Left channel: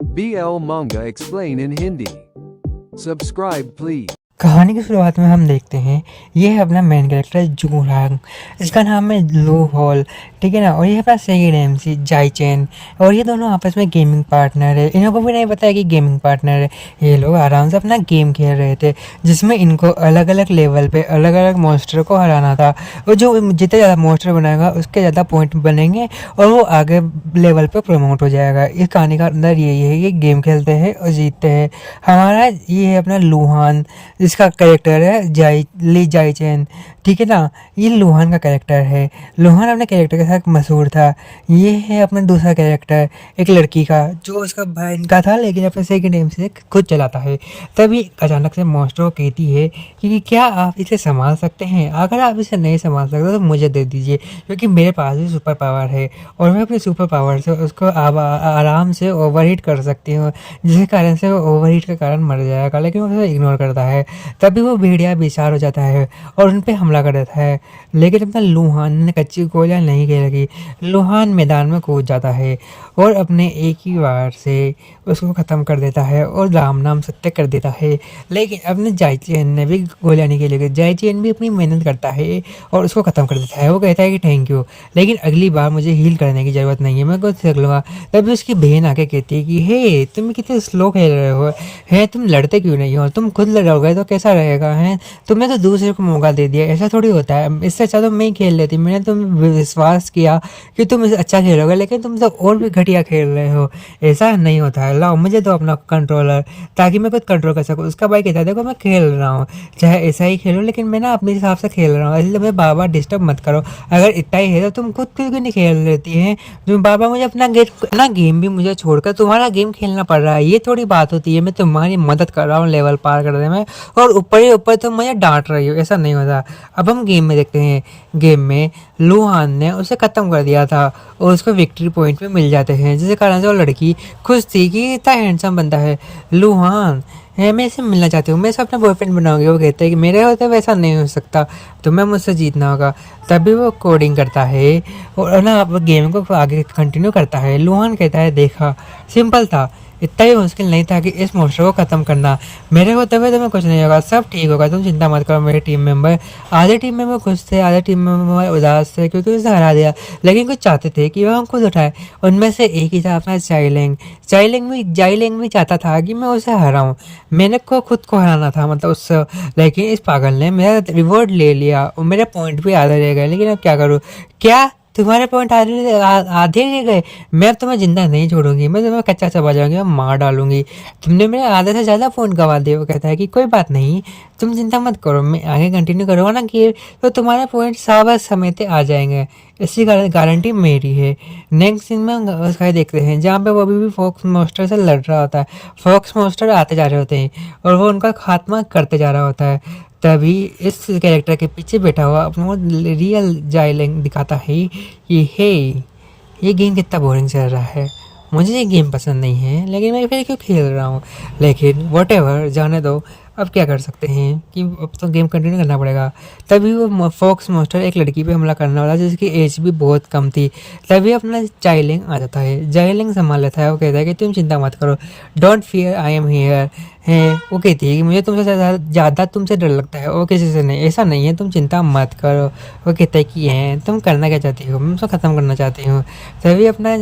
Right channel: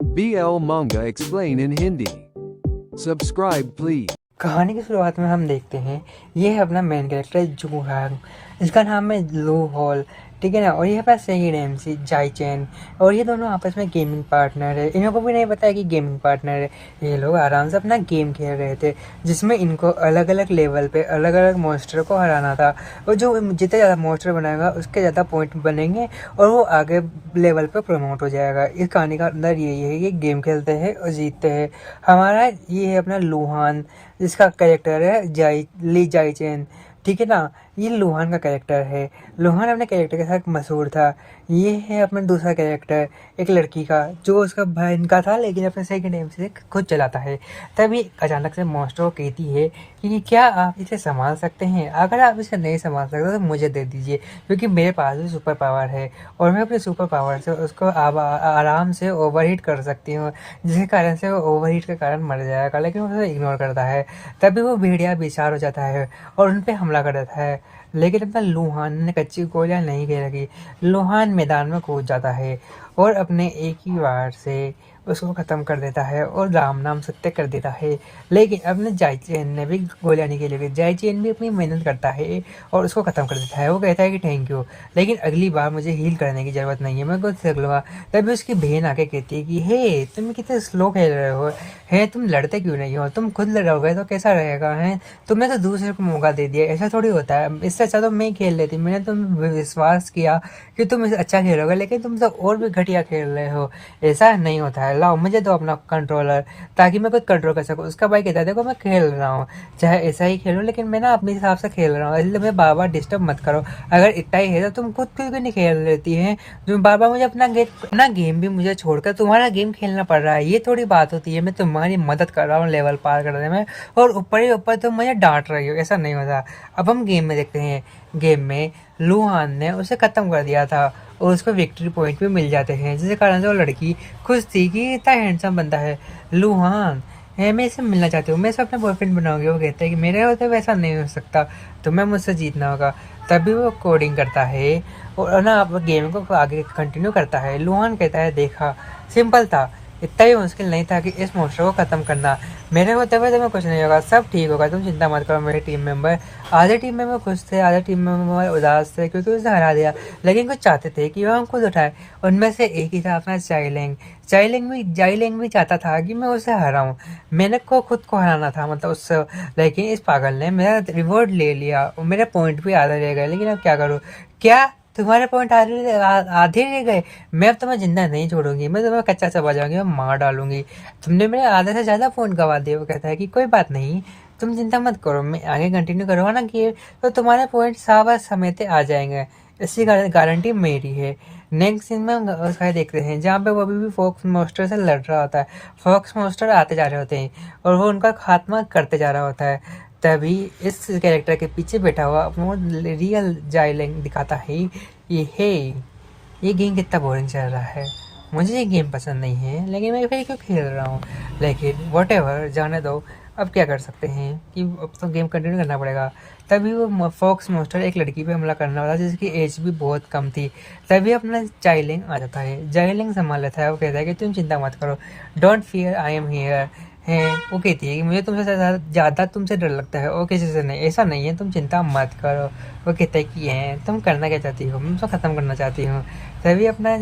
BL Manga Explain in Hindi. Subscribe please. कहानी की शुरुआत में हम देखते हैं ये है अपना मेन कैरेक्टर जुंगरांग। इसका नाम है लो हॉल, ठीक है ना। और ये अपना सेकंड एमसी जाई चैन, और ये दोनों आपस में गेमिंग पार्टनर है। इनको भी नहीं पता है कि गेमिंग पार्टनर है। ये लोग आराम से अपना गेम खेल रहे थे जिसमें इनको अलग अलग लेवल पे अलग अलग मॉन्स्टर को हराना था। और जो जितने ज़्यादा मॉन्स्टर बनाएगा उसके ज़्यादा पॉइंट बनेंगे और वो आगे लेवल पे प्रमोट हो जाएगा। इस कहानी का अंदर यही है कि गेम खेलते हैं और जीतते हैं। हमारा ये है अपना लुहान, जिसका कैरेक्टर है ली जाई चैन, ठीक है ना। ये लुहान का कैरेक्टर है। लुहान अपने कैरेक्टर के साथ मशहूर था। ये है अपना दूसरा कैरेक्टर एक लड़की का, जो उसका भाई इनका था लेकिन अपने सेकंड नेम से खुद चलाता है। तभी अचानक से मॉन्स्टर को कहती है कि क्या आप इसे संभाल सकते हैं? अगर आप इसे नहीं संभाल सकते तो मुझे दे दीजिए, क्योंकि मेरे पास भी सुपर पावर है और मैं अपने सुपर पावर से उसको आराम से ओवरहीट कर सकती हूँ, जिसके कारण से वो ओवरहीट के कारण मर जाएगा। लेकिन वो उसे इग्नोर करता है। तभी वो भेड़िया बेचार हो जाता है और उन पर हमला कर देता है। लेकिन अपना लुहान ने कच्ची गोलियां नहीं खेलेगी। लुहान मैदान में कूद जाता है और अपने एक ही वार से उसको ख़त्म कर देता है और राम नाम सत्य कर देता है। लेकिन अपने जाई चैन ने भी गोलियां नहीं खेलेगी। जाई चैन भी अपनी मेहनत करता है और उसको ख़त्म कर देता है। वो कहता है कि थैंक यू, लेकिन अगली बार मुझे हील करने की ज़रूरत नहीं है, मैं खुद सीख लूँगा। तभी उसकी बहन आके कहती है कि हे तुम कितने स्लो खेल रहे हो, है तुम लड़ते क्यों नहीं हो? तुम खुद लड़ोगे तो कैसा रहेगा? है तुमने तो दूसरे को मौका दे दिया, ऐसा थोड़ी होता है। इससे अच्छा तो मैं ही खेल लेती। मैंने तुम विश्वास किया कि तुम अच्छा खेलोगे, लेकिन तुम तो और भी घटिया खेल रहे हो। ऐसा नहीं होता है। लाओ मुझे दो अपना कंट्रोलर ताकि मैं खुद कंट्रोल कर सकूँ। उसका भाई कहता है देखो मैं खेल रहा हूँ, चाहे ऐसा ही खेलो, लेकिन मैं ना अपने हिसाब से खेल रहा हूँ, इसलिए मुझे बार बार डिस्टर्ब मत करो। अगर इतना ही है तो तुम खुद क्यों नहीं खेल लेती हैं? तुम बार बार मुझे अपना गेम भी मुझे छोड़कर तुम्हारा गेम खेलना पड़ रहा है, ये थोड़ी बात होती है। मैं तुम्हारी मदद कर रहा हूँ लेवल पार करने में और ऊपर ही ऊपर तुम मुझे डांट रही हो, ऐसा नहीं होता। अब हम गेम में देखते हैं। गेम में लुहान ने उसे ख़त्म कर दिया था और उसको विक्ट्री पॉइंट भी मिल जाते हैं, जिसके कारण से वो लड़की खुश थी कि इतना हैंडसम बनता है लुहान है, मैं इसे मिलना चाहती हूँ, मैं इसे अपना बॉयफ्रेंड बनाऊंगी। वो कहते हैं कि मेरे होते वैसा नहीं हो सकता, तुम्हें मुझसे जीतना होगा। तभी वो कोडिंग करता है और ना अब गेम को आगे कंटिन्यू करता है। लुहान कहता है देखा सिंपल था, इतना भी मुश्किल नहीं था कि इस मॉन्स्टर को ख़त्म करना। मेरे होते हुए तुम्हें कुछ नहीं होगा, सब ठीक होगा, तुम चिंता मत करो। मेरे टीम मेंबर आधे टीम मेंबर खुश थे, आधे टीम मेंबर उदास थे क्योंकि उसे हरा दिया, लेकिन कुछ चाहते थे कि वो हम खुद उठाए। उनमें से एक ही था अपना जाइलेंग भी चाहता था कि मैं उसे हराऊँ। मैंने को खुद को हराना था मतलब उससे, लेकिन इस पागल ने मेरा रिवॉर्ड ले लिया और मेरे पॉइंट भी आधे रह गए। लेकिन अब क्या करूँ? क्या तुम्हारे पॉइंट आधे रह गए? मैं अब तुम्हें जिंदा नहीं छोड़ूंगी, मैं तुम्हें कच्चा चबा जाऊंगी और मार डालूंगी। तुमने मेरे आधे से ज़्यादा फ़ोन गवा दिए। वो कहता है कि कोई बात नहीं, तुम चिंता मत करो, मैं आगे कंटिन्यू करूँगा ना कि तो तुम्हारे पॉइंट साबर समय पे आ जाएंगे, इसकी गारंटी मेरी है। नेक्स्ट सीन में उसका देखते हैं जहाँ पे वो अभी भी फॉक्स मॉन्स्टर से लड़ रहा होता है। फॉक्स मॉन्स्टर आते जा रहे होते हैं और वो उनका खात्मा करते जा रहा होता है। तभी इस कैरेक्टर के पीछे बैठा हुआ अपना रियल जाइलेंग दिखाता है कि हे ये गेम कितना बोरिंग चल रहा है, मुझे ये गेम पसंद नहीं है, लेकिन मैं फिर क्यों खेल रहा हूँ। लेकिन वट एवर जाने दो, अब क्या कर सकते हैं कि अब तो गेम कंटिन्यू करना पड़ेगा। तभी वो फॉक्स मॉन्स्टर एक लड़की पे हमला करने वाला जिसकी एज भी बहुत कम थी। तभी अपना जाइलिंग आ जाता है। जाइलिंग संभाल लेता है। वो कहता है कि तुम चिंता मत करो, don't fear I am here. हैं वो कहती है कि मुझे तुमसे ज़्यादा तुमसे डर लगता है और किसी से नहीं, ऐसा नहीं है, तुम चिंता मत करो। वो कहता है कि हैं तुम करना क्या चाहती हो? मैं उसको ख़त्म करना चाहती हूँ। तभी अपना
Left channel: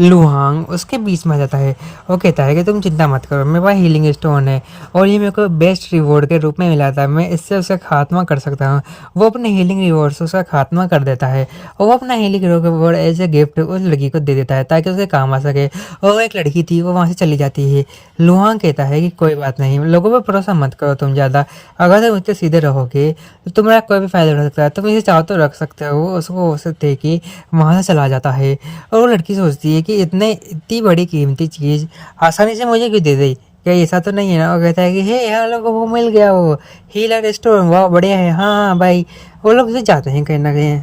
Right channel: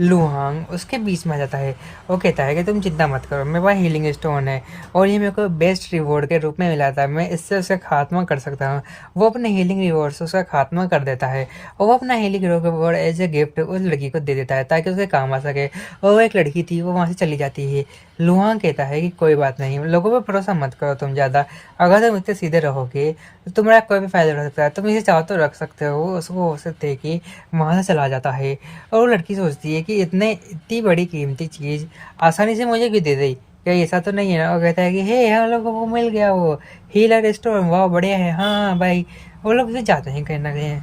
लुहांग उसके बीच में आ जाता है। वो कहता है कि तुम चिंता मत करो, मेरे पास हीलिंग स्टोन है और ये मेरे को बेस्ट रिवॉर्ड के रूप में मिला था, मैं इससे उसका खात्मा कर सकता हूँ। वो अपने हीलिंग रिवॉर्ड से उसका खात्मा कर देता है और वो अपना healing reward as a gift उस लड़की को दे देता है ताकि उसे काम आ सके। और एक लड़की थी वो वहाँ से चली जाती है। लुहांग कहता है कि कोई बात नहीं, लोगों पर भरोसा मत करो तुम ज़्यादा, अगर तुम मुझसे सीधे रहोगे तो तुम्हारा कोई भी फायदा हो सकता है, तुम इसे चाहो तो रख सकते हो। उसको हो सकते है कि वहाँ से चला जाता है और वो लड़की सोचती है कि इतनी बड़ी कीमती चीज़ आसानी से मुझे क्यों दे दी, क्या ऐसा तो नहीं है ना? वो कहता है कि हे यहाँ लोगों को मिल गया वो हीलर स्टोन, वाह बढ़िया है। हाँ भाई वो लोग उसे जाते हैं कहीं ना कहीं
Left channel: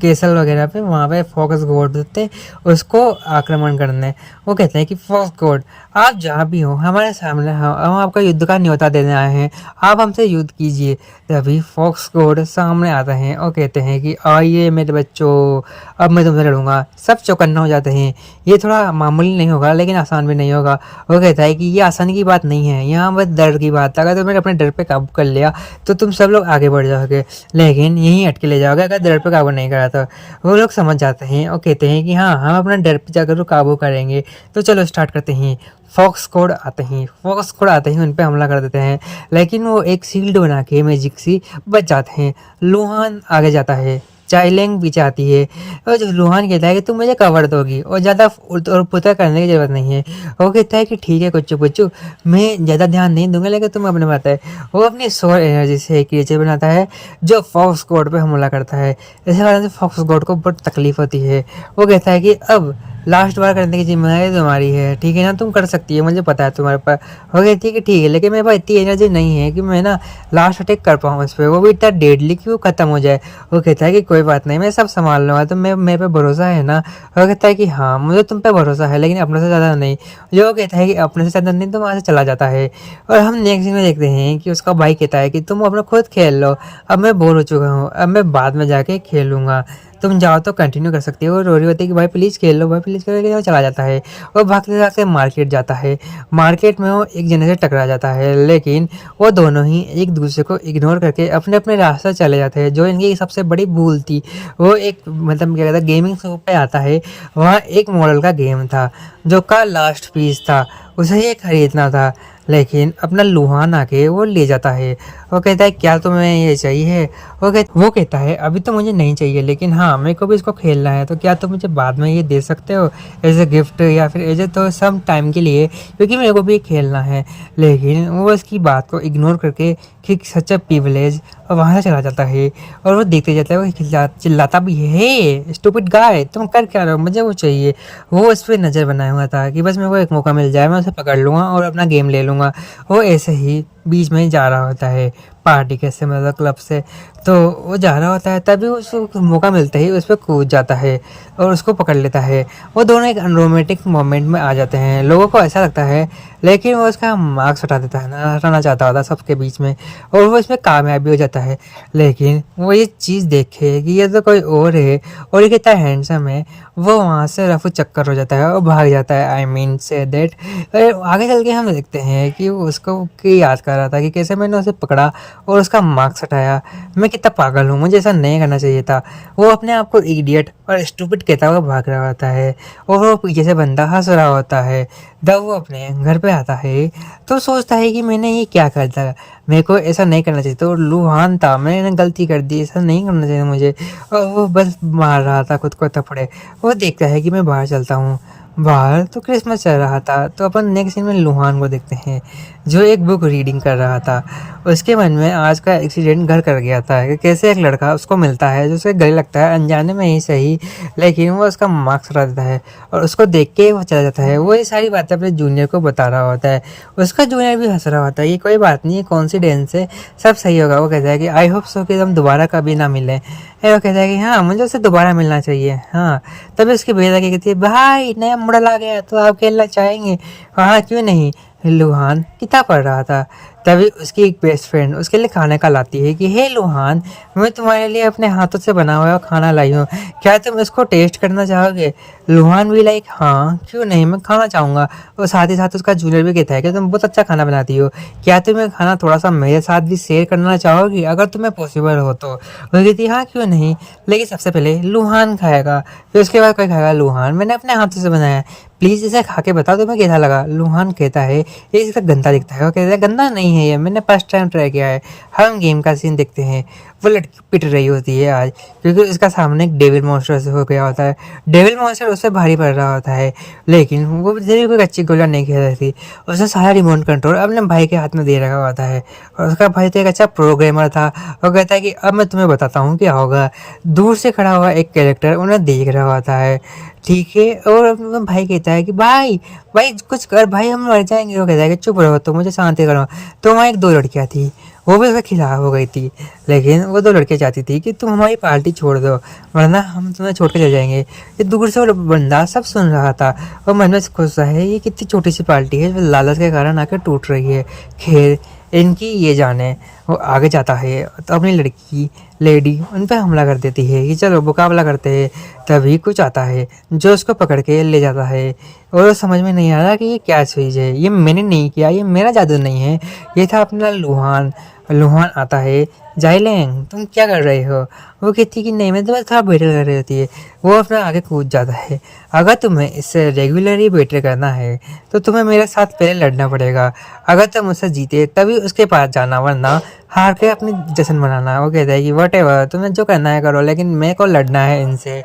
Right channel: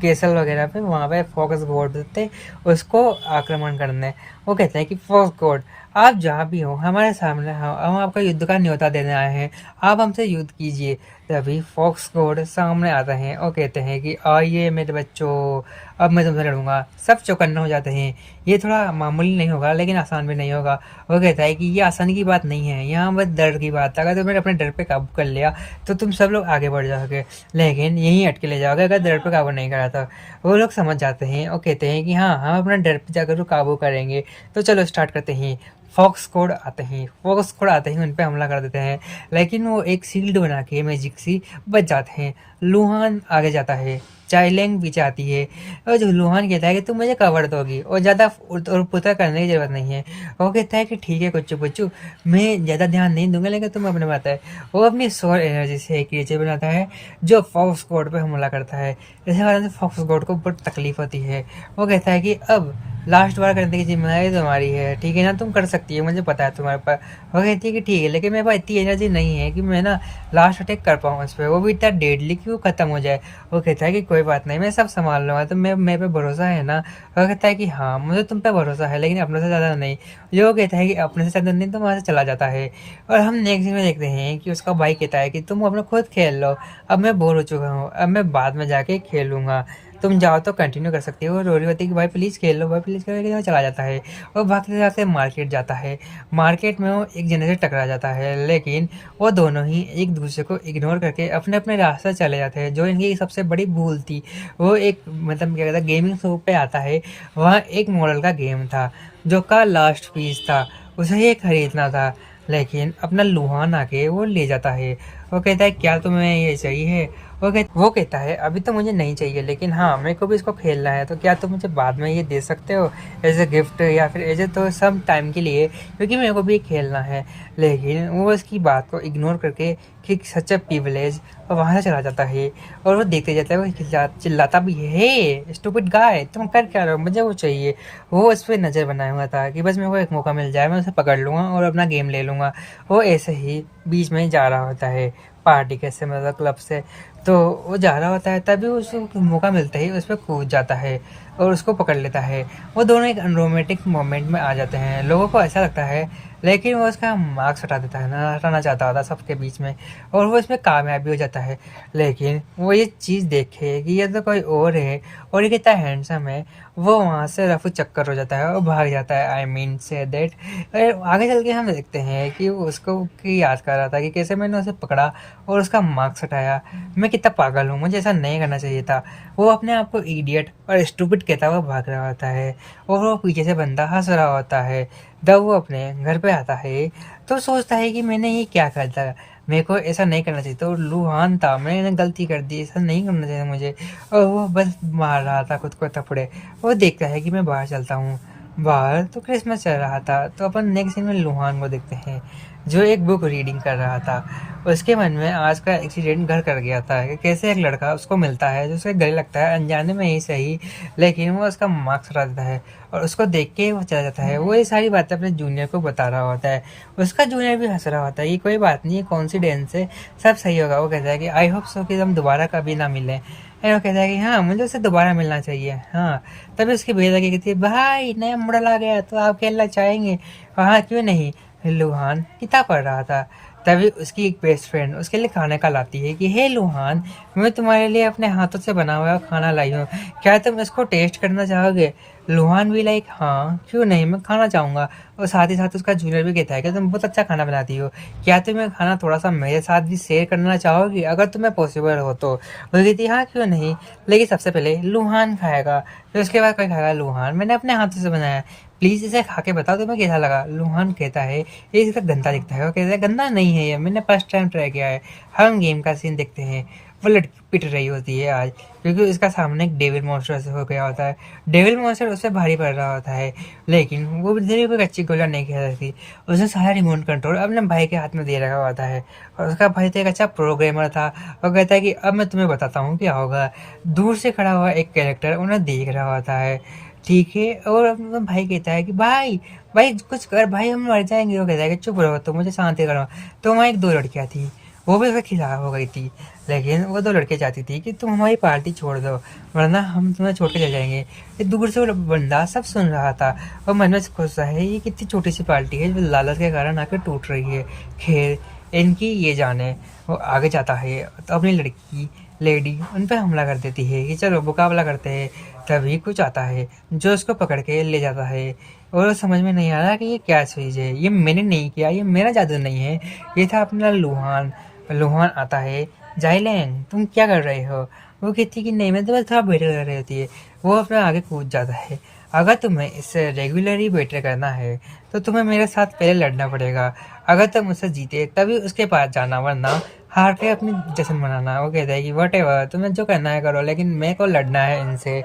केसल वगैरह पे, वहाँ पे फॉक्स गोड होते उसको आक्रमण करने। वो कहते हैं कि फॉक्स गोड आप जहाँ भी हो हमारे सामने हो, हम आपका युद्ध का न्योता देने आए हैं, आप हमसे युद्ध कीजिए। तभी फॉक्स गोड सामने आते हैं और कहते हैं कि आइए मेरे बच्चों, अब मैं तुमसे लड़ूंगा। सब चौकन्ना हो जाते हैं, ये थोड़ा मामूली नहीं होगा लेकिन आसान भी नहीं होगा। वो कहता है कि ये आसानी की बात नहीं है, यहाँ बस डर की बात है। अगर तुमने अपने डर पे काबू कर लिया तो तुम सब लोग आगे बढ़ जाओगे, लेकिन यहीं अटके ले जाओगे अगर डर पे काबू नहीं करा तो। वो लोग समझ जाते हैं और कहते हैं कि हाँ, हम अपना डर पे जाकर काबू करेंगे। तो चलो स्टार्ट करते हैं। फॉक्स कोड आते हैं, फॉक्स कोड आते ही उन पे हमला कर देते हैं, लेकिन वो एक शील्ड बना के मैजिक सी बच जाते हैं। लुहान आगे जाता है, चाइलेंग पीछे आती है और जो लुहान कहता है कि तुम मुझे कवर दोगी और ज़्यादा और पुता करने की ज़रूरत नहीं है। वो कहता है कि ठीक है कुच्चू पुच्चू, मैं ज़्यादा ध्यान नहीं दूंगा, लेकिन तुम अपने बात है। वो अपनी सोल एनर्जी से एक क्रिएचर बनाता है जो फॉक्स गॉड पे हमला करता है। इस कारण से फॉक्स गॉड को बहुत तकलीफ होती है। वो कहता है कि अब लास्ट बार करने की जिम्मेदारी तुम्हारी है, ठीक है ना, तुम कर सकती है, मुझे पता है तुम्हारे पास। हो गई ठीक है ठीक है, लेकिन मेरे पास इतनी एनर्जी नहीं है कि मैं ना लास्ट अटैक कर पाऊँ उस पर, वो भी इतना डेडली कि वो ख़त्म हो जाए। वो कहता है कि कोई बात नहीं, मैं सब संभाल लूँगा, तो मैं मेरे पे भरोसा है ना। वो कहता है कि हाँ मुझे तुम पे भरोसा है, लेकिन अपने से ज़्यादा नहीं। जो कहता है कि अपने से ज़्यादा नहीं, तो वहाँ से चला जाता है। और हम नेक्स्ट सीन में देखते हैं कि उसका भाई कहता है कि तुम अपना खुद खेल लो, अब मैं बोर हो चुका हूँ, अब मैं बाद में जाके खेलूँगा, तुम जाओ तो कंटिन्यू कर सकती हो। रो रही होती है कि भाई प्लीज़ खेल लो, भाई प्लीज़ करके वो चला जाता है और भागते भागते मार्केट जाता है। मार्केट में वो एक जने से टकरा जाता है, लेकिन वो दोनों ही एक दूसरे को इग्नोर करके अपने अपने रास्ते चले जाते हैं। जो इनकी सबसे बड़ी भूल थी, वो एक मतलब क्या कहता है गेमिंग शॉप पे आता है। वहाँ एक मॉडल का गेम था जो का लास्ट पीस था, उसे ये खरीदना था, लेकिन अपना लुहान आके वो ले जाता है। वो कहता है क्या तुम्हें ये चाहिए? वो कहता है अभी तो मुझे नहीं चाहिए, लेकिन हाँ मेरे को भी इसको खेलना है, तो क्या तुम मुझे बाद में ये दे सकते हो एज ए गिफ्ट या फिर एज ए तो सम टाइम के लिए, क्योंकि मेरे को भी खेलना है। लेकिन वो उसकी बात को इग्नोर करके कि सच ए प्रिविलेज, और वहाँ से चला जाता है। और वो देखते जाता है, वो चिल्लाता भी है, हे स्टूपिड गाय तुम कर क्या रहे हो, मुझे वो चाहिए। वो उस पर नज़र बनाया हुआ था कि बस मेरे को एक मौका मिल जाए, मैं उसे पकड़ लूँगा और अपना गेम ले लूँगा। वो ऐसे ही बीच में जा रहा होता है पार्टी कैसे मतलब क्लब से, तो वो जा रहा होता है, तभी उसको मौका मिलता ही उस पर कूद जाता है और उसको पकड़ लेता है। वो दोनों एक रोमांटिक मोमेंट में आ जाते हैं, लोगों को ऐसा लगता है, लेकिन वो उसका मार्क्स हटा देता है ना, हटाना चाहता होता है सबके बीच में, और वो इसमें कामयाब भी हो जाता है। लेकिन वो ये चीज़ देखे कि ये तो कोई और है और ये कितना हैंडसम है, वो वहाँ से रफू चक्कर हो जाता है और भाग जाता है। आई मीन से दैट आगे चल के हम देखते हैं कि वो उसको की याद कर रहा था कि कैसे मैंने उसे पकड़ा और उसका मार्क्स हटाया, मैं कितना पागल हूँ, मुझे ऐसा नहीं करना चाहिए था। वो अपने आप को इडियट और स्टूपिड कहता हुआ भाग रहा होता है और वो पीछे से बंदा हंस रहा होता है। जब वो अपने घर पे आता है तो सोचता है कि मैंने ये क्या कर दिया, मेरे को ऐसा नहीं करना चाहिए था, और लुहान था, मैंने गलती कर दी, ऐसा नहीं करना चाहिए मुझे। और वो बस मार रहा था खुद को थप्पड़े। वो देखता है कि मैं बाहर चलता हूँ, बाहर तो क्रिसमस चल रहा था। तो अपन नेक्स्ट सीन में लुहान को देखते हैं जो एक बुक रीडिंग कर रहा था। उसके मन में आज का एक्सीडेंट घर कर गया था कि कैसे एक लड़का उसको मिलता है जो उसे गले लगता है अनजाने में ही सही, लेकिन वो उसका मार्क्स हटा देता है और उसको देख के वो चला जाता है। वो ये सारी बातें अपने जूनियर को बता रहा होता है, उसका जूनियर भी हंस रहा होता है, ये कोई बात नहीं, कॉन्सिडेंस है, सब सही होगा। वो कहता है कि आई होप सो कि हम दोबारा कभी ना मिलें। वो कहता है कि हाँ मुझे उससे दोबारा मिलना चाहिए। हाँ तभी उसकी बेटा क्या कहती है, भाई नया मॉडल आ गया तो आप खेलना चाहेंगे? हाँ क्यों नहीं। लुहान किताब पढ़ रहा था, तभी उसकी एक बेस्ट फ्रेंड उसके लिए खाने का लाती है कि हे लुहान, मैं तुम्हारे लिए अपने हाथों से बना हुआ खाना लाई हूँ, क्या तुम इसको टेस्ट करना चाहोगे? लुहान भी लाइक हाँ क्यों नहीं, मैं खाना चाहूँगा। और साथ ही साथ उसका जूनियर भी कहता है कि तुम बहुत अच्छा खाना बनाती हो, क्या तुम्हें खाना थोड़ा सा मेरे साथ भी शेयर करना चाहोगी अगर तुम्हें पॉसिबल हो तो? वो कहती है हाँ क्यों नहीं, लेकिन सबसे पहले लुहान खाएगा, फिर उसके बाद कोई खाएगा। लुहान मैंने अपने हाथों से बनाया है, प्लीज़ इसे खा के बताओ तुम्हें कैसा लगा। लुहान कहता है ये इसे गंदा दिखता है। वो कहता है गंदा नहीं है ये, मैंने फर्स्ट टाइम ट्राई किया है। हम गेम का सीन देखते हैं, वो लड़की पिट रही होती है आज, क्योंकि उसका सामने एक डेविल मॉन्स्टर से हो गया होता है। डेविल मॉन्स्टर उससे भारी पड़ रहा होता है, लेकिन वो जरूर कोई अच्छी गोला नहीं खेल रही थी। उसने सारा रिमोट कंट्रोल अपने भाई के हाथ में दे रखा होता है, और उसका भाई तो एक अच्छा प्रोग्रामर था। वो कहता है कि अब मैं तुम्हें बताता हूँ क्या होगा। दूर से खड़ा हुआ एक कैरेक्टर उन्हें देख रहा होता है, ठीक है, और भाई कहता है कि भाई भाई कुछ कर भाई, हम मर जाएंगे। वो कहता है कि चुप रहो तो मुझे शांति करो। तो वहाँ एक दो लड़कियाँ थी, वो भी उसके खिलाफ हो गई थी। लेकिन वो 2 लड़के चाहती थी कि तुम हमारी पार्टी छोड़ दो, वरना हम तुम्हें छोड़ के चले जाएंगे। ये दूर से वो बंदा सब सुन रहा था और मन में सोच रहा है ये कितनी छोटी सी पार्टी है जो लालच के कारण आकर टूट रही है। खैर इनकी ये जाने। वो आगे जाता है तो अपनी लड़की लेडी उन पर हमला कर देती है कि चलो मुकाबला करते हैं। तभी कुछ आता है जो उसको पकड़ के ले जाता है और समझ में नहीं आ रहा कि ये क्या चीज़ है। ये मैंने नहीं किया, ये मेरा जादू नहीं है, ये था अपना लुहान। लुहान आता है, जाइलेंग तुम क्या कर रहे हो? वो कहती है कि नहीं, मैं तो बस थोड़ा बेटर कर रही होती है। वो अपना आगे कूद जाता है। अगर तुम्हें इससे रेगुलरली बेटर करना है तो तुम्हें मेरे साथ पहले लड़ना पड़ेगा। अगर तुम उससे जीते तभी उसके पास जाना, वरना हार के अपनी जश्न मनाना। वो कहता है कि वट एवर, तुम्हें जो करना है करो, लेकिन मेरे को लड़ना है इनसे।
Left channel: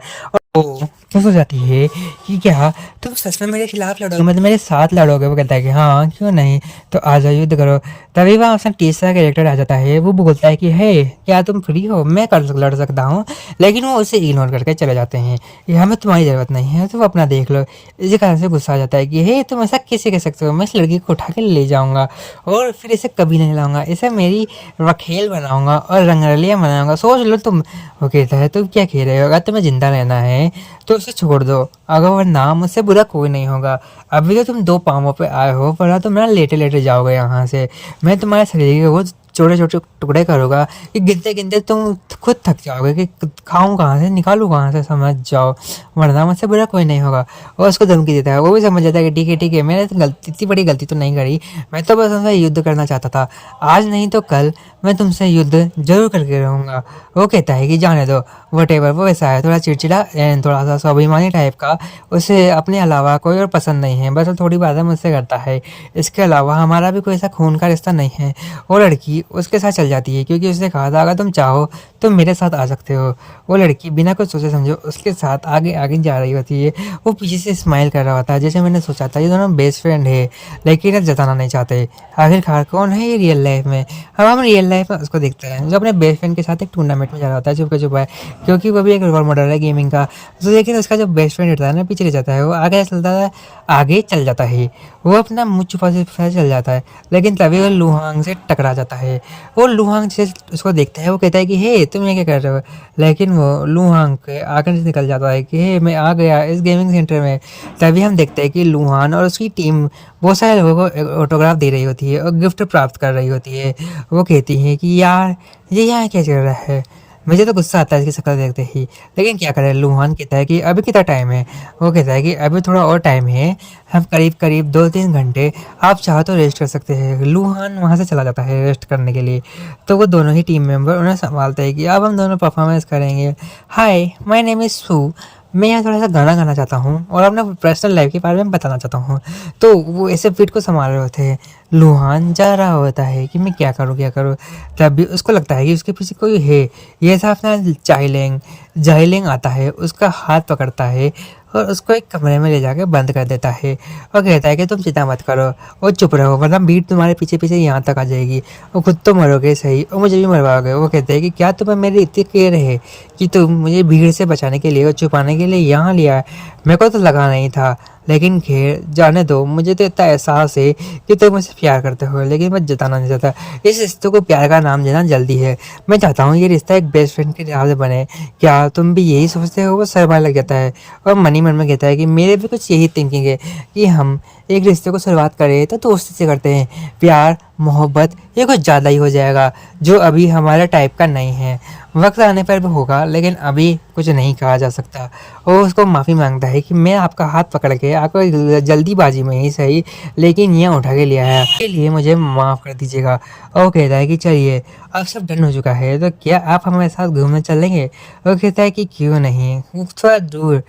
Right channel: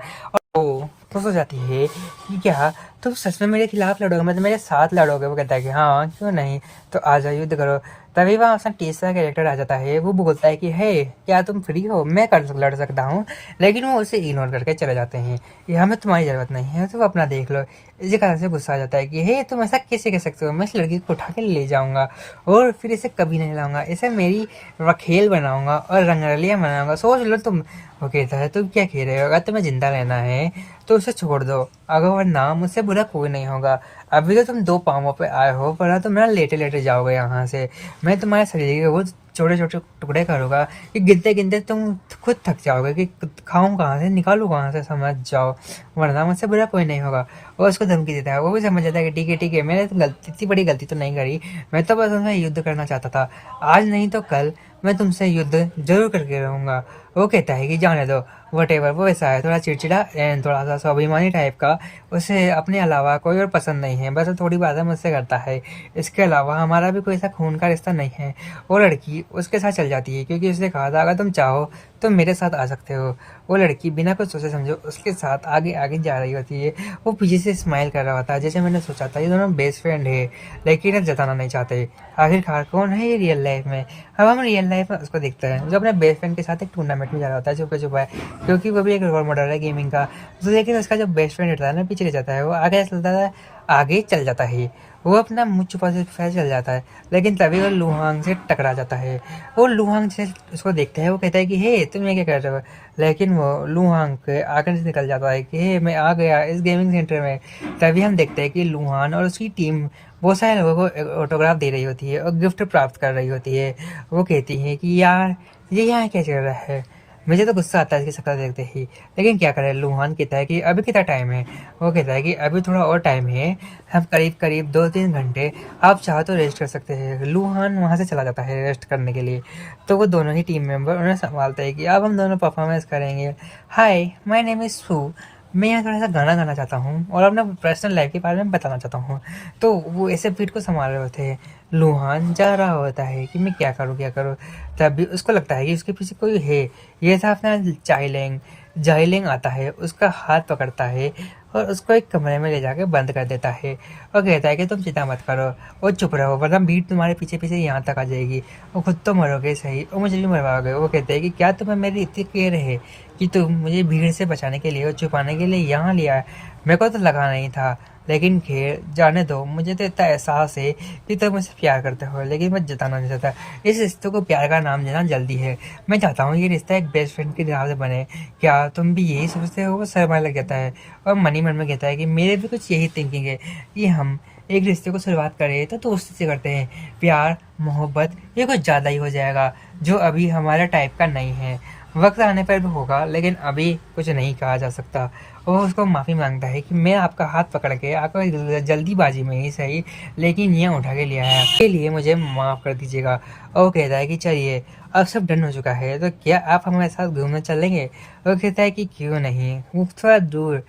ओ तो सो जाती है कि क्या तुम सच में मेरे खिलाफ लड़ोगे, मतलब मेरे साथ लड़ोगे? वो कहता है कि हाँ क्यों नहीं, तो आ जाओ युद्ध करो। तभी वहाँ उसका तीसरा कैरेक्टर आ जाता है। वो बोलता है कि हे क्या तुम फ्री हो, मैं लड़ सकता हूँ। लेकिन वो उसे इग्नोर करके चले जाते हैं, ये हमें तुम्हारी ज़रूरत नहीं है, तो अपना देख लो। इसी कारण से गुस्सा आ जाता है कि हे तुम ऐसा कैसे कह सकते हो, मैं इस लड़की को उठा के ले जाऊँगा और फिर इसे कभी नहीं लाऊंगा, इसे मेरी वकील बनाऊंगा और रंगरलियाँ बनाऊंगा, सोच लो तुम। वो कहता है तुम क्या कह रहे हो? अगर तुम्हें जिंदा रहना है तो उसे छोड़ दो, अगर वरना मुझसे बुरा कोई नहीं होगा। अभी तो तुम 2 पाँवों पे आए हो, वरना तुम मेरा लेटे लेटे जाओगे यहाँ से। मैं तुम्हारे शरीर के वो छोटे छोटे टुकड़े करूँगा कि गिनते गिनते तुम खुद थक जाओगे कि खाऊं कहाँ से, निकालूं कहाँ से, समझ जाओ, वरना मुझसे बुरा कोई नहीं होगा। और उसको धमकी देता है। वो भी समझ जाता है कि ठीक है मैंने तो गलती, इतनी बड़ी गलती तो नहीं करी, मैं तो बस उनसे युद्ध करना चाहता था, आज नहीं तो कल मैं तुमसे युद्ध जरूर करके रहूँगा। वो कहता है कि जाने दो, वट एवर। वो ऐसा है थोड़ा चिड़चिड़ा एंड थोड़ा सा स्वाभिमानी टाइप का, उसे अपने अलावा कोई और पसंद नहीं है, बस वो थोड़ी बातें मुझसे करता है, इसके अलावा हमारा भी कोई ऐसा खून का रिश्ता नहीं है। वो लड़की उसके साथ चल जाती है क्योंकि उसने कहा था अगर तुम चाहो तो मेरे साथ आ सकते हो। वो लड़की बिना कुछ सोचे समझे उसके साथ आगे आगे जा रही होती है। वो पीछे से स्माइल कर रहा होता है जैसे मैंने सोचा था ये दोनों बेस्ट फ्रेंड है, लेकिन अब जताना नहीं चाहते। आखिरकार कौन है ये रियल लाइफ में? हम रियल लाइफ में उसको देखता है जो अपने बेस्ट फ्रेंड के साथ एक टूर्नामेंट में जा रहा होता है छुपके छुपाए, क्योंकि वो भी एक रोल मॉडल है गेमिंग का। तो लेकिन उसका जो बेस्ट फ्रेंड होता है ना पीछे रह जाता है, वो आगे चलता है, आगे चल जाता है, वो अपना मुँह छुपा छुपा चल जाता है। लेकिन तभी वो लुहांग से टकरा जाता है। वो लुहांग से उसको देखता है, वो कहता है कि हे तुम ये क्या कर रहे हो? लेकिन वो लुहांग के आगे से निकल जाता है कि हे मैं आ गया इस गेमिंग सेंटर में। तभी हम देखते हैं कि लुहान और उसकी टीम बहुत सारे लोगों को ऑटोग्राफ दे रही होती है और गिफ्ट प्राप्त कर रही होती है। वो कहती है कि यार ये यहाँ क्या चल रहा है? मुझे तो गुस्सा आता है इसकी शक्ल देखते ही, लेकिन क्या करें। लुहान कहता है कि अभी कितना टाइम है? वो कहता है कि अभी थोड़ा और टाइम है, हम करीब करीब 2-3 घंटे, आप चाहो तो रेस्ट कर सकते हैं। लुहान वहाँ से चला जाता है रेस्ट करने के लिए। तो वो दोनों ही टीम मेंबर उन्हें संभालते हैं कि अब हम दोनों परफॉर्मेंस करेंगे। हाय माय नेम इज़ सू, मैं यहाँ थोड़ा सा गाना गाना चाहता हूँ और अपने पर्सनल लाइफ के बारे में बताना चाहता हूँ। तो वो ऐसे फिट को संभाल रहे होते हैं। लुहान जा रहा होता है कि मैं क्या करूँ क्या करूँ। तभी उसको लगता है कि उसके पीछे कोई है। ये था अपना जाइलेंग। जाइलेंग आता है, उसका हाथ पकड़ता है और उसको एक कमरे में ले जाकर बंद कर देता है और कहता है कि तुम चिंता मत करो और चुप रहो, वरना भीड़ तुम्हारे पीछे पीछे यहाँ तक आ जाएगी और खुद तो मरोगे सही और मुझे भी मरवाओगे। वो कहते हैं कि क्या तुम्हें मेरी इतनी केयर है कि तुम मुझे भीड़ से बचाने के लिए और छुपाने के लिए यहाँ लिया है? मेरे को तो लगा नहीं था, लेकिन खैर जाने दो। मुझे तो इतना एहसास है कि तुम मुझसे प्यार करते हो, लेकिन मैं जताना नहीं चाहता। इस रिश्ते को प्यार का नाम देना जल्दी है। मैं चाहता हूँ ये रिश्ता एक बेस्ट फ्रेंड के लिहाज से बने। क्या तुम भी यही सोचते हो? वो शर्मा लग जाता है और मनी मन में कहता है कि मेरे भी कुछ यही थिंकिंग है कि हम एक रिश्ते को शुरुआत करें तो दोस्ती से करते हैं, प्यार मोहब्बत ये कुछ ज़्यादा ही हो जाएगा जो अभी हमारे टाइप का नहीं है। वक्त आने पर भी होगा, लेकिन अभी कुछ नहीं कहा जा सकता। और उसको माफ़ी मांगता है कि मैं आपका हाथ पकड़ के आपको जल्दीबाजी में ही सही, लेकिन यहाँ उठा के लिया है, इसके लिए मुझे माफ़ कर दीजिएगा। और कहता है कि चलिए अब सब डन हो चुका है, तो क्या आप हमारे साथ घूमने चलेंगे? वो कहता है कि क्यों नहीं, थोड़ा दूर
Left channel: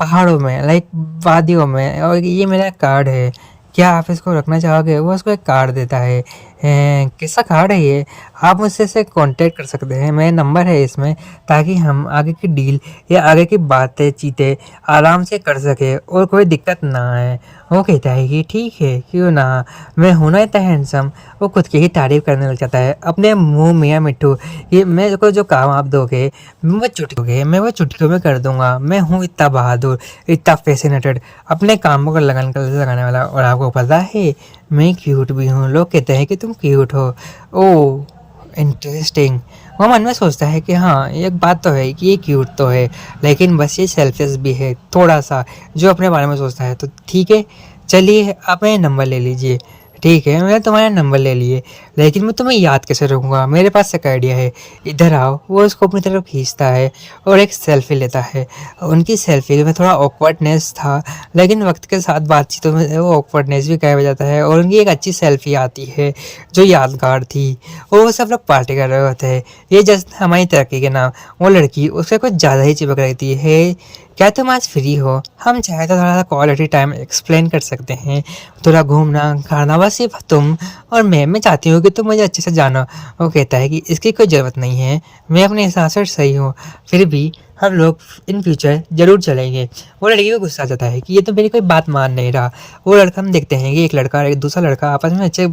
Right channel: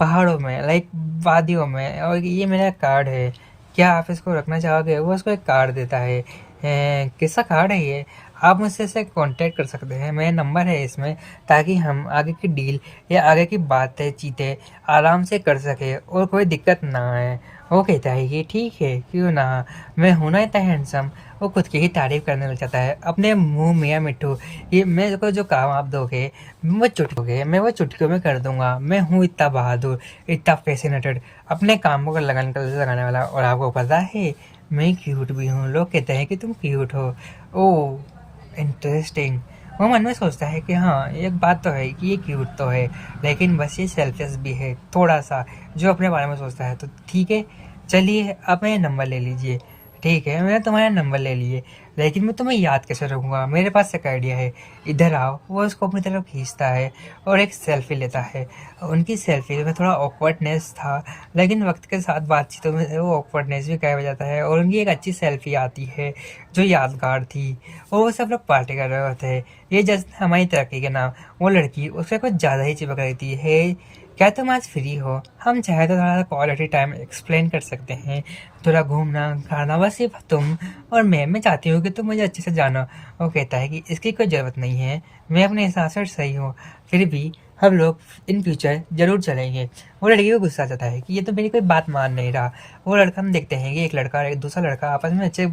पहाड़ों में, लाइक वादियों में, और ये मेरा कार्ड है, क्या आप इसको रखना चाहोगे? वो उसको एक कार्ड देता है। कैसा कार्ड है ये? आप मुझसे इसे कांटेक्ट कर सकते हैं, मेरा नंबर है इसमें, ताकि हम आगे की डील या आगे की बातें चीतें आराम से कर सके और कोई दिक्कत ना आए। वो कहता है कि ठीक है क्यों ना, मैं हूं ना इतना हैंडसम। वो खुद की ही तारीफ करने लग जाता है अपने मुंह मियाँ मिट्ठू। ये मेरे को जो काम आप दोगे मैं वो चुटकियों में कर दूंगा। मैं हूँ इतना बहादुर, इतना फैसिनेटेड, अपने कामों को लगाने वाला। और आपको पता है मैं क्यूट भी हूँ, लोग कहते हैं कि तुम क्यूट हो। ओ इंटरेस्टिंग। वो मन में सोचता है कि हाँ, एक बात तो है कि ये क्यूट तो है, लेकिन बस ये सेल्फिश भी है थोड़ा-सा, जो अपने बारे में सोचता है। तो ठीक है, चलिए आप मेरा नंबर ले लीजिए। ठीक है, मैंने तुम्हारा नंबर ले लिए, लेकिन मैं तुम्हें याद कैसे रखूँगा? मेरे पास एक आइडिया है, इधर आओ। वो उसको अपनी तरफ खींचता है और एक सेल्फ़ी लेता है। उनकी सेल्फ़ी में थोड़ा ऑकवर्डनेस था, लेकिन वक्त के साथ बातचीतों में वो ऑकवर्डनेस भी गायब हो जाता है और उनकी एक अच्छी सेल्फ़ी आती है, जो यादगार थी। और वो सब लोग पार्टी कर रहे होते हैं। ये जस्ट हमारी तरक्की के नाम। वो लड़की उससे कुछ ज़्यादा ही चिपक रही थी। हे, क्या तुम आज फ्री हो? हम चाहे तो थोड़ा सा क्वालिटी टाइम एक्सप्लेन कर सकते हैं, थोड़ा घूमना खाना, बस सिर्फ तुम और मैं चाहती हूँ कि तुम मुझे अच्छे से जानो। वो कहता है कि इसकी कोई ज़रूरत नहीं है, मैं अपने हिसाब से सही हूँ, फिर भी हम लोग इन फ्यूचर ज़रूर चलेंगे। वो लड़की को गुस्सा आ जाता है कि ये तो मेरी कोई बात मान नहीं रहा। वो लड़का, हम देखते हैं कि एक लड़का और एक दूसरा लड़का आपस में अच्छे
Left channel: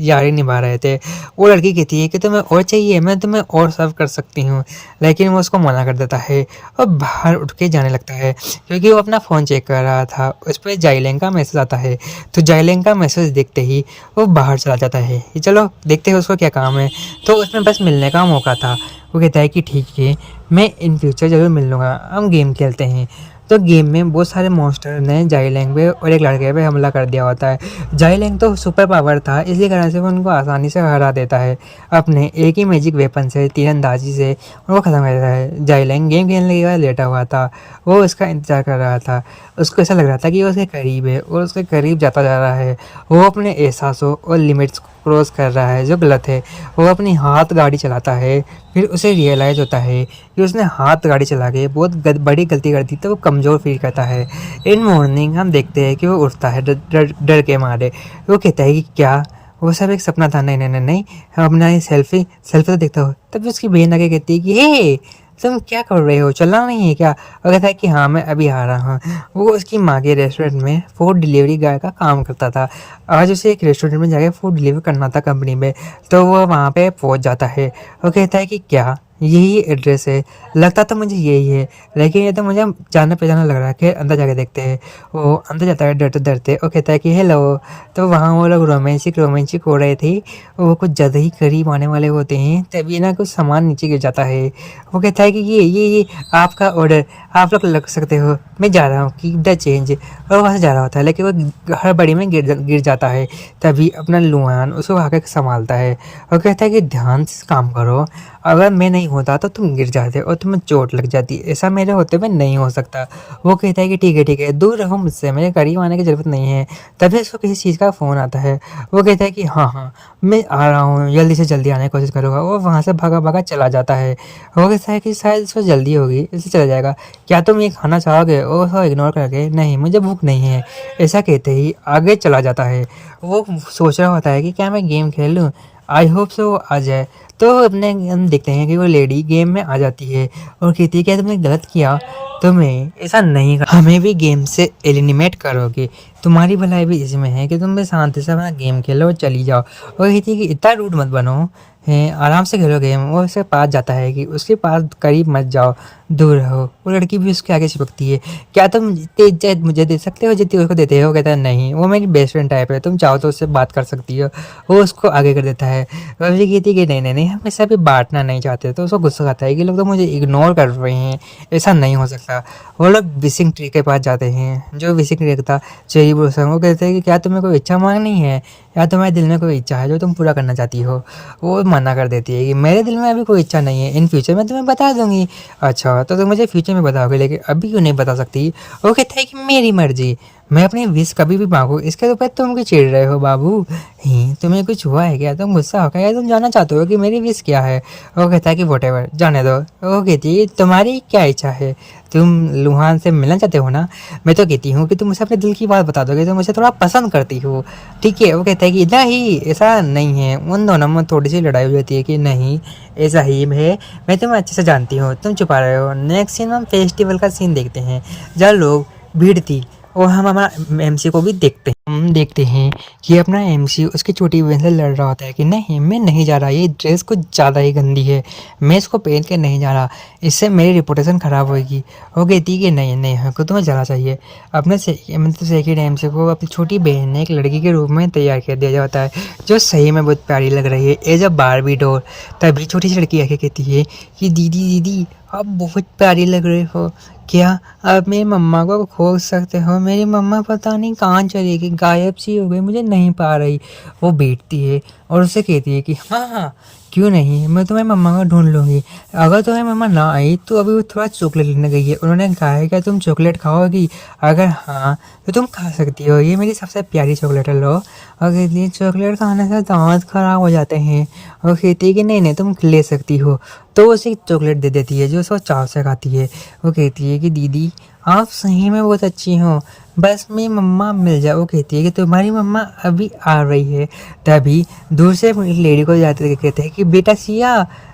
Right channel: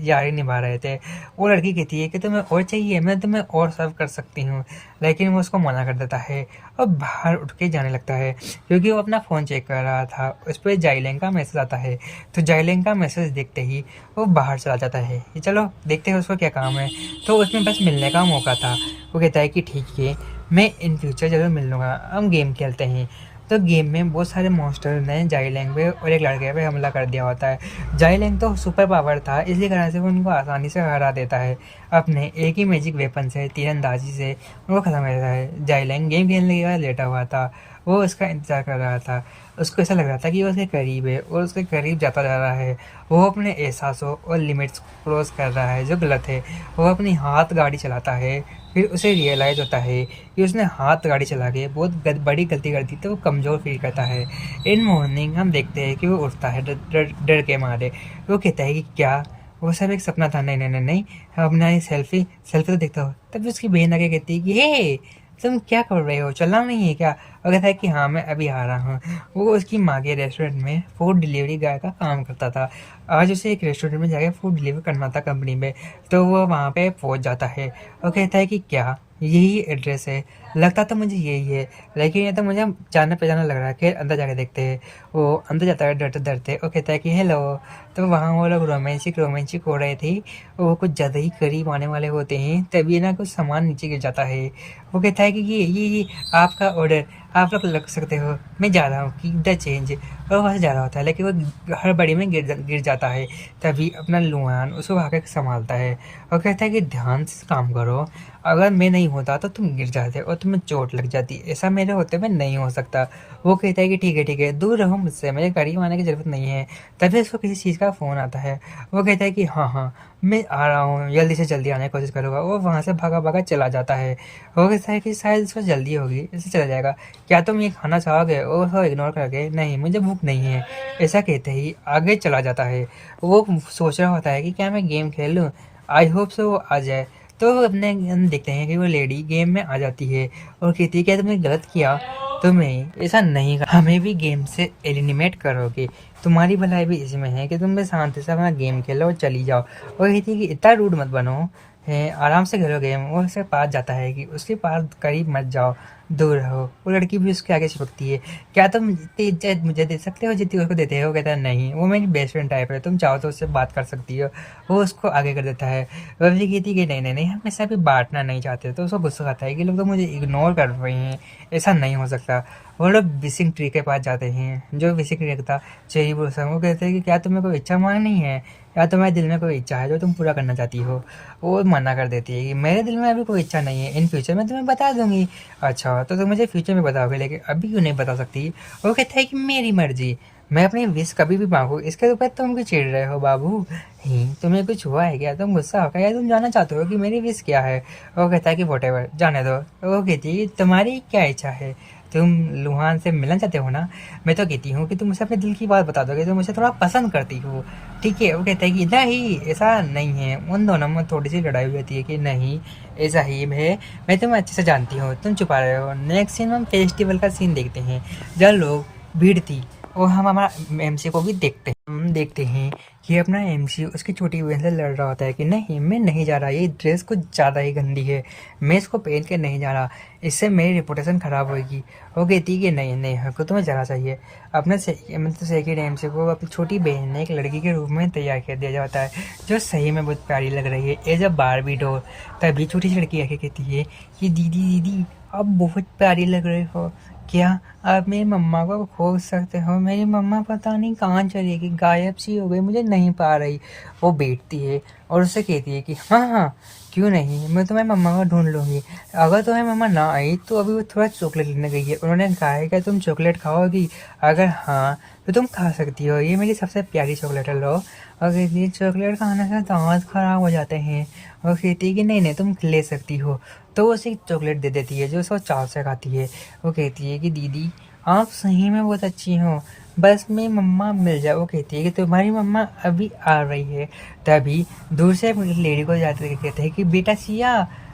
यारी निभा रहे थे। वो लड़की कहती है कि तुम्हें और चाहिए, मैं तुम्हें और सर्व कर सकती हूँ, लेकिन वो उसको मना कर देता है और बाहर उठ के जाने लगता है, क्योंकि वो अपना फ़ोन चेक कर रहा था। उस पर जाइलेंग का मैसेज आता है, तो जाइलेंग का मैसेज देखते ही वो बाहर चला जाता है कि चलो देखते हैं उसको क्या काम है। तो उसमें बस मिलने का मौका था। वो कहता है कि ठीक है, मैं इन फ्यूचर ज़रूर मिल लूँगा, हम गेम खेलते हैं। तो गेम में बहुत सारे मॉन्स्टर ने जाइलेंग पे और एक लड़के पे हमला कर दिया होता है। जाइलेंग तो सुपर पावर था, इसी कारण से वो उनको आसानी से हरा देता है अपने एक ही मैजिक वेपन से, तीरंदाजी से वो ख़त्म कर देता है। जाइलेंग गेम खेलने के बाद लेटा हुआ था, वो उसका इंतज़ार कर रहा था। उसको ऐसा लग रहा था कि वो उसके करीब है और उसके करीब जाता जा रहा है। वो अपने एहसासों और लिमिट्स को क्रॉस कर रहा है, जो गलत है। वो अपनी हाथ गाड़ी चलाता है, फिर उसे रियलाइज़ होता है कि उसने हाथ गाड़ी चला के बहुत बड़ी गलती कर दी, तो वो कमज़ोर फील करता है। इन मॉर्निंग हम देखते हैं कि वो उठता है डर के मारे। वो कहता है कि क्या वो सब एक सपना था? नहीं नहीं नहीं नहीं, हम अपना ये सेल्फी सेल्फी तो देखता हो। तब उसकी बहन आगे कहती है कि हे, तुम क्या कर रहे हो, चलना नहीं है क्या? वो कहता है कि हाँ, मैं अभी आ रहा हूँ। वो उसकी माँ के रेस्टोरेंट में फूड डिलीवरी गाय का काम करता था। आज उसे एक रेस्टोरेंट में जाकर फूड डिलीवर करना था कंपनी में, तो वो वहाँ पे पहुँच जाता है। वो कहता है कि क्या यही एड्रेस है? लगता तो मुझे यही है, लेकिन ये तो मुझे जाने पहचाना लग रहा है। कि अंदर जाके देखते हैं। वो अंदर जाता है डरते डरते। वो कहता है कि हेलो। तो वहाँ वो लोग रोमांटिक हो रहे थे। वो कुछ ज़्यादा ही करीब आने वाले होते हैं, तभी ना कुछ सामान नीचे गिर जाता है। वो कहता है कि ये आपका ऑर्डर, आप लोग लग सकते हो, मैं जा रहा हूँ, कीप द चेंज। और वहाँ से जा रहा होता है, लेकिन वो हड़बड़ी में गिर जाता है। तभी अपना लुहान उसको आकर संभालता है और कहता है कि ध्यान से काम करो, अगर मैं नहीं होता तो तुम गिर जाते और तुम्हें चोट लग जाती, ऐसा मेरे होते हुए नहीं हो सकता। वो कहता है कि ठीक है, दूर रहो मुझसे, मेरे करीब आने की ज़रूरत नहीं है। तभी उसको किसी चीज़ का फ़ोन आता है। वो कहता है कि हाँ, मैं आ रहा हूँ, जल्दी से जल्दी आने की कोशिश करूँगा। वो वहाँ से भागा भागा चला जाता है। वो कहता है कि शायद इसको जल्दी होगी, इसे चला जाएगा। क्या तुम ये खाना चाहोगे? और उसको इग्नोर करके, नहीं मुझे भूख नहीं है, ऐसा कहते ही आगे चला जाता है। वो सोच रहा होता है कि क्या मैं गेम खेल लूँ, आई होप सो वो आ जाए। तो अपने हम देखते हैं कि वो लेडी गेम में आ जाती है और कहती है क्या तुमने गलत किया, तुम्हें ऐसा नहीं कर, हमें भी गेम से एलिमिनेट करोगे, तुम्हारी भलाई भी इसमें है कि तुम भी शांति से अपना गेम खेलो और चली जाओ। वो कहती है कि इतना रूड मत बनो, है आराम से खेलो गेम। वो उसके पास जाता है कि उसके पास करीब मत जाओ, दूर रहो। वो लड़की भी उसके आगे चिपकती है। क्या तुम इतनी इज्जत मुझे दे सकते हो जितनी उसको देते हो? कहता है नहीं, वो मेरी बेस्ट फ्रेंड टाइप है, तुम चाहो तो उससे बात कर सकती हो। वो उसको आगे कर देता है। वह भी कहती है कि नहीं नहीं नहीं, हम ऐसा भी बांटना नहीं चाहते। तो उसको गुस्सा आता है कि लोग तो मुझे इग्नोर कर रहे हैं, ऐसा नहीं हो सकता। वो लोग विशिंग ट्री के पास जाते हैं, जो विशिंग ट्री था चेरी ब्लॉसम। वो कहते हैं कि क्या तुम्हें कोई इच्छा मांगनी है, या तुम्हारे दिल में कोई इच्छा है जो तुम पूरा करना चाहती हो? वो मना कर देती है कि मेरे दिल में अभी कोई इच्छा नहीं है, इन फ्यूचर में तुम्हें बता दूंगी। अच्छा, तो तुम मुझे फ्यूचर में बताओगे, लेकिन अभी क्यों नहीं बता सकती? वो कहता है कि मेरी मर्जी, मैं अपनी विश कभी भी मांगू, इसके ऊपर तुम क्यों चिढ़ रहे हो बाबू? ही तुम्हें कुछ हुआ है क्या? तुम गुस्सा हो गया या तुम जानना चाहते हो कि मेरी विश क्या है? वो कहता है कि वॉटेवर, जाने दो। वो कहती है तुम्हारी क्या इच्छा है, तुम लुहान से मिलना चाहते हो ना? मैं तो कहती हूँ कि तुम मुझे अपने दिल की बात बता दोगे, तुम मुझे थोड़ा पसंद करती हो, ठीक है? वो कहता है कि नहीं, ऐसा नहीं है। उन दोनों में थोड़ी सी लड़ाई हो जाती है कि नहीं ऐसा ही है, मैं तुम्हें अच्छे से जानती हूँ, तुम छुपा रहे हो। नेक्स्ट सीन में हम फेस्टिवल का सीन देखते हैं, जहाँ लोग भीड़ थी और हम हमारा एमसी को भी देखते हैं। हम देखते हैं कि अपना एमसी उसकी छोटी बहन से लड़ रहा होता है कि नहीं मैं नहीं जा रहा, ये ड्रेस कुछ ज़्यादा ही गंदी है, मैं इसको पहन के नहीं जा रहा, इससे मेरी रिपोर्टेशन ख़राब होगी। वो कहती है कि नहीं नहीं हमको तुम्हें जाना चाहिए। अपने मतलब सेकेंड एमसी को अपनी छोटी बहन ने एक लड़की के रूप में तैयार कर दिया जाता है जो सही में बहुत प्यारी लग रही है एज अ बारबी डॉल। तभी छोटी सी लड़की आके कहती है कि दीदी दीदी आप बहुत प्यारी लग रही हो, क्या आप मेरी मम्मा को खोज सकते हो? मेरी मम्मा पता नहीं कहाँ चली गई, गायब सी हो गई, मुझे नहीं पा रही। वो बैठती है और उससे कहती है कि हाँ हाँ क्यों नहीं, मैं तुम्हारी मम्मा को ढूंढ लूँगी। अगर तुम्हारी मम्मा ना आई तो अभी वो थोड़ा चॉकलेट लेने गई है, उन्होंने कहा है क्या तुम चॉकलेट खाओगी? अगर हाँ तो तुम खा सकती हो, ये मेरी सबसे प्यारी चॉकलेट है, लो। और कहती है चॉकलेट खाने से दांत खराब हो जाते हैं। और कहती है कि नहीं नहीं तुम ले सकती हो। तो वो उसे चॉकलेट दे देती है जो उसको चाव से खाती है। वो कहती है कि दीदी आप सही में बहुत अच्छी हो, बस मेरी मम्मा मिल जाए। वो कहती है कि तुम्हारी मम्मा अभी आ रही है। तभी दूर से लेडी को जाते कहते हैं कि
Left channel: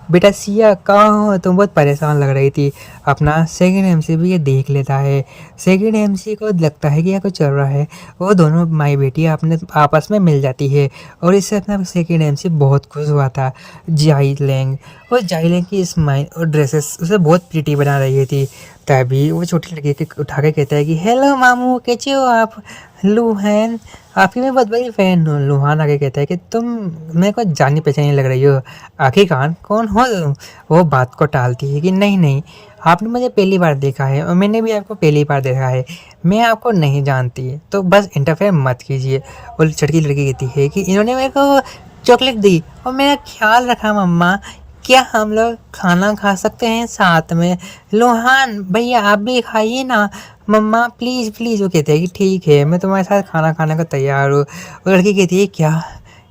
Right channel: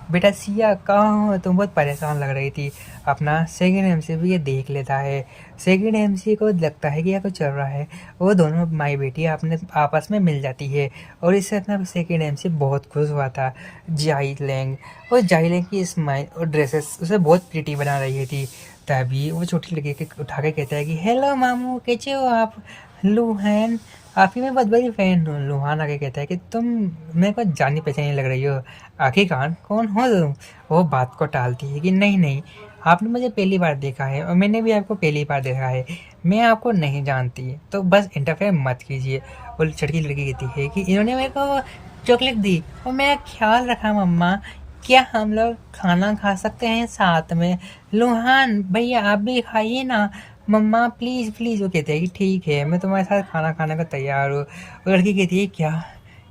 बेटा सिया कहाँ हो, तुम बहुत परेशान लग रही थी। अपना सेकंड एमसी भी ये देख लेता है। सेकंड एमसी को लगता है कि यहाँ कुछ चल रहा है। वो दोनों माई बेटी अपने आपस में मिल जाती है और इससे अपना सेकंड एमसी बहुत खुश हुआ था। जाइलेंग और जाइलेंग की स्माइल और ड्रेसेस उसे बहुत प्रिटी बना रही थी। तभी वो छोटी लड़की के उठा के कहता है कि हेलो मामू कैसे हो आप? लूहैन आपकी मैं बहुत बड़ी फ़ैन हूँ। लूहान आगे कहता है कि तुम मेरे को जानी पहचानी लग रही हो, आखिरकार कौन हो तुम? वो बात को टालती है कि नहीं नहीं आपने मुझे पहली बार देखा है और मैंने भी आपको पहली बार देखा है, मैं आपको नहीं जानती, तो बस इंटरफेयर मत कीजिए। वो छोटी लड़की कहती है कि इन्होंने मेरे को चॉकलेट दी और मेरा ख्याल रखा मम्मा, क्या हम लोग खाना खा सकते हैं साथ में? लोहान भैया आप भी खाइए ना, मम्मा प्लीज़ प्लीज़। वो कहते हैं कि ठीक है मैं तुम्हारे साथ खाना खाने को तैयार हूँ। वो लड़की कहती है क्या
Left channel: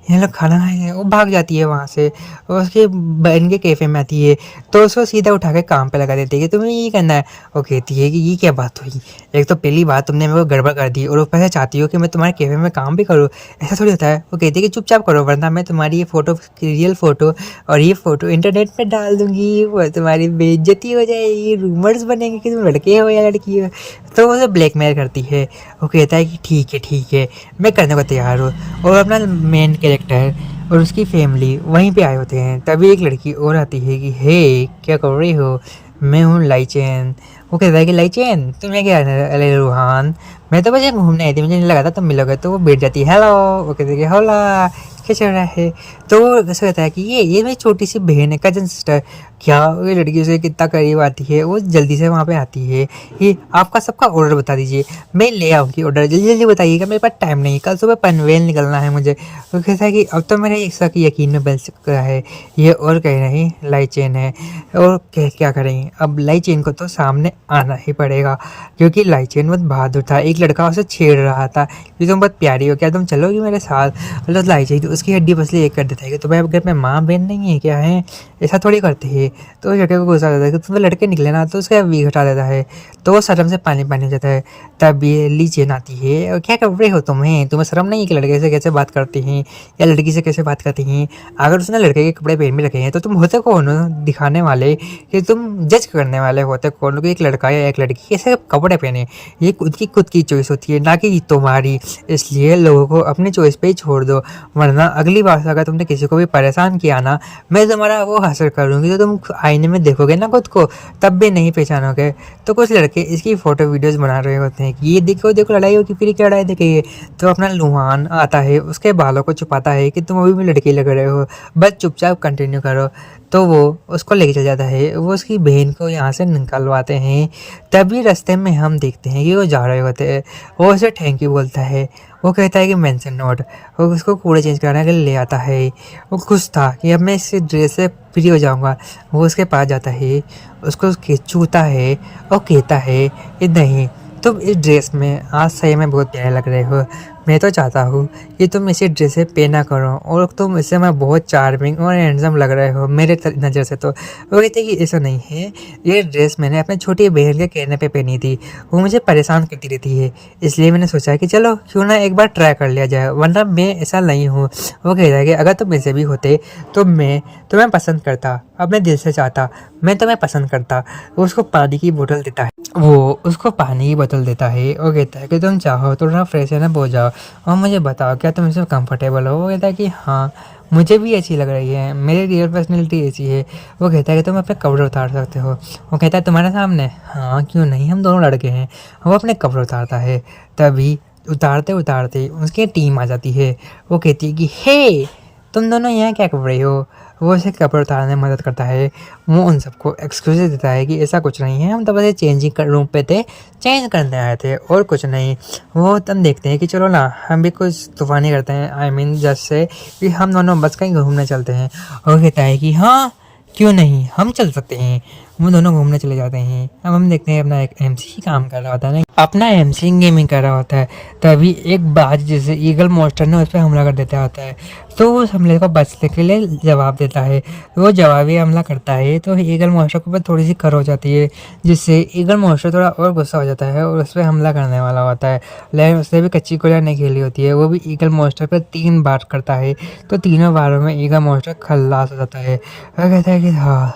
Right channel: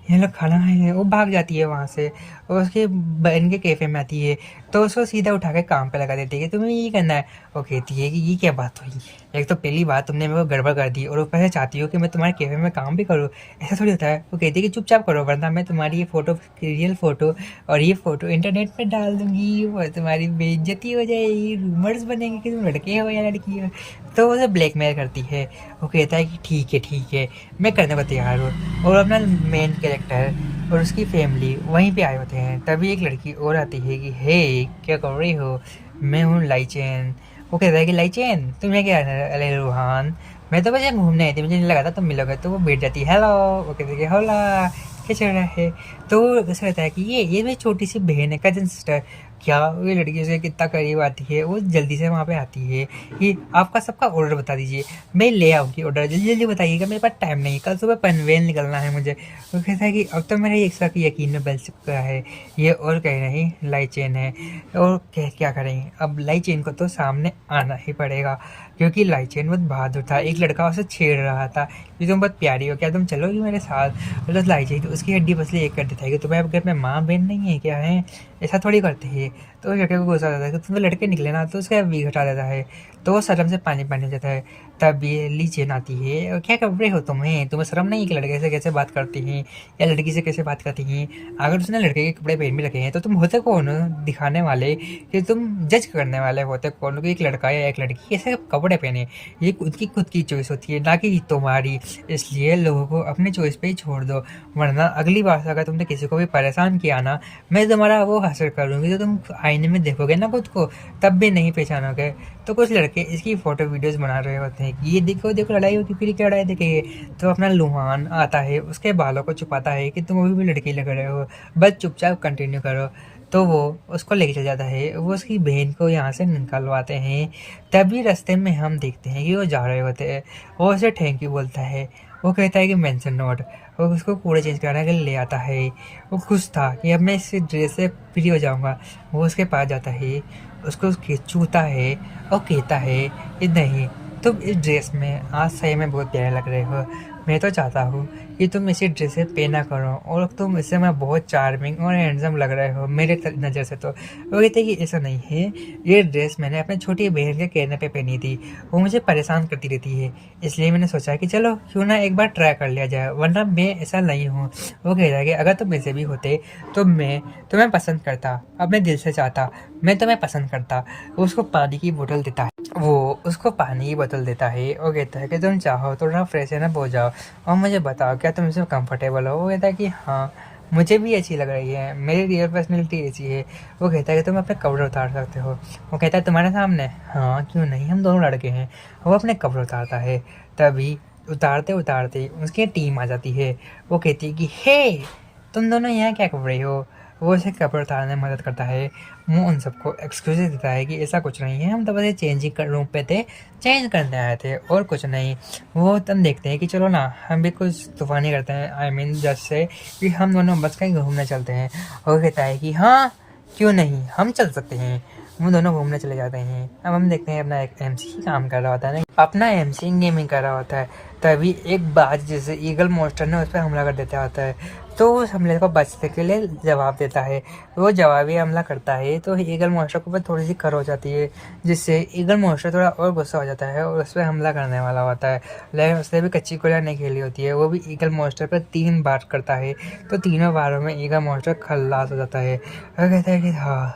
ये लोग खाना खाएंगे? वो भाग जाती है वहाँ से और उसके बहन के कैफ़े में आती है तो उसको सीधा उठा के काम पे लगा देती है कि तुम्हें ये करना है। वो कहती है कि ये क्या बात हुई, एक तो पहली बार तुमने मेरे को गड़बड़ कर दी और ऊपर से चाहती हो कि मैं तुम्हारे कैफ़े में काम भी करूँ, ऐसा थोड़ी होता है। वो कहती है कि चुपचाप करो वरना मैं तुम्हारी ये फ़ोटो रियल फ़ोटो और ये फ़ोटो इंटरनेट पे डाल दूँगी, वो तुम्हारी बेइज्जती हो जाएगी, रूमर्स बनेंगे कि तुम लड़के हो या लड़की हो। तो उसे ब्लैकमेल करती है। वो कहता है कि ठीक है मैं करने को तैयार हूँ। और अपना मेन कैरेक्टर और उसकी फैमिली वहीं पे आए होते हैं। तभी एक लड़की और आती है कि हे क्या कर रही हो? मैं हूँ लाइचेन। वो कहता है कि लाइचेन तुम्हें क्या है? अरे रूहान मैं तो बस यहाँ घूमने आई थी, मुझे नहीं लगा था तुम मिलोगे। तो वो बैठ जाती है हेलो। वो कहते हैं कि होला क्या चल रहा है? तो वो ऐसा कहता है कि ये मेरी छोटी सी बहन है, कजन सिस्टर। क्या ये लड़की से कितना करीब आती है, वो जल्दी से वहाँ पे आती है कि आपका सबका ऑर्डर बता दीजिए, मैं ले आऊँगी ऑर्डर, जल्दी जल्दी बताइएगा, मेरे पास टाइम नहीं, कल सुबह पनवेल निकलना है मुझे। वो कहता है कि अब तो मेरे एक की यकीन में बन सकता है ये और कहीं नहीं लाई चेन है। और क्या करें, अब लाई चेन को तो सामने आना ही पड़ेगा क्योंकि लाई चेन बहुत बहादुर था। एक लड़का उसे छेड़ रहा था कि तुम बहुत प्यारी हो, क्या तुम चलोगी मेरे साथ? मतलब लाई चेन उसकी हड्डी पसली एक कर देता है कि तुम्हारे घर में माँ बहन नहीं है क्या है? ऐसा थोड़ी करते हैं। तो उस लड़के को गुस्सा आता है कि तुम तो लड़के निकले ना, तो उसका वी घटा देता है तो वो शर्म से पानी पानी हो जाता है। तब ये ली चेन आती है और क्या कर रहे हो तुम्हें शर्म नहीं है कि लड़के से कैसे बात करती हैं या लड़की से कैसे बात करती हैं? अगर उसने लड़के के कपड़े पहन में रखे हैं तो तुम होते कौन हो दिखाने वाले, कि तुम जज करने वाले होते कौन हो कि एक लड़का या एक लड़की कैसे कपड़े पहने? ये खुद की चॉइस होती है ना कि तुम्हारी। इसलिए लोगों को अपनी चॉइस पे ही छोड़ दो, वरना अगली बार से अगर तुमने किसी को भी परेशान किया ना, मैं तुम्हारा वो हासिल करूँगी तो तुम आईने में देखोगे ना खुद को तब भी नहीं पहचानोगे। तो कुछ लड़के इसकी फ़ोटो वीडियोज़ बना रहे होते हैं कि ये देखो देखो लड़ाई होगी, फिर क्या लड़ाई देखेंगे। तो अपना लुहान आता है, उसके बालों को छुपाता है कि तुम अभी भी लड़की लग रहे हो, बस चुपचाप कंटिन्यू करो। तो वो उसको लेके चल जाता है, वो उसकी बहन को यहाँ से निकलवाते हैं। तभी रास्ते में हम देखते हैं कि वो जा रहे होते हैं। वो उसे थैंक यू बोलता है, वो कहता है कि मेंशन नोट। वो उसको कूड़े चेंज कराने के लिए ले आता है। वो खुश था कि अब मैं इस ड्रेस से फ्री हो जाऊंगा। वो उसके पास जाता है, उसको छूता है और कहता है कि नहीं तुम इस ड्रेस में आज सही में बहुत प्यारे लग रहे हो, मैं तो चाहता हूँ कि तुम इसी ड्रेस से पहना करो और तुम इससे मैं बहुत चार्मिंग और हैंडसम लग रहे हो मेरे नज़र से। तो वो कहते कि ऐसा नहीं है, ये ड्रेस मैंने अपनी छोटी बहन के कहने पे पहनी थी, वो मुझे परेशान करती रहती है, इसलिए मैंने सोचा कि चलो क्यों ना एक बार ट्राई कर लिया जाए, वरना मैं ऐसा नहीं हूँ। वो कहता है कि अगर तुम ऐसे भी होते तो मैं तुम्हें पसंद करता, अपने दिल से चाहता, मैं तुम्हें पसंद करता। वो उसको पानी की बोतल देता है, वो उसको पानी की बोतल देता है और कहता है कि तुम चाहो तो थोड़ा फ्रेश है ना हो जाओ और मुझे बताओ क्या तुम इसमें कंफर्टेबल हो। वो कहता है कि हाँ मुझे भी अच्छी लग रही है, मेरी रियल पर्सनैलिटी ऐसी है। वो कहता है कि तुम अपने कपड़े उतार सकते हो। वो कहता है तुम्हारे सामने, हाँ क्यों नहीं, हम दोनों लड़के हैं। वो अपने कपड़े उतारता है, तभी उतारते उतारते उसकी टीम आ जाती है। वो कहती है कि हे तुम दोनों यहाँ क्या कर रहे हो। वो उसे कपड़े उतारने में मदद करता है। वो उन सबको एक्सक्यूज देता है कि ऐसा कुछ नहीं है, हम तो बस चेंजिंग रूम पे थे, चेंज करने आए थे और कुछ नहीं। वो तब देखते हैं कि चलो ना हम भी कुछ तूफानी करते हैं, आई मीन जैसे कि हम दोनों बस कहीं घूमने चलते हैं। और कहता है कि हाँ क्यों नहीं, हम चल सकते हैं। वो दोनों घूमने चले जाते हैं। अब हम देखते हैं अपना एक एमसी काम कर रहा होता है ना, अपना एमसी गेमिंग कर रहा होता है, तभी एक बाज जैसे ईगल मॉन्स्टर ने उस पर हमला कर देता होता है। तो वो उस हमले को बचने के लिए जवाब देता है, वो जवाबी हमला करता है तो ईगल मॉन्स्टर के ऊपर थोड़ी सी खर हो जाती है, जिससे ईगल मॉन्स्टर थोड़ा और गुस्सा हो जाता है और उस पर हमला करने वाला होता है। लेकिन उसने भी कच्ची गोलियां नहीं खेली होती है, वो भी ईगल मॉन्स्टर पर 3 बार करता है, तो तीनों बारों में ईगल मॉन्स्टर खल्लास हो जाता है। और कहता है कि हाँ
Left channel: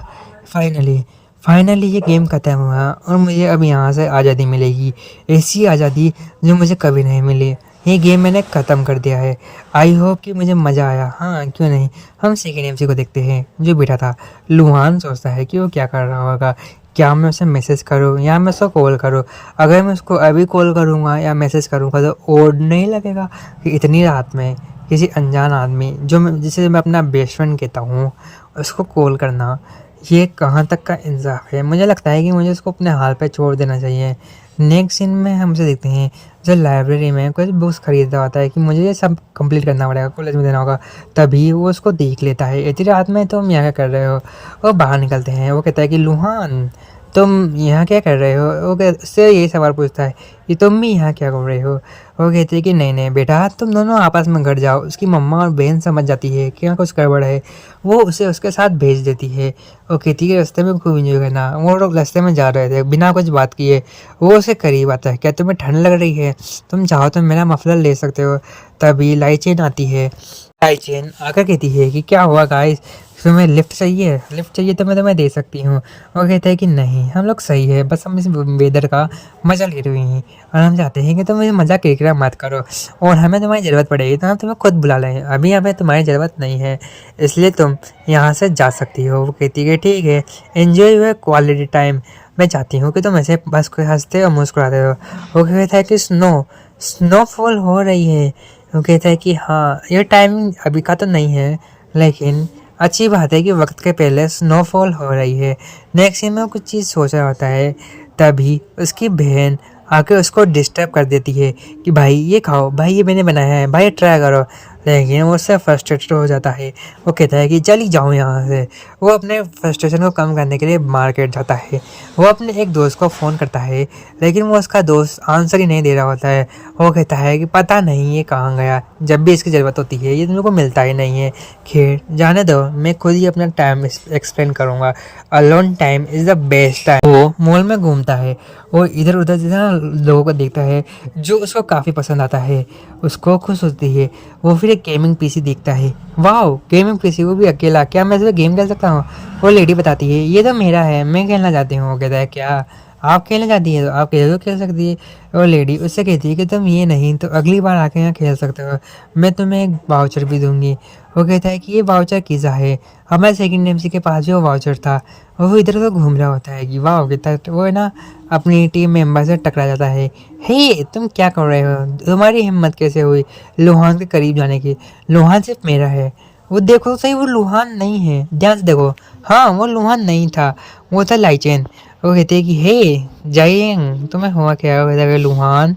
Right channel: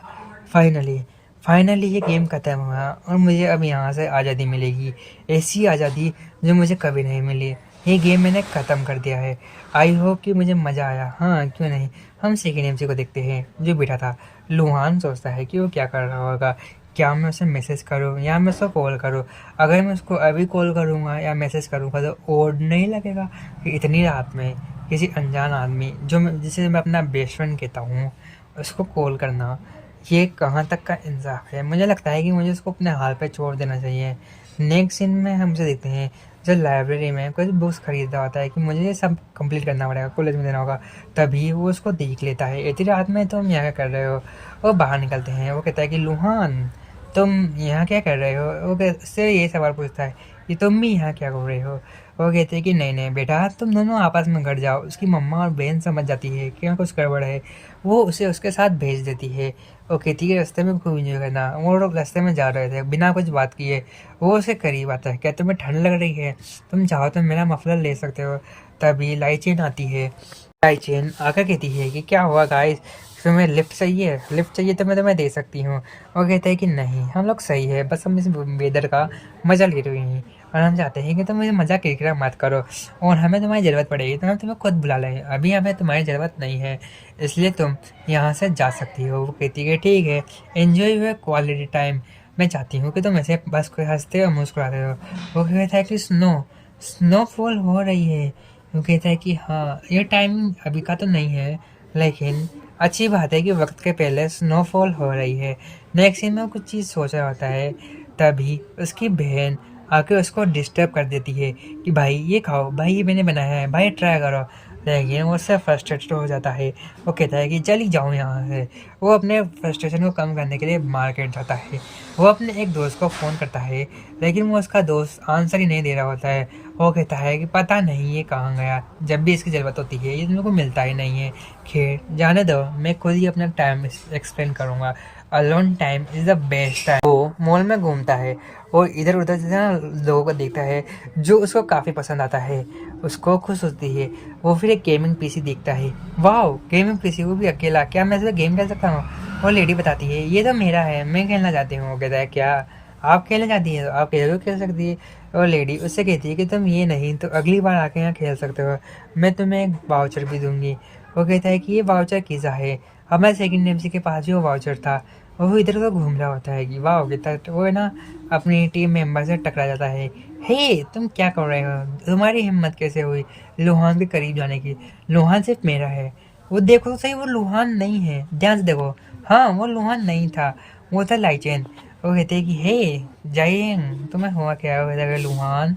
फाइनली ये गेम ख़त्म हुआ और मुझे अब यहाँ से आज़ादी मिलेगी, ऐसी आज़ादी जो मुझे कभी नहीं मिली। ये गेम मैंने ख़त्म कर दिया है। आई होप कि मुझे मज़ा आया। हाँ क्यों नहीं, हम सेकेंड एमसी को देखते हैं जो बैठा था। लुहान सोचता है कि वो क्या कर रहा होगा, क्या मैं उसे मैसेज करूँ या मैं उसको कॉल करूँ। अगर मैं उसको अभी कॉल करूँगा या मैसेज करूँगा तो ओड नहीं लगेगा कि इतनी रात में किसी अनजान आदमी जिसे मैं अपना बेस्ट फ्रेंड कहता हूँ उसको कॉल करना, ये कहाँ तक का इंसाफ है। मुझे लगता है कि मुझे उसको अपने हाल पे छोड़ देना चाहिए। नेक्स्ट सीन में हम उसे देखते हैं जो लाइब्रेरी में कुछ बुक्स खरीदता होता है कि मुझे ये सब कंप्लीट करना पड़ेगा, कॉलेज में देना होगा। तभी वो उसको देख लेता है, इतनी रात में तुम यहाँ क्या कर रहे हो। वो बाहर निकलते हैं। वो कहता है कि लुहान तुम यहाँ क्या कर रहे हो। वो उससे यही सवाल पूछता है कि तुम भी यहाँ क्या कर रहे हो। वो कहती है कि नहीं बेटा तुम दोनों आपस में घर जाओ। उसकी मम्मा और बहन समझ जाती है कि यहाँ कुछ गड़बड़ है, वो उसे उसके साथ भेज देती है। वो कहती है कि रास्ते में खूब इंजॉय करना। वो लोग रास्ते में जा रहे थे बिना कुछ बात किए। वो उसे करीब आता है, क्या तुम्हें ठंड लग रही है, तुम चाहो तो मेरा मफलर ले सकते हो। तभी लाइचेन आती है। लाइचेन आकर कहती है कि क्या हुआ गाइस, तुम्हें लिफ्ट चाहिए तो मैं तुम्हें दे सकती हूँ। और कहता है कि नहीं हम लोग सही है, बस हम इस वेदर का मज़ा ले रहे हैं और हम चाहते हैं कि तुम ये मज़ा किरकिरा मत करो और हमें तुम्हारी ज़रूरत पड़ेगी तो हम तुम्हें खुद बुला लें। अभी हमें तुम्हारी ज़रूरत नहीं है, इसलिए तुम यहाँ से जा सकती हो। वो कहती है ठीक है, एन्जॉय योर क्वालिटी टाइम। मैं चाहती हूँ कि तुम ऐसे बस कोई हंसते और मुस्कुराते हो। वो कहता है कि स्नोफॉल हो रही है। वो कहता है कि हाँ ये टाइमिंग अभी का तो नहीं है, लेकिन अच्छी बात है कि वक्त के पहले स्नोफॉल हो रही है। नेक्स्ट सीन में कुछ चीज़ सोच रहा होता है, तभी उसकी बहन आके उसको डिस्टर्ब कर देती है कि भाई ये खाओ, भाई ये मैंने बनाया है, भाई ट्राई करो। लेकिन वो उससे फ्रस्ट्रेटेड हो जाता है। वो कहता है कि चली जाओ यहाँ से। वो अपने फ्रस्ट्रेशन को कम करने के लिए मार्केट जाता है। वो अपने एक दोस्त को फ़ोन करता है, लेकिन वो उसका दोस्त आंसर ही नहीं दे रहा होता है। वो कहता है कि पता नहीं ये कहाँ गया, जब भी इसकी ज़रूरत होती है ये तुम लोग को मिलता ही नहीं है। खैर जाने दो, मैं खुद ही अपना टाइम एक्सप्लेन करूँगा। Alone time is the best time. वो मॉल में घूमता है और इधर उधर लोगों को देखता है जो उसको काफ़ी पसंद आता है, उसको खुश होती है। वो फिर एक गेमिंग पीसी देखता है। वाह गेमिंग पीसी, वो भी अकेला, क्या मैं इसमें गेम खेल सकता हूँ। वो लेडी बताती है ये तो मेरा है, मैं खेलना चाहती हूँ। वो कहता है क्या आप खेलना चाहती है, तो आप खेल सकती है। और लेडी उससे कहती है कि तुम ये नहीं तो अगली बार आके यहाँ खेल सकते हो, मैं तुम्हें एक वाउचर भी दूंगी। वो कहता है कि ये वाउचर किसा है, हमारे सेकंड एमसी के पास भी वो वाउचर था। वो इधर उधर घूम रहा होता है कि वाह कितना, वो है ना अपनी टीम मेंबर से टकरा जाता है। हे तुम क्या कर रहे हो, तुम्हारी हिम्मत कैसे हुई लुहान के करीब जाने की, लुहान सिर्फ मेरा है। वो देखो सही, वो लुहान नहीं है, ध्यान से देखो। हाँ वो लुहान नहीं था, वो था लाइचेन। वो कहते हैं कि हे जाइएंग तुम्हें हुआ क्या। हो कहता है लुहान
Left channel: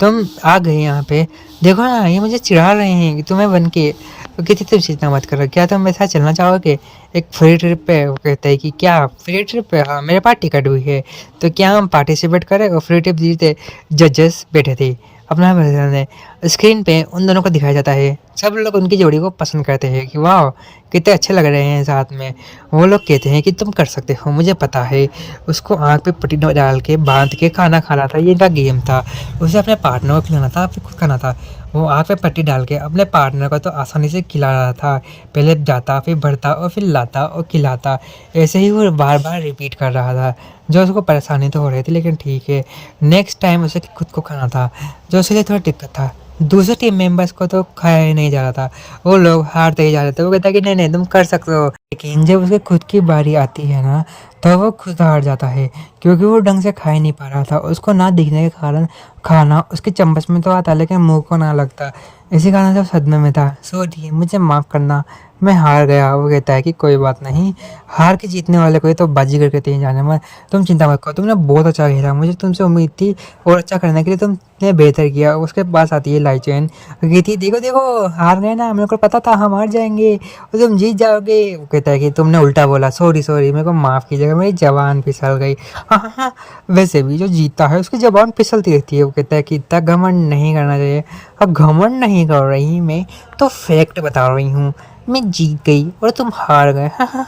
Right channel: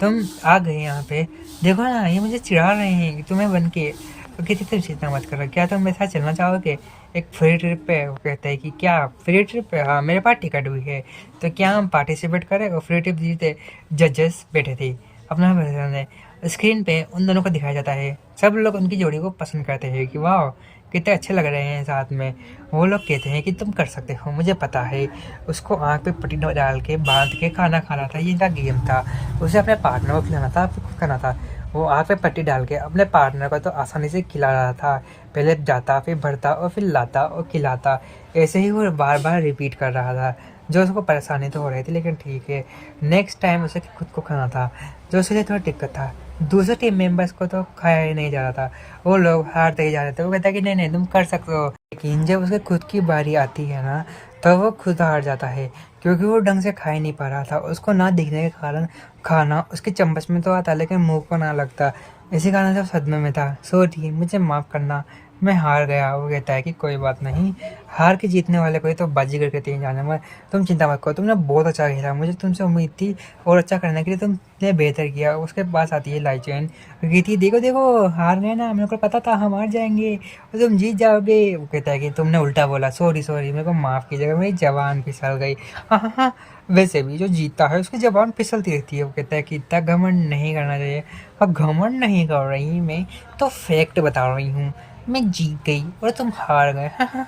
तुम आ गए यहाँ पे, देखो ना ये मुझे चिढ़ा रहे हैं कि तुम्हें बन के। वो कहती तुम चिंता मत करो, क्या तुम मेरे साथ चलना चाहोगे एक फ्री ट्रिप पे। वो कहता है कि क्या फ्री ट्रिप पे, हाँ मेरे पास टिकट हुई है, तो क्या हम पार्टिसिपेट करें। और फ्री ट्रिप जीते जजेस बैठे थे अपना पसंद है। स्क्रीन पे उन दोनों को दिखाया जाता है। सब लोग उनकी जोड़ी को पसंद करते हैं कि वाह कितने अच्छे लग रहे हैं साथ में। वो लोग कहते हैं कि तुम कर सकते हो, मुझे पता है। उसको आँख पे पट्टी डाल के बांध के खाना खाना था, ये इनका गेम था। उसे अपने पार्टनर को खिलाना था, फिर खुद खाना था। वो आँख पे पट्टी डाल के अपने पार्टनर को तो आसानी से खिला रहा था। पहले जाता, फिर बढ़ता और फिर लाता और खिलाता। ऐसे ही वो बार बार रिपीट कर रहा था, जो उसको परेशानी तो हो रही थी, लेकिन ठीक है। नेक्स्ट टाइम उसे खुद को खाना था, जो उसके लिए थोड़ा दिक्कत था। दूसरे टीम मेंबर्स को तो खाया ही नहीं जा रहा था, वो लोग हारते ही जा रहे थे। वो कहता है कि नहीं नहीं तुम कर सकते हो, लेकिन जब उसके खुद की बारी आती है ना, तब वो खुद हार जाता है, क्योंकि वो ढंग से खा ही नहीं पा रहा था। उसको ना दिखने के कारण खाना उसके चम्मच में तो आता, लेकिन मुंह को ना लगता। इसी कारण सब सदमे में था। सॉरी, मुझे माफ़ करना, मैं हार गया। वो कहता है कि कोई बात नहीं, हार के जीतने वाले को तो बाजीगर कहते हैं जाने में। तुम चिंता मत करो, तुमने बहुत अच्छा खेला, मुझे तुमसे उम्मीद थी और अच्छा करने के लिए तुमने बेहतर किया। उसके पास आती है लाइचेन, कहती देखो देखो हार गए ना, मेरे को पता था हम हार जाएंगे और तुम जीत जाओगे। वो कहता है कि तुमने उल्टा बोला, सॉरी सॉरी, मेरे को माफ़ कीजिएगा, मेरी जबान फिसल गई। हाँ हाँ हाँ, वैसे भी जो जीतता है उसकी जबान फिसलती रहती है। वो कहता है कि इतना घमंड नहीं करना चाहिए। अब घमंड नहीं कर रही मैं तो फैक्ट बता रही हूँ, मैं जीत गई और तुम हार गए। हाँ हाँ,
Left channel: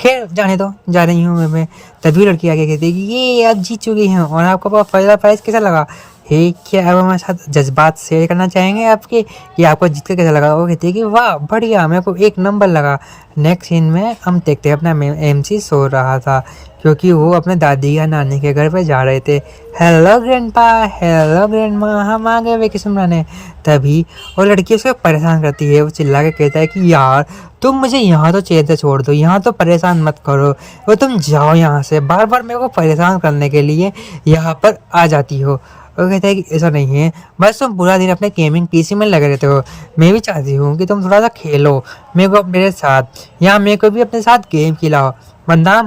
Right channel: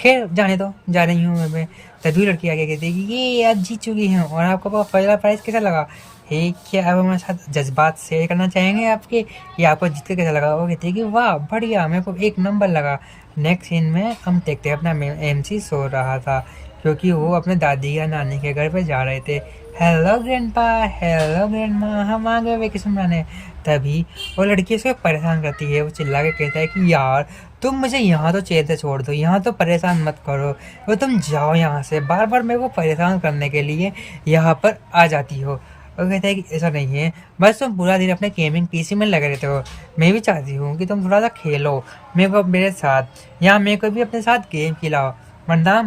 खैर जाने दो, जा रही हूँ मैं। तभी लड़की आगे कहती है कि ये आप जीत चुकी हैं और आपको पहला प्राइज कैसा लगा। हे, क्या आप हमारे साथ जज्बात शेयर करना चाहेंगे आपके, कि आपको जीत कर कैसा लगा। वो कहती है कि वाह बढ़िया, मेरे को एक नंबर लगा। नेक्स्ट सीन में हम देखते हैं अपना MC सो रहा था, क्योंकि वो अपने दादी या नानी के घर पे जा रहे थे। हेलो ग्रैंडपा, हेलो ग्रैंडमा, हम आ गए वेकेशन मनाने। तभी वो लड़की उसको परेशान करती है। वो चिल्ला के कहता है कि यार तुम मुझे यहाँ तो चैन से छोड़ दो, यहाँ तो परेशान मत करो। वो तुम जाओ यहाँ से, बार बार मेरे को परेशान करने के लिए यहाँ पर आ जाती हो। वो कहता है कि ऐसा नहीं है, बस तुम पूरा दिन अपने गेमिंग PC में लगे रहते हो। मैं भी चाहती हूँ कि तुम थोड़ा सा खेलो मेरे को मेरे साथ, या मेरे को भी अपने साथ गेम खिलाओ, वरना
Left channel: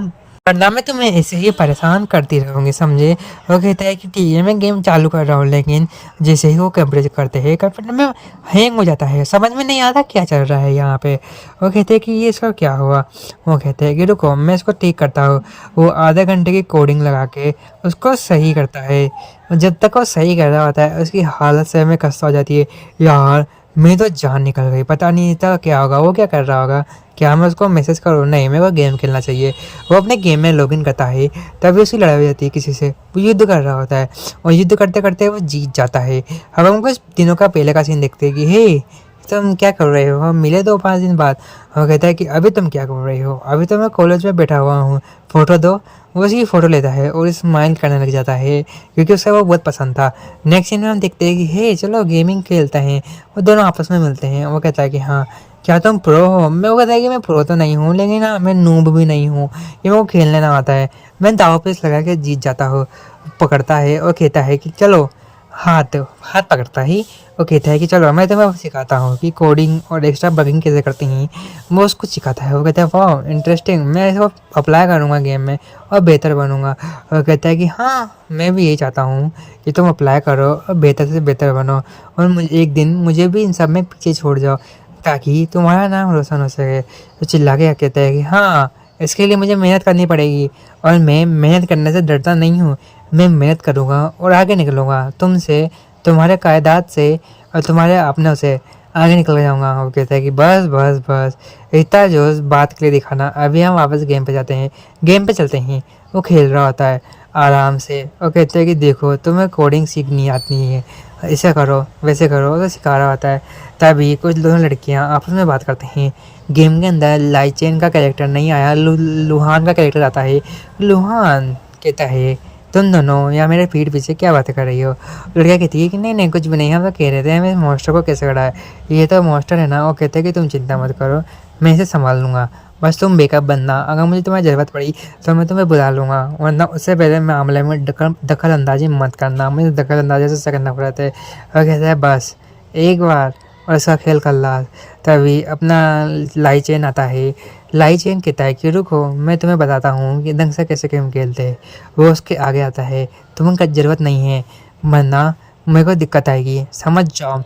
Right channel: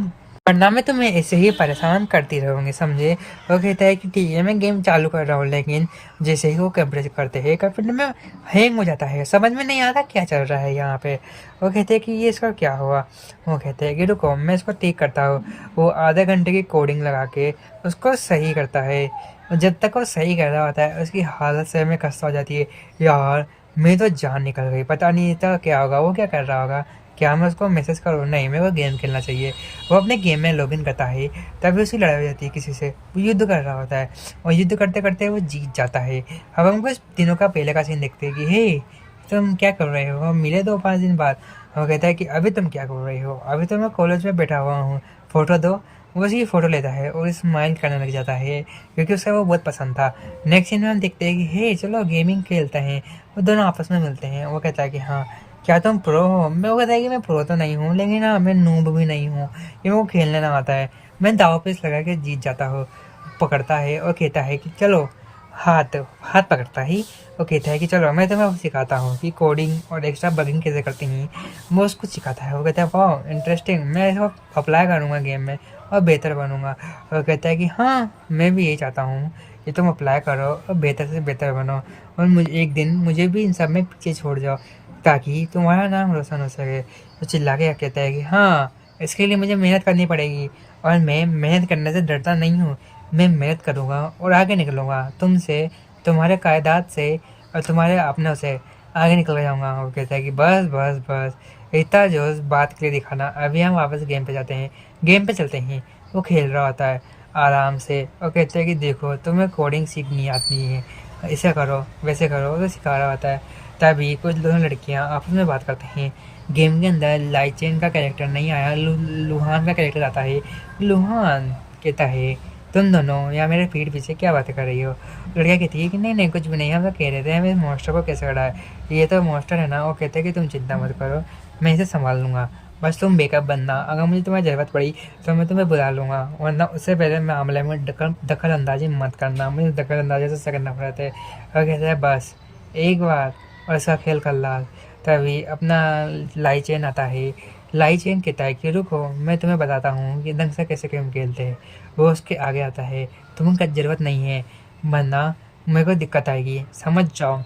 मैं तुम्हें ऐसे ही परेशान करती रहूँगी, समझे। वो कहता है कि ठीक है मैं गेम चालू कर रहा हूँ, लेकिन जैसे ही वो कंप्यूटर करते हैं, कंप्यूटर में हैंग हो जाता है, समझ में नहीं आता क्या चल रहा है यहाँ पे। वो कहते हैं कि ये इसका क्या हुआ। वो कहते हैं कि रुको मैं इसको ठीक करता हूँ। वो आधे घंटे की कोडिंग लगा के उसको सही करता है। जब तक वो सही कर रहा होता है उसकी हालत से में खस्ता हो जाती है। यार मेरी तो जान निकल गई, पता नहीं था क्या होगा, वो क्या कर रहा होगा। क्या मैं उसको मैसेज करूँ, नहीं मेरे को गेम खेलना चाहिए। वो अपने गेम में लॉगिन करता है, तभी उसकी लड़ाई हो जाती है किसी से। वो युद्ध कर रहा होता है और युद्ध करते करते वो जीत जाता है। अब हम कुछ दिनों का पहले का सीन देखते हैं कि हे तुम क्या कर रहे हो, हम मिले 2-5 दिन बाद। वो कहता है कि अभी तुम क्या कर रहे हो, अभी तो मैं कॉलेज में बैठा हुआ हूँ, फ़ोटो दो। वो उसकी फ़ोटो लेता है और स्माइल करने लग जाता है, क्योंकि उसे वो बहुत पसंद था। नेक्स्ट सीन में हम देखते हैं कि हे चलो गेमिंग खेलते हैं। वो दोनों आपस में मिलते हैं। वो कहता है कि हाँ क्या तुम प्रो हो। मैं वो कहता है कि मैं प्रो तो नहीं हूँ, लेकिन हाँ मैं नूब भी नहीं हूँ, ये वो खेलने ना आता है। मैं दाव पे लगा के जीत जाता हूँ। पकड़ता है और कहता है कि चलो, हाथ हाथ पकड़ता ही वो कहता है कि चलो मैं तुम्हें सिखाता हूँ कि कोडिंग और एक्स्ट्रा बगिंग कैसे करते हैं। वो उसको सिखाता है। वो कहता है वाह इंटरेस्टिंग, मैं इसको अप्लाई करूँगा गेम में और बेहतर बनूँगा। और कहता है कि हाँ मैं भी यही चाहता हूँ कि तुम अप्लाई करो और बेहतर से बेहतर बनो, और मुझे एक दिन मुझे भी इन सब में पीछे छोड़ जाओ, ताकि तुम्हारा नाम रोशन हो सके। तो चिल्ला के कहता है कि हाँ इसके लिए मुझे मेहनत करनी पड़ेगी, और मैं मेहनत करने से डरता नहीं हूँ। मैं मेहनत करूँगा और आगे निकलूँगा तुमसे, तुम्हारे कायदात से और तुम्हारे अपनों से आगे निकल जाऊँगा। वो कहता है कि बस बस बस इतना जोश बात के लिए दिखाना, अभी हम वापस गेम पे जाते हैं, गेम पे चलते हैं। वो खेल रहा होता है आराम से और कहते हैं कि देखो तुम्हें कोडिंग सीखनी आती है, ऐसे करो वैसे करो, तो सिखा रहा होता है। तभी कुछ दोनों लड़कियां आपस में बात करते हैं। गेम के अंदर लाइचेन का कैरेक्टर नहीं आया, लुहान का कैरेक्टर आता है। लुहान कहता है तुम दोनों या मेरे पीठ पीछे क्या बातें कर रही हो। लड़कियाँ कहती है कि नहीं नहीं कुछ भी नहीं, हम तो कह रहे थे हमें मॉन्स्टर को कैसे करा है, ये तो मॉन्स्टर है ना। वो कहते हैं कि तुम चिंता मत करो, मैं इसे संभाल लूँगा, बस तुम बेकअप बनना, अगर मुझे तुम्हारी ज़रूरत पड़ी तो मैं तुम्हें बुला लूँगा, वरना उससे पहले मामले में दखल अंदाजी मत करना। मुझे दखल अंदाजी से करना पड़ा था। और कहता है बस एक बार और उसका खेल खल्लास। तभी अपना लाइचेन आता है। लाइचेन कहता है कि रुको मैं तुम्हें बताता हूँ कि ढंग से कैसे गेम खेलते हैं। वो उसके आगे आता है, तुम्हें ज़रूरत नहीं है, वरना मेरे को दिक्कत आएगी, समझ जाओ,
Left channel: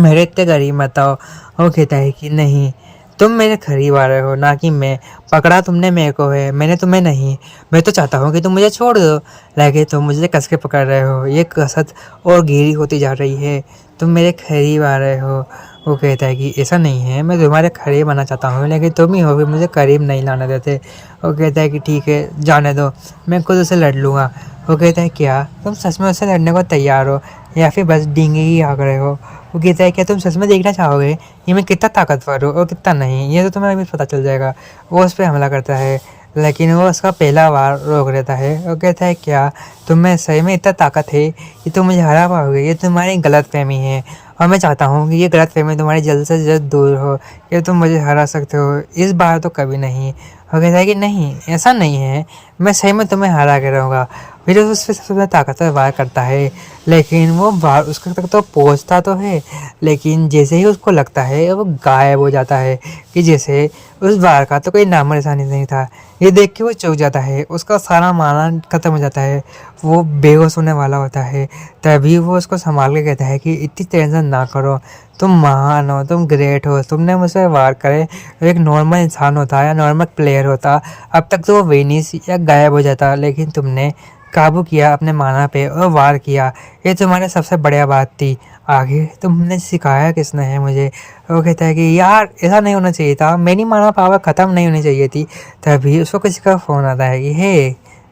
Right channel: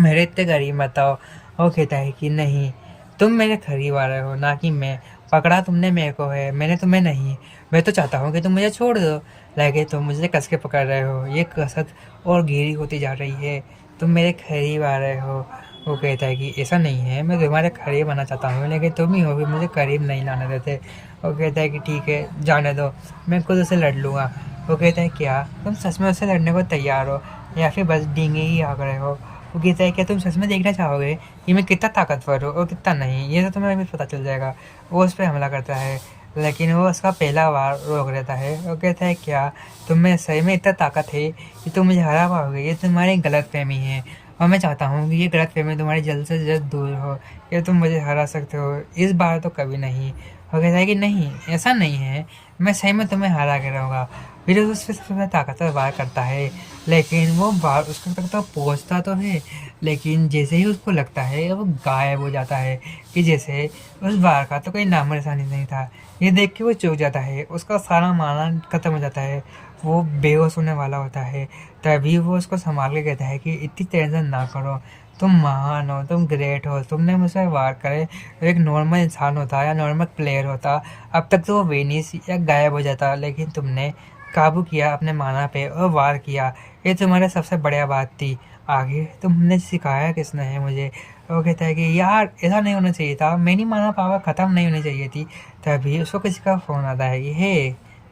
मेरे इतने करीब मत आओ। वो कहता है कि नहीं तुम मेरे करीब आ रहे हो, ना कि मैं पकड़ा तुमने मेरे को है, मैंने तुम्हें नहीं। मैं तो चाहता हूँ कि तुम मुझे छोड़ दो, लेकिन तुम मुझे कस के पकड़ रहे हो। ये कसक और गहरी होती जा रही है, तुम मेरे करीब आ रहे हो। वो कहता है कि ऐसा नहीं है, मैं तुम्हारे करीब आना चाहता हूँ, लेकिन तुम ही हो कि मुझे करीब नहीं लाने देते। वो कहता है कि ठीक है, जाने दो, मैं खुद उससे लड़ लूँगा। वो कहता है क्या तुम सच में उससे लड़ने को तैयार हो, या फिर बस डींगे ही आग रहे हो? वो कहता है क्या तुम सच में देखना चाहोगे कि मैं कितना ताकतवर हूँ और कितना नहीं? ये तो तुम्हें अभी पता चल जाएगा। वो उस पर हमला करता है, लेकिन वो उसका पहला वार रोक लेता है। वो कहता है क्या तुम्हें सही में इतना ताकत है कि तुम मुझे हरा पाओगे? ये तुम्हारी गलतफहमी है, और मैं चाहता हूँ कि ये गलतफहमी तुम्हारी जल्द से जल्द दूर हो, कि तुम मुझे हरा सकते हो, इस बार तो कभी नहीं। वो कहता है कि नहीं, ऐसा नहीं है, मैं सही में तुम्हें हरा के रहूँगा। फिर उस पर सबसे ज़्यादा ताकतवर वार करता है, लेकिन वो वार उसके तक तो पहुँचता तो है, लेकिन जैसे ही उसको लगता है वो गायब हो जाता है, कि जैसे उस वार का तो कोई नामो निशानी नहीं था। ये देख के वो चौंक जाता है, उसका सारा माना खत्म हो जाता है, वो बेहोश होने वाला होता है। तभी वो उसको संभाल के कहता है कि इतनी टेंशन ना करो, तुम महान हो, तुम ग्रेट हो, तुमने मुझसे वार करे। एक नॉर्मल इंसान होता या नॉर्मल प्लेयर होता, अब तक तो वो वेनिस या गायब हो जाता, लेकिन तुमने काबू किया अपने माना पे और वार किया, ये तुम्हारे सबसे बढ़िया बात थी। आगे तुमने सिखाया किसने है मुझे? वो कहता है कि यार ऐसा नहीं होना चाहिए था, मेरी माना पावर ख़त्म नहीं होनी चाहिए थी। तभी उसको किसी का फ़ोन आता है कि हे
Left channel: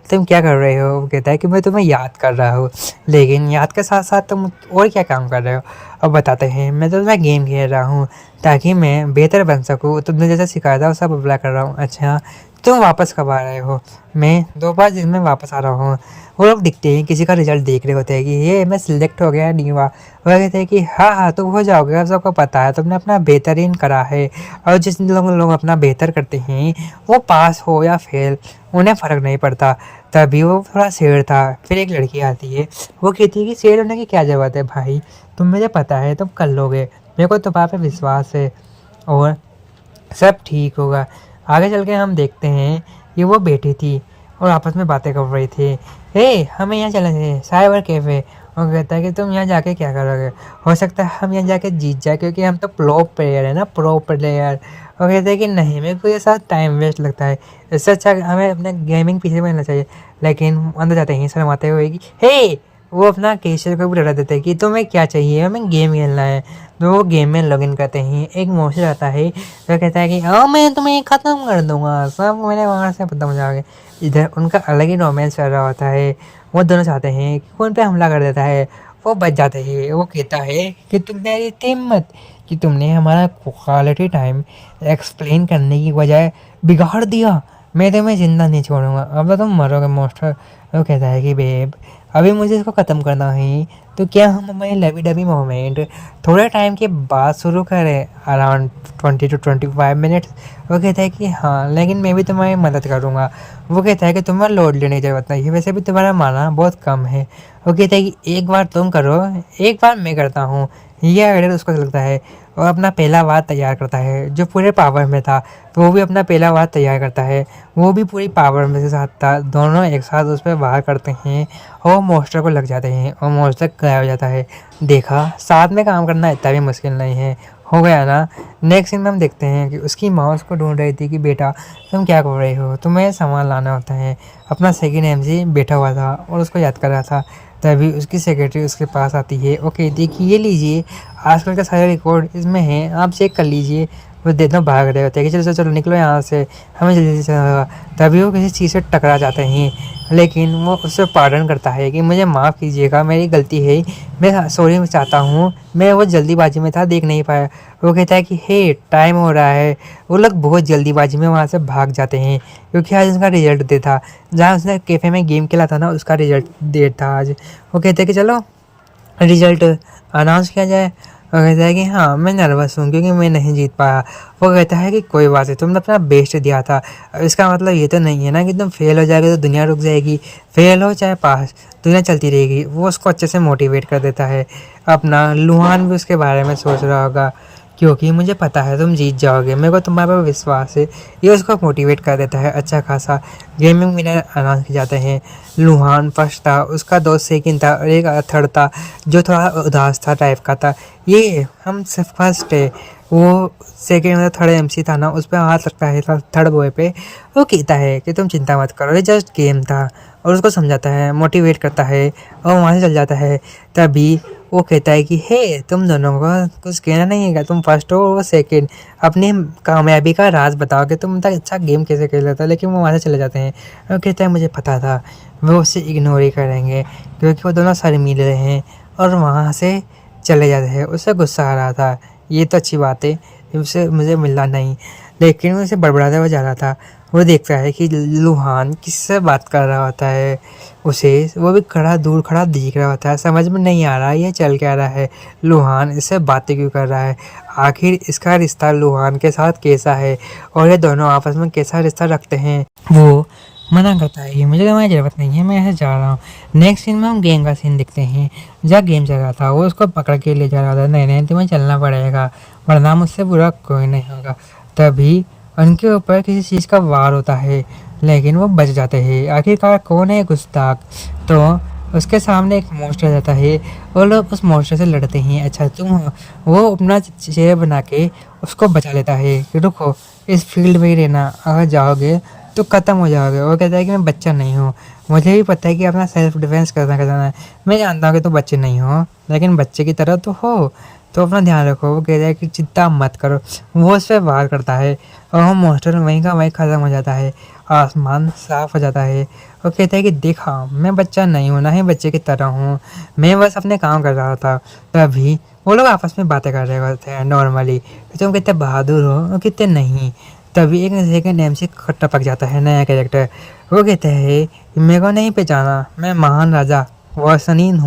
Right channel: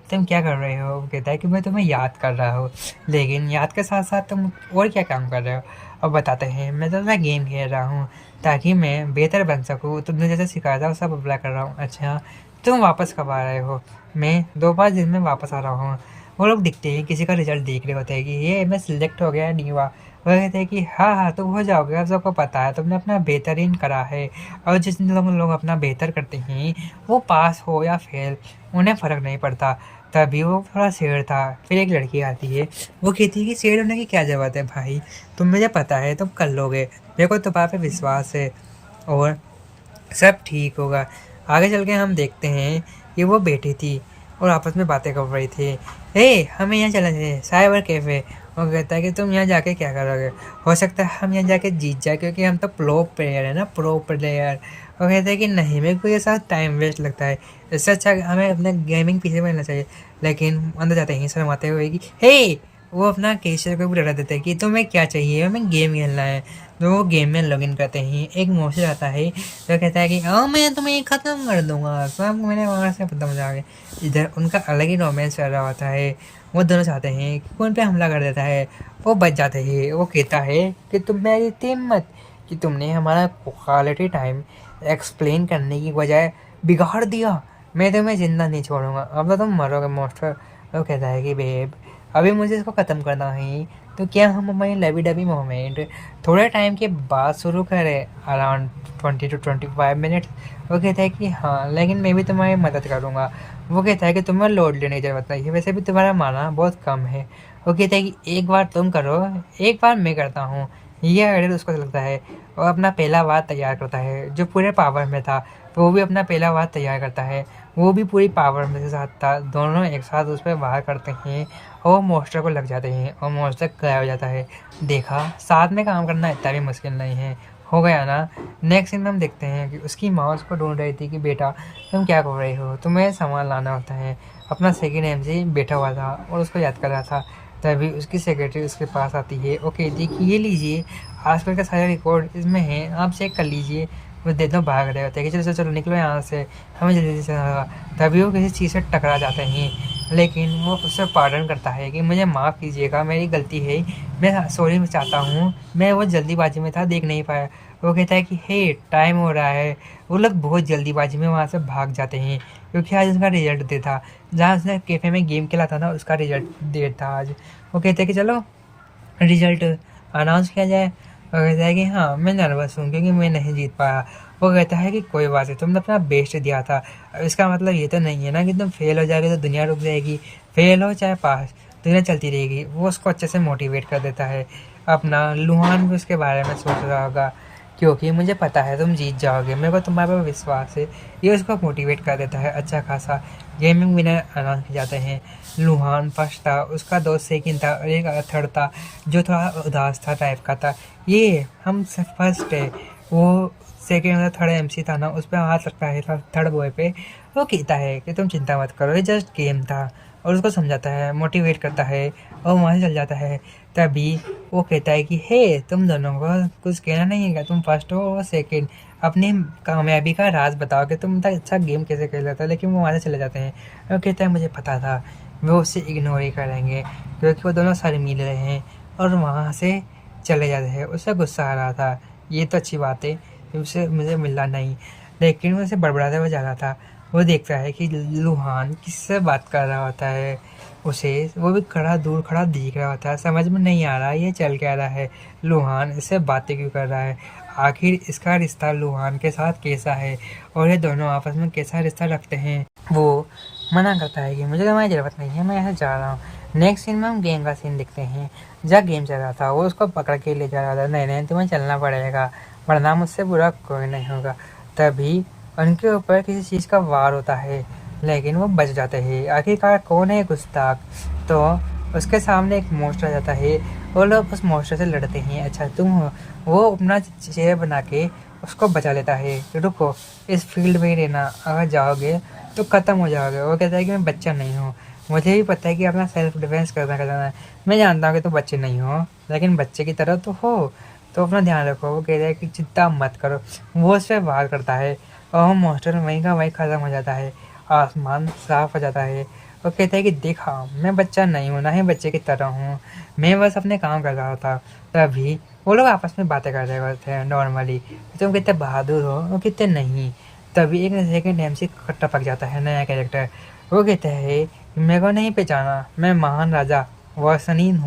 तुम क्या कर रहे हो? वो कहता है कि मैं तुम्हें याद कर रहा हूँ, लेकिन याद के साथ साथ तुम और क्या काम कर रहे हो? अब बताते हैं, मैं तो तुम्हें गेम खेल रहा हूँ ताकि मैं बेहतर बन सकूँ, तुमने जैसा सिखाया था उसका बदला कर रहा हूँ। अच्छा तुम वापस कब आ रहे हो? मैं 2 5 दिन में वापस आ रहा हूँ। वो लोग दिखते हैं, किसी का रिजल्ट देख रहे होते हैं कि ये मैं सिलेक्ट हो गया नहीं हुआ। वो कहते हैं कि हाँ हाँ तुम हो जाओगे, अब सबको पता है तुमने अपना बेहतरीन करा है, और जिस लोग अपना बेहतर करते हैं वो पास हो या फेल उन्हें फ़र्क नहीं पड़ता। तभी वो थोड़ा शेर था। फिर एक लड़की आती है, वो कहती है कि शेर होने की क्या ज़रूरत है भाई, तुम मुझे पता है तुम कर लोगे, मेरे को तुम्हारे पे विश्वास है और सब ठीक होगा। आगे चल के हम देखते हैं कि वो बैठी थी और आपस में बातें कर रही थी। हमें यहाँ चलना चाहिए, साइबर कैफ़े। वो कहता है कि तुम यहाँ जाके क्या करोगे? हो सकता है हम यहाँ जाके जीत जाए, क्योंकि हम तो प्रो प्लेयर है ना, प्रो प्लेयर। वो कहते हैं कि नहीं, मेरे को ये साथ टाइम वेस्ट लगता है, इससे अच्छा हमें अपने गेमिंग पीछे में रहना चाहिए। लेकिन अंदर जाते हैं सब आते हुए कि वो अपना केशर को भी डरा देते हैं कि तुम्हें क्या चाहिए, हमें गेम खेलना है। तो वो गेम में लॉगिन करते हैं। एक मोशन आता है, तो कहता है कि हाँ मैं तुम्हें ख़त्म कर दूंगा, सब मेरे वहाँ से खत्म हो जाओगे। इधर उनका अलग ही रोमांस चल रहा होता है। वो दोनों चाहते हैं कि कौन पे हमला कर देता है, वो बच जाते हैं। वो कहता है कि तुम मेरी इतनी हिम्मत कि तुमने हमारा क्वालिटी टाइम एक्सप्लेन करने की बजाय बिगाड़ दिया, मैं तुम्हें ज़िंदा नहीं छोड़ूंगा, अब तो तुम मरोगे मोस्टर। वो कहता है कि बेब अभी मुझे इसको ख़त्म करना है, तो क्या हम हमारी लवी डबी मोमेंट थोड़े टाइम के बाद शुरू करें, अराउंड 20 to 25 मिनट्स? वो कहता है कि हाँ, लेकिन मैं भी तुम्हारी मदद करूँगा। वो कहता है कि तुम्हें लोड लेने की ज़रूरत नहीं है, वैसे भी तुम्हारा माना बहुत कम है। वो कहता है कि एक बार तुम करो, एक बार मैं करता हूँ। ये आइडिया उसको लगता है और अपना पहला वार तैयार करता है, जो पूरे पावर में था। तो वो भी अपना पहला वार तैयार करता है, वो भी पूरी पावर में से साथ था। दोनों एक साथ उस पर वार करते हैं और मॉन्स्टर को लग जाते हैं और मॉन्स्टर गायब हो जाता है। देखा, साथ में काम करना इतना भी मुश्किल नहीं है, हो गया ना। नेक्स्ट सीन में हम देखते हैं कि उसकी माँ उसको ढूंढ रही थी कि बेटा तुम क्या कर रहे हो, तुम्हें सामान लाना होता है। अपना सेकंड एमसी बैठा हुआ था और उसको याद कर रहा था। तभी उसकी सेक्रेटरी उसके पास आती है, वो कहती है कि ये लीजिए, आजकल का सारे रिकॉर्ड इसमें है, आप चेक कर लीजिए। वो देखना भाग रहे होते हैं कि चलो चलो निकलो यहाँ से, हमें जल्दी से चलना होगा। तभी वो किसी चीज़ से टकरा जाते हैं, लेकिन वो उससे पार्डन करता है कि मुझे माफ़ कीजिएगा, मेरी गलती है, मैं सॉरी चाहता हूँ, मैं वो जल्दीबाजी में था, देख नहीं पाया। वो कहता है कि टाइम हो रहा है। वो लोग बहुत जल्दीबाजी में वहाँ से भाग जाते हैं, क्योंकि आज उसका रिजल्ट डे था, जहाँ उसने कैफ़े में गेम खेला था ना, उसका रिजल्ट डे था आज। वो कहते हैं कि चलो रिजल्ट अनाउंस किया जाए। वो कहता है कि हाँ मैं नर्वस हूँ क्योंकि मैं नहीं जीत पाया। वो कहता है कि कोई बात नहीं, तुमने अपना बेस्ट दिया था, इसका मतलब ये तो नहीं है ना कि तुम फेल हो जाएगे तो दुनिया रुक जाएगी। फेल हो चाहे पास, दुनिया चलती रहेगी। वो उसको अच्छे से मोटिवेट कर देता है। अपना लुहान भी उसके बारे में सोच रहा होगा, क्योंकि मुझे पता है तुम जीत जाओगे, मेरे को तुम्हारे पर विश्वास है। ये उसको मोटिवेट कर देता है अच्छा खासा। गेमिंग विनर अनाउंस किए जाते हैं। लुहान फर्स्ट था, उसका दोस्त सेकंड था और एक थर्ड था जो थोड़ा उदास था टाइप का था। ये हम सिर्फ फर्स्ट है, वो सेकंड मतलब थर्ड एमसी था ना, उस पे हाथ रखता है थर्ड बॉय पे। वो कहता है कि तुम चिंता मत करो, ये जस्ट गेम था, और उसको समझाता है, मोटिवेट करता है, और वहाँ से चल जाता है। तभी वो कहता है कि हे, तुम दोनों को कुछ कहना नहीं है क्या, तुम फर्स्ट हो वो सेकंड, अपनी कामयाबी का राज बताओ कि तुम इतना अच्छा गेम कैसे खेल लेते हो। लेकिन वो वहाँ से चले जाते हैं। वो कहता है मुझे पता था वो उससे इग्नोर ही करेंगे, क्योंकि वो दोनों सर मिल रहे हैं, और वहाँ से चले जाते हैं। उससे गुस्सा आ रहा था, ये तो अच्छी बात है, उससे मुझे मिलना नहीं। लेकिन वो उसे बड़बड़ाते हुए जा रहा था। वो देखता है कि लुहान किससे बात कर रहा होता है, उसे वो भी खड़ा दूर खड़ा दिख रहा होता है। समझ में नहीं आ रहा ये चल क्या रहा है, लुहान इससे बातें क्यों कर रहा है, आखिर इसका रिश्ता लुहान के साथ कैसा है, और ये दोनों आपस में कैसा रिश्ता रखते हैं। वो मना करता है कि मुझे तुम्हारी ज़रूरत नहीं है, मैं ऐसे जा रहा हूँ। नेक्स्ट सीन में हम गेम का सीन देखते हैं। जहाँ गेम चल रहा था, वो उसको पकड़ के ले जा रहा था, नहीं नहीं तुम्हें चलना पड़ेगा, वरना मुझसे बुरा कोई नहीं होगा। तभी उनके ऊपर किसी चीज़ का वार होता है, लेकिन वो बच जाते हैं। आखिरकार कौन है गुस्ताख, तो उसके सामने एक मॉन्स्टर जाता है, वो लोग उस मॉन्स्टर से लड़ते हैं। अच्छा तुम हो, वो अपना चेहरा बना के उसको बचा लेता है कि रुको, इस फील्ड में ही रहना, अगर जाओगे तो ख़त्म हो जाओगे। वो कहता है कि मैं बच्चा नहीं हूँ, मुझे भी पता है कि अपना सेल्फ डिफेंस करना है, मैं जानता हूँ कि तुम बच्चे नहीं हो, लेकिन बच्चे की तरह तो हो, तो अपना ध्यान रखो। वो कहता है कि चिंता मत करो। वो उस पर वार करता है, और वो मॉन्स्टर वहीं का वहीं ख़त्म हो जाता है, आसमान साफ हो जाता है। वो कहता है कि देखा, मैं बच्चा नहीं हूँ, ना ही बच्चे की तरह हूँ, मैं बस अपने काम कर रहा था। तभी वो लोग आपस में बातें कर रहे होते हैं नॉर्मली, तुम कितने बहादुर हो और कितने नहीं। तभी एक सेकंड एम से टपक जाता है नया कैरेक्टर। वो कहता है कि मेरे को नहीं पहचाना, मैं महान राजा वासलीन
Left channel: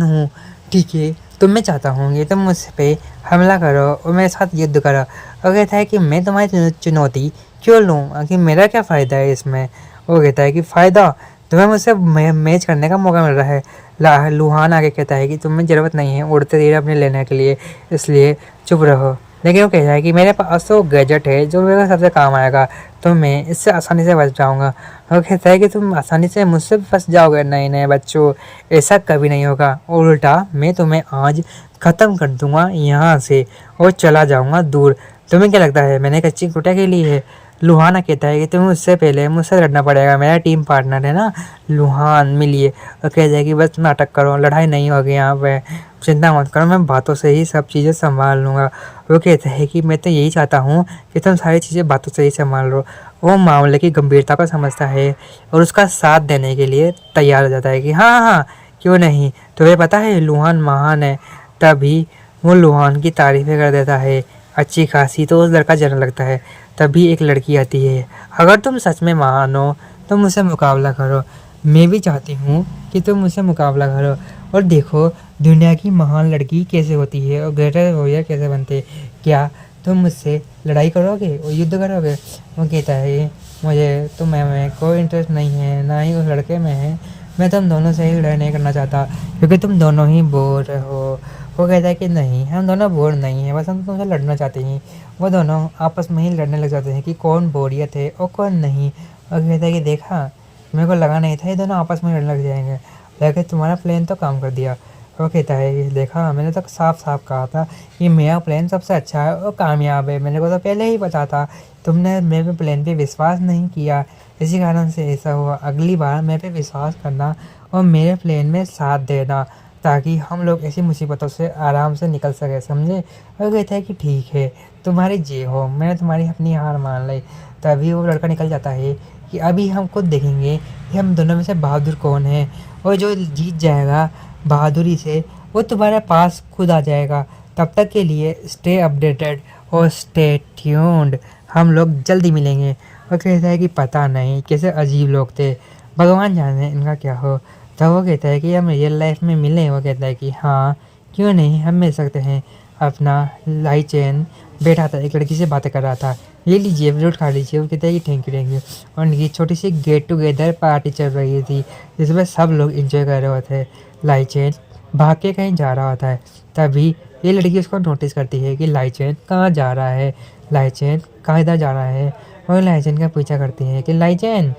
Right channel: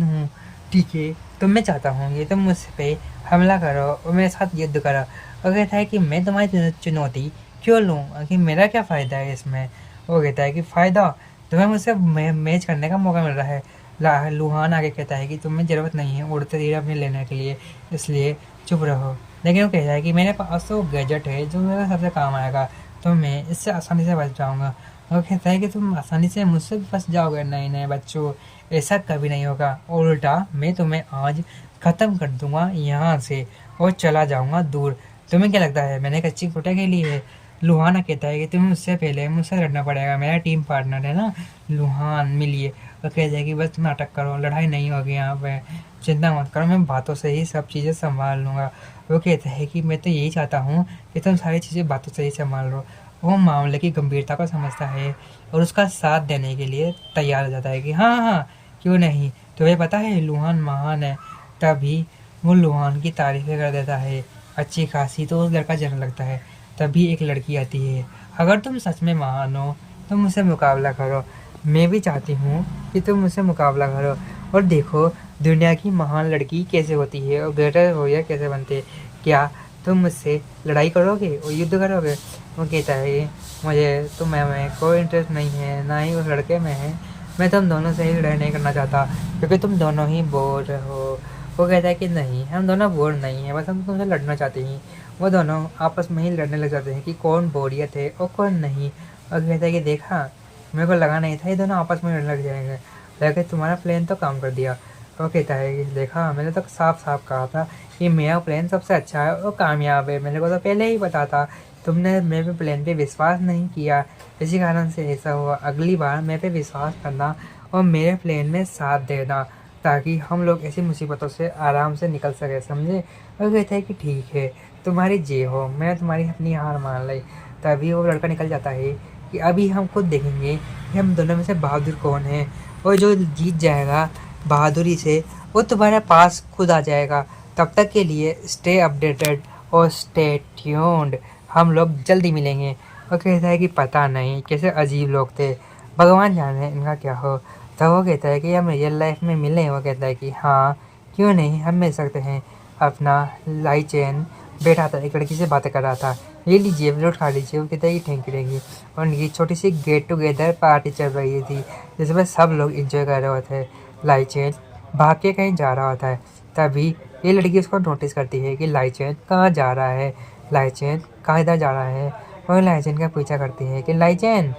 हूँ, ठीक है, तो मैं चाहता हूँ कि तुम मुझ पे हमला करो और मेरे साथ युद्ध करो। वो कहता है कि मैं तुम्हारी चुनौती क्यों लूँ, आखिर मेरा क्या फ़ायदा है इसमें। वो कहता है कि फ़ायदा, तुम्हें मुझसे मैच करने का मौका मिल रहा है। लुहान आगे कहता है कि तुम्हें ज़रूरत नहीं है उड़ते धीरे अपने लेने के लिए, इसलिए चुप रहो। लेकिन वो कहता है कि मेरे पास तो गैजेट है जो मेरे सबसे काम आएगा, तो मैं इससे आसानी से बच जाऊँगा। वो कहता है कि तुम आसानी से मुझसे फंस जाओगे, नहीं नहीं बच्चों, ऐसा कभी नहीं होगा, उल्टा मैं तुम्हें आज ख़त्म कर दूंगा यहाँ से और चला जाऊँगा दूर। तुम्हें क्या लगता है मैंने कच्ची कुटिया खेली है। लुहाना कहता है कि तुम्हें उससे पहले मुझसे लड़ना पड़ेगा, मेरा टीम पार्टनर है ना लुहान, मिलिए। और कहता है कि बस नाटक करो, लड़ाई नहीं होगी यहाँ पे, चिंता मत करो, मैं बातों से ही सब चीज़ें संभाल लूँगा। वो कहता है कि मैं तो यही चाहता हूँ कि तुम सारी चीज़ें बातों से ही संभाल लो। वो मामले की गंभीरता को समझता है और उसका साथ देने के लिए तैयार हो जाता है कि हाँ हाँ क्यों नहीं, तुम्हें पता है लुहान महान है। तभी वो लुहान की तारीफ़ें कर देता है अच्छी खासी, तो उस लड़का जलने लगता है। तभी एक लड़की आती है, अगर तुम सच में महान हो तो मुझसे मुकाबला करो, मैं भी चाहती हूँ कि तुम मुझसे मुकाबला करो और देखो दुनिया की महान लड़की कैसे होती है और ग्रेटर वॉरियर कैसे बनते हैं। क्या तुम मुझसे लड़ाई करोगे और युद्ध करोगे। वो कहता है मुझे तुम्हें कोई इंटरेस्ट नहीं है, ना ही उस लड़के में है, मैं तुम दोनों से ही लड़ाई नहीं करना चाहता क्योंकि तुम दोनों ही बोर हो। वो कहता है कि नहीं, हम दोनों बोर नहीं हैं, बस हम तुमसे लड़ना चाहते हैं। वो दोनों आपस में ही लड़ने लग जाते हैं कि कौन बोरियत है और कौन नहीं। और कहता है कि देखा, मेरे को लगा नहीं था ये दोनों आपस में लड़ने लग जाएंगे, लेकिन तुम्हारा प्लान तो काम कर दिया। वो कहता है कि देखा, मैंने तो साफ साफ कहा था कि मेरा प्लान सबसे अच्छा है और कामयाब है, मेरे को तो पहले ही पता था, तुमने मेरे प्लान पे विश्वास नहीं किया, इसी कारण से ऐसा हुआ। अगली बार मेरे पे विश्वास करना और मेरे प्लान में साथ देना, ताकि हम लोग ऐसी मुसीबतों से आराम से निकल सके, समझे। वो कहता है कि ठीक है, तुम्हारी जे हो, मैंने तुम्हारी अपनी हार मान ली। तभी वो लड़का निकल जाता है कि अभी हम खुद देखेंगे कि हम दोनों में से बहादुर कौन है, और जो जीत जाएगा बहादुरी से वो तुम्हारे पास खुद आ जाएगा। तब तक के लिए स्टे अपडेटेड और स्टे ट्यून्ड, हम लोग जल्दी मिलेंगे। वो कहता है कि पता नहीं कैसे अजीब लोग थे, भगवान जाने इनका क्या हो। तो वो कहता है कि हम रियल लाइफ में मिलें। वो कहता है कि हाँ क्यों नहीं, हम मिल सकते हैं। अपना लाई चैन बैठा था, एक लड़की से बातें कर रहा था, ये लीजिए फ्रूट खा लीजिए। वो कहता है कि थैंक यू। और उनकी छोटी सी गेट टुगेदर पार्टी चल रही थी जिसमें सब लोग इंजॉय कर रहे होते हैं। लाई चैन भाग के कहीं जा रहा होता है। तभी ये लड़की उसको नोटिस करती है कि लाई चैन कहाँ जा रहा है, लाई चैन कहाँ इधर जा रहा है। और लाई चैन का पीछा करती है कि लाई चैन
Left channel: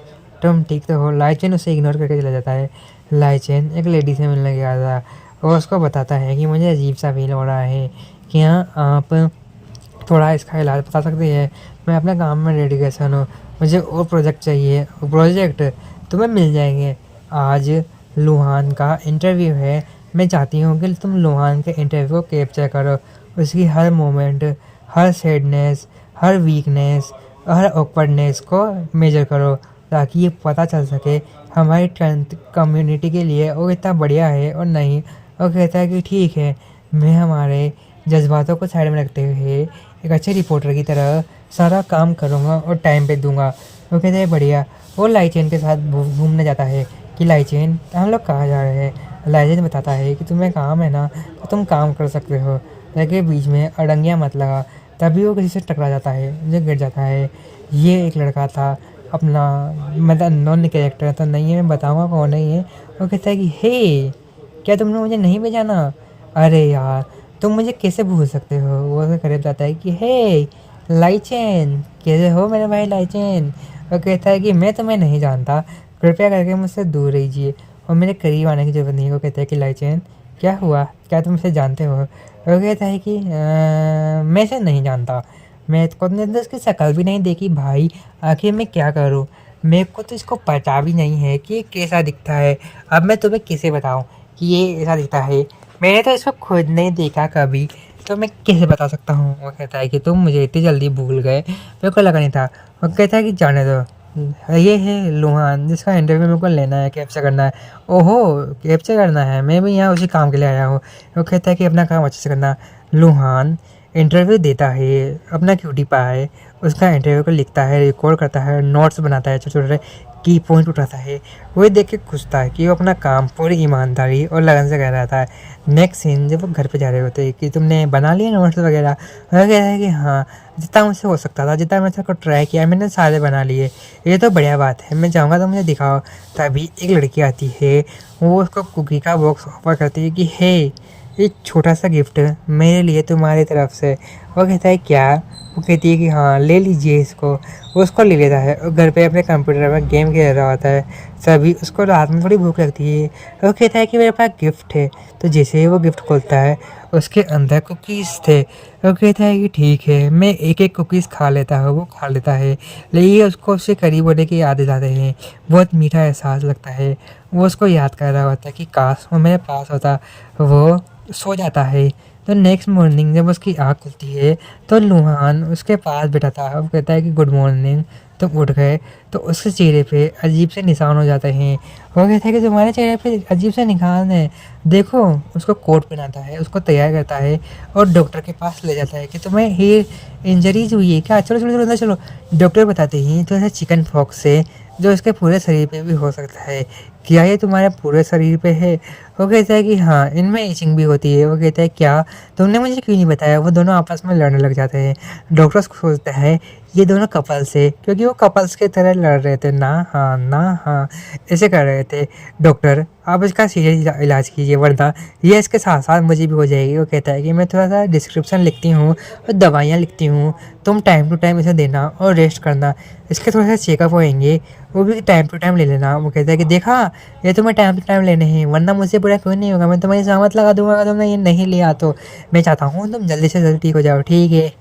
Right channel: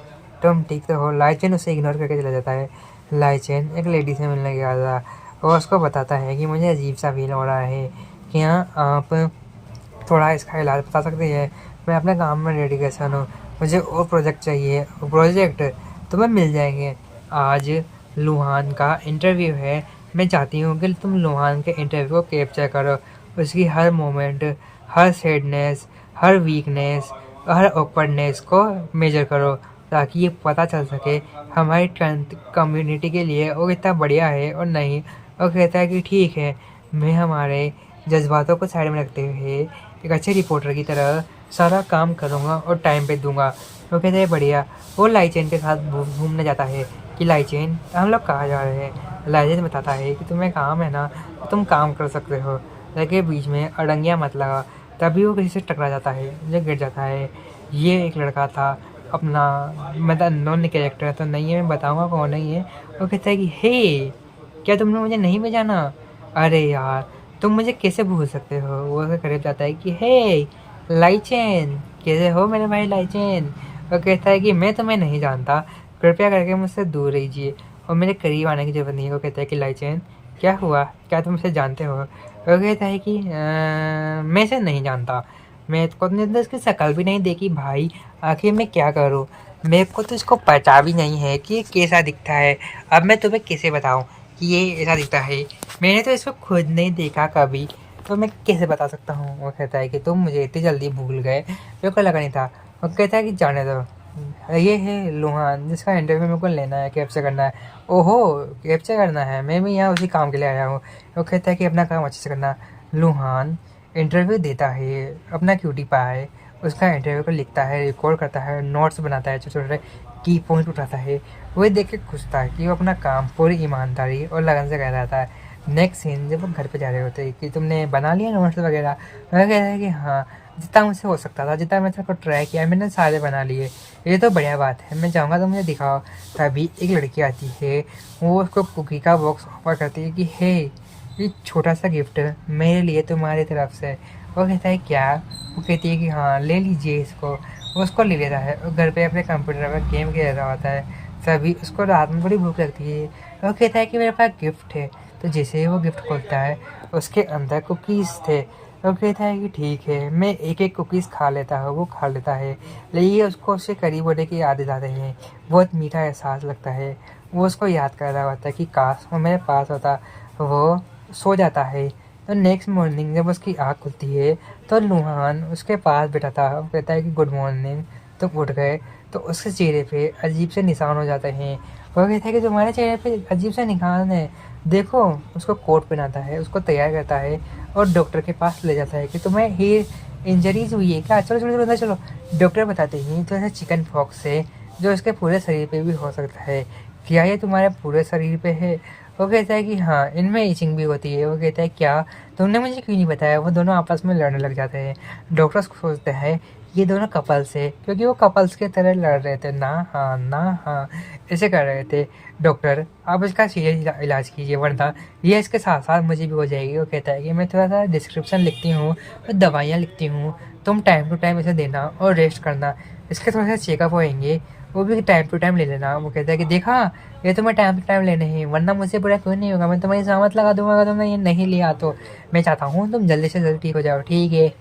तुम ठीक तो हो। लाई चैन उसे इग्नोर करके चला जाता है। लाई चैन एक लेडी से मिलने गया था और उसको बताता है कि मुझे अजीब सा फील हो रहा है क्या आप थोड़ा इसका इलाज बता सकते हैं? मैं अपने काम में डेडिकेशन हूँ, मुझे और प्रोजेक्ट चाहिए। प्रोजेक्ट तुम्हें मिल जाएंगे। आज लुहान का इंटरव्यू है, मैं चाहती हूँ कि तुम लुहान के इंटरव्यू को कैप्चर करो, उसकी हर मोमेंट, हर सैडनेस, हर वीकनेस, हर ऑकवर्डनेस को मेजर करो, ताकि ये पता चल सके हमारी कम्युनिटी के लिए वो कितना बढ़िया है और नहीं। और कहता है कि ठीक है, मैं हमारे जज्बातों को साइड में रखते हुए एक अच्छे रिपोर्टर की तरह सारा काम करूँगा और टाइम पे दूंगा। वो कहते हैं बढ़िया। वो लाइचेन के साथ घूमने जाता है कि लाइचेन हम लोग कहाँ जा रहे हैं। लाइचेन बताता है कि तुम्हें काम है ना, तो तुम काम कर सकते हो, लेकिन बीच में अड़ंगियाँ मत लगा। तभी वो किसी से टकरा जाता है, मुझे गिर जाता है। ये एक लड़का था अपना, मतलब नॉन कैरेक्टर तो नहीं है, मैं बताऊँगा कौन है ये। वो कहता है कि हे, क्या तुमने मुझे नहीं पहचाना? अरे यार, तुम मुझे कैसे भूल सकते हो? वो उसके करीब जाता है कि हे लाइचेन, कैसे हो मेरे भाई लाइचेन? वो कहता है कि मैं तुम्हें नहीं जानता, कृपया करके मुझसे दूर रहिए और मेरे करीब आने की ज़रूरत नहीं है। वो कहता है कि लाइचेन, क्या हुआ, क्या तुम इसे जानते हो? वो कहता है कि मैं इसे नहीं जानता, मैं खुद ने तो इसकी शक्ल भी नहीं देखी भाई, आखिर मैं क्या करूँ? मेरे को तो इसको पता भी नहीं है कि ये कैसा दिखता है। अब मैं तुम्हें कैसे बताऊँ कि ये ऐसा दिखता है? मैंने तो इसको खुद नहीं देखा कभी, तो मैं कैसे बता सकता हूँ? वो कहता है कि तुम मुझे इतनी जल्दी भूल गए, मेरे को लगा नहीं था। वो कहता है कि जाने दो, ये है लुहान जिसका इंटरव्यू मेरे को लेना है, कैप्चर करना है। ओहो, कैप्चर करना है, मैं भी यहाँ उसी काम के लिए आया हूँ। वो कहता है कि अपना काम अच्छे से करना। लुहान इंटरव्यू देता है, अपना क्यूटी पाए, उसका इंटरव्यू को लिखता है, रिकॉर्ड करता है, नोट्स बनाता है, छोटे छोटे की पॉइंट उठाता है। वो देख के खुश था कि वो अपना काम पूरी ईमानदारी और लगन से कर रहा था। नेक्स्ट सीन जब वो घर पे जा रहे होते हैं कि तुमने बना लिया नोट्स वगैरह? वो कहता है कि हाँ, जितना मुझसे हो सकता था, जितना मैंने को ट्राई किया, मैंने सारे बना लिए। ये तो बढ़िया बात है, मैं चाहूँगा तो मुझे दिखाओ। तभी एक लड़की आती है, वो उसको कुकी का बॉक्स ऑफर करती है कि हे, एक छोटा सा गिफ्ट मेरे लिए तुम्हारी तरफ से। वो कहता है क्या? वो कहती है कि हाँ, ले लीजिए इसको। वो उसको ले लेता है और घर पे अपने कंप्यूटर पर गेम खेल रहा होता है। तभी उसको रात में थोड़ी भूख लगती है, वो कहता है कि मेरे पास गिफ्ट है। तो जैसे ही वो गिफ्ट खोलता है, उसके अंदर कुकीज़ थे। वो कहता है कि ठीक है, मैं एक एक कुकीज़ खा लेता हूँ। वो खा लेता है, लेकिन उसको उससे करीब होने की याद आते हैं, बहुत मीठा एहसास लगता है। वो उसको याद कर रहा होता है कि काश वो मेरे पास होता। वो सो जाता है। तो नेक्स्ट मॉर्निंग जब उसकी आँख खुलती है, तो लुहान उसके पास बैठा था। वो कहता है कि गुड मॉर्निंग, तुम उठ गए? तो उसके चेहरे पे अजीब से निशान हो जाते हैं। वो कहता है कि तुम्हारे चेहरे पे अजीब से निशान है, देखो। उसको कोट पहनाता है, उसको तैयार करता है और डॉक्टर के पास ले जाता है कि तुम्हें हेयर इंजरीज हुई है क्या? चलो चलो चलो अंदर चलो। डॉक्टर बताते हैं तो ऐसा चिकन पॉक्स से, जो इसके पूरे शरीर पे भी हो सकता है। क्या ये तुम्हारे पूरे शरीर पे है? वो कहता है कि हाँ, इनमें इचिंग भी होती है। वो कहता है क्या, तुमने मुझे क्यों नहीं बताया? वो दोनों आपस में लड़ने लग जाते हैं। डॉक्टर सोचते हैं ये दोनों कपल्स है, क्योंकि वो कपल्स की तरह लड़ रहे थे, ना हाँ ना हाँ ऐसे कर रहे थे। डॉक्टर, आप इसका सीरियस इलाज कीजिए, वरना ये इसके साथ साथ मुझे भी हो जाएगी। वो कहता है कि मैं थोड़ा सा डिस्क्रिप्शन लिखती हूँ और दवाइयाँ लिखती हूँ, तुम टाइम टू टाइम इसे देना और रेस्ट करना। इसके थोड़े से चेकअप होएंगे, वो भी टाइम टू टाइम ले लेना। वो कहता है कि देखा, ये तुम्हें टाइम टू टाइम लेने हैं, वरना मुझसे बुरा क्यों नहीं होगा, मैं तुम्हारी सहमत लगा दूंगा अगर तुमने ये नहीं लिया तो। मैं चाहता हूँ तुम जल्दी से जल्दी ठीक हो जाओ, ठीक है?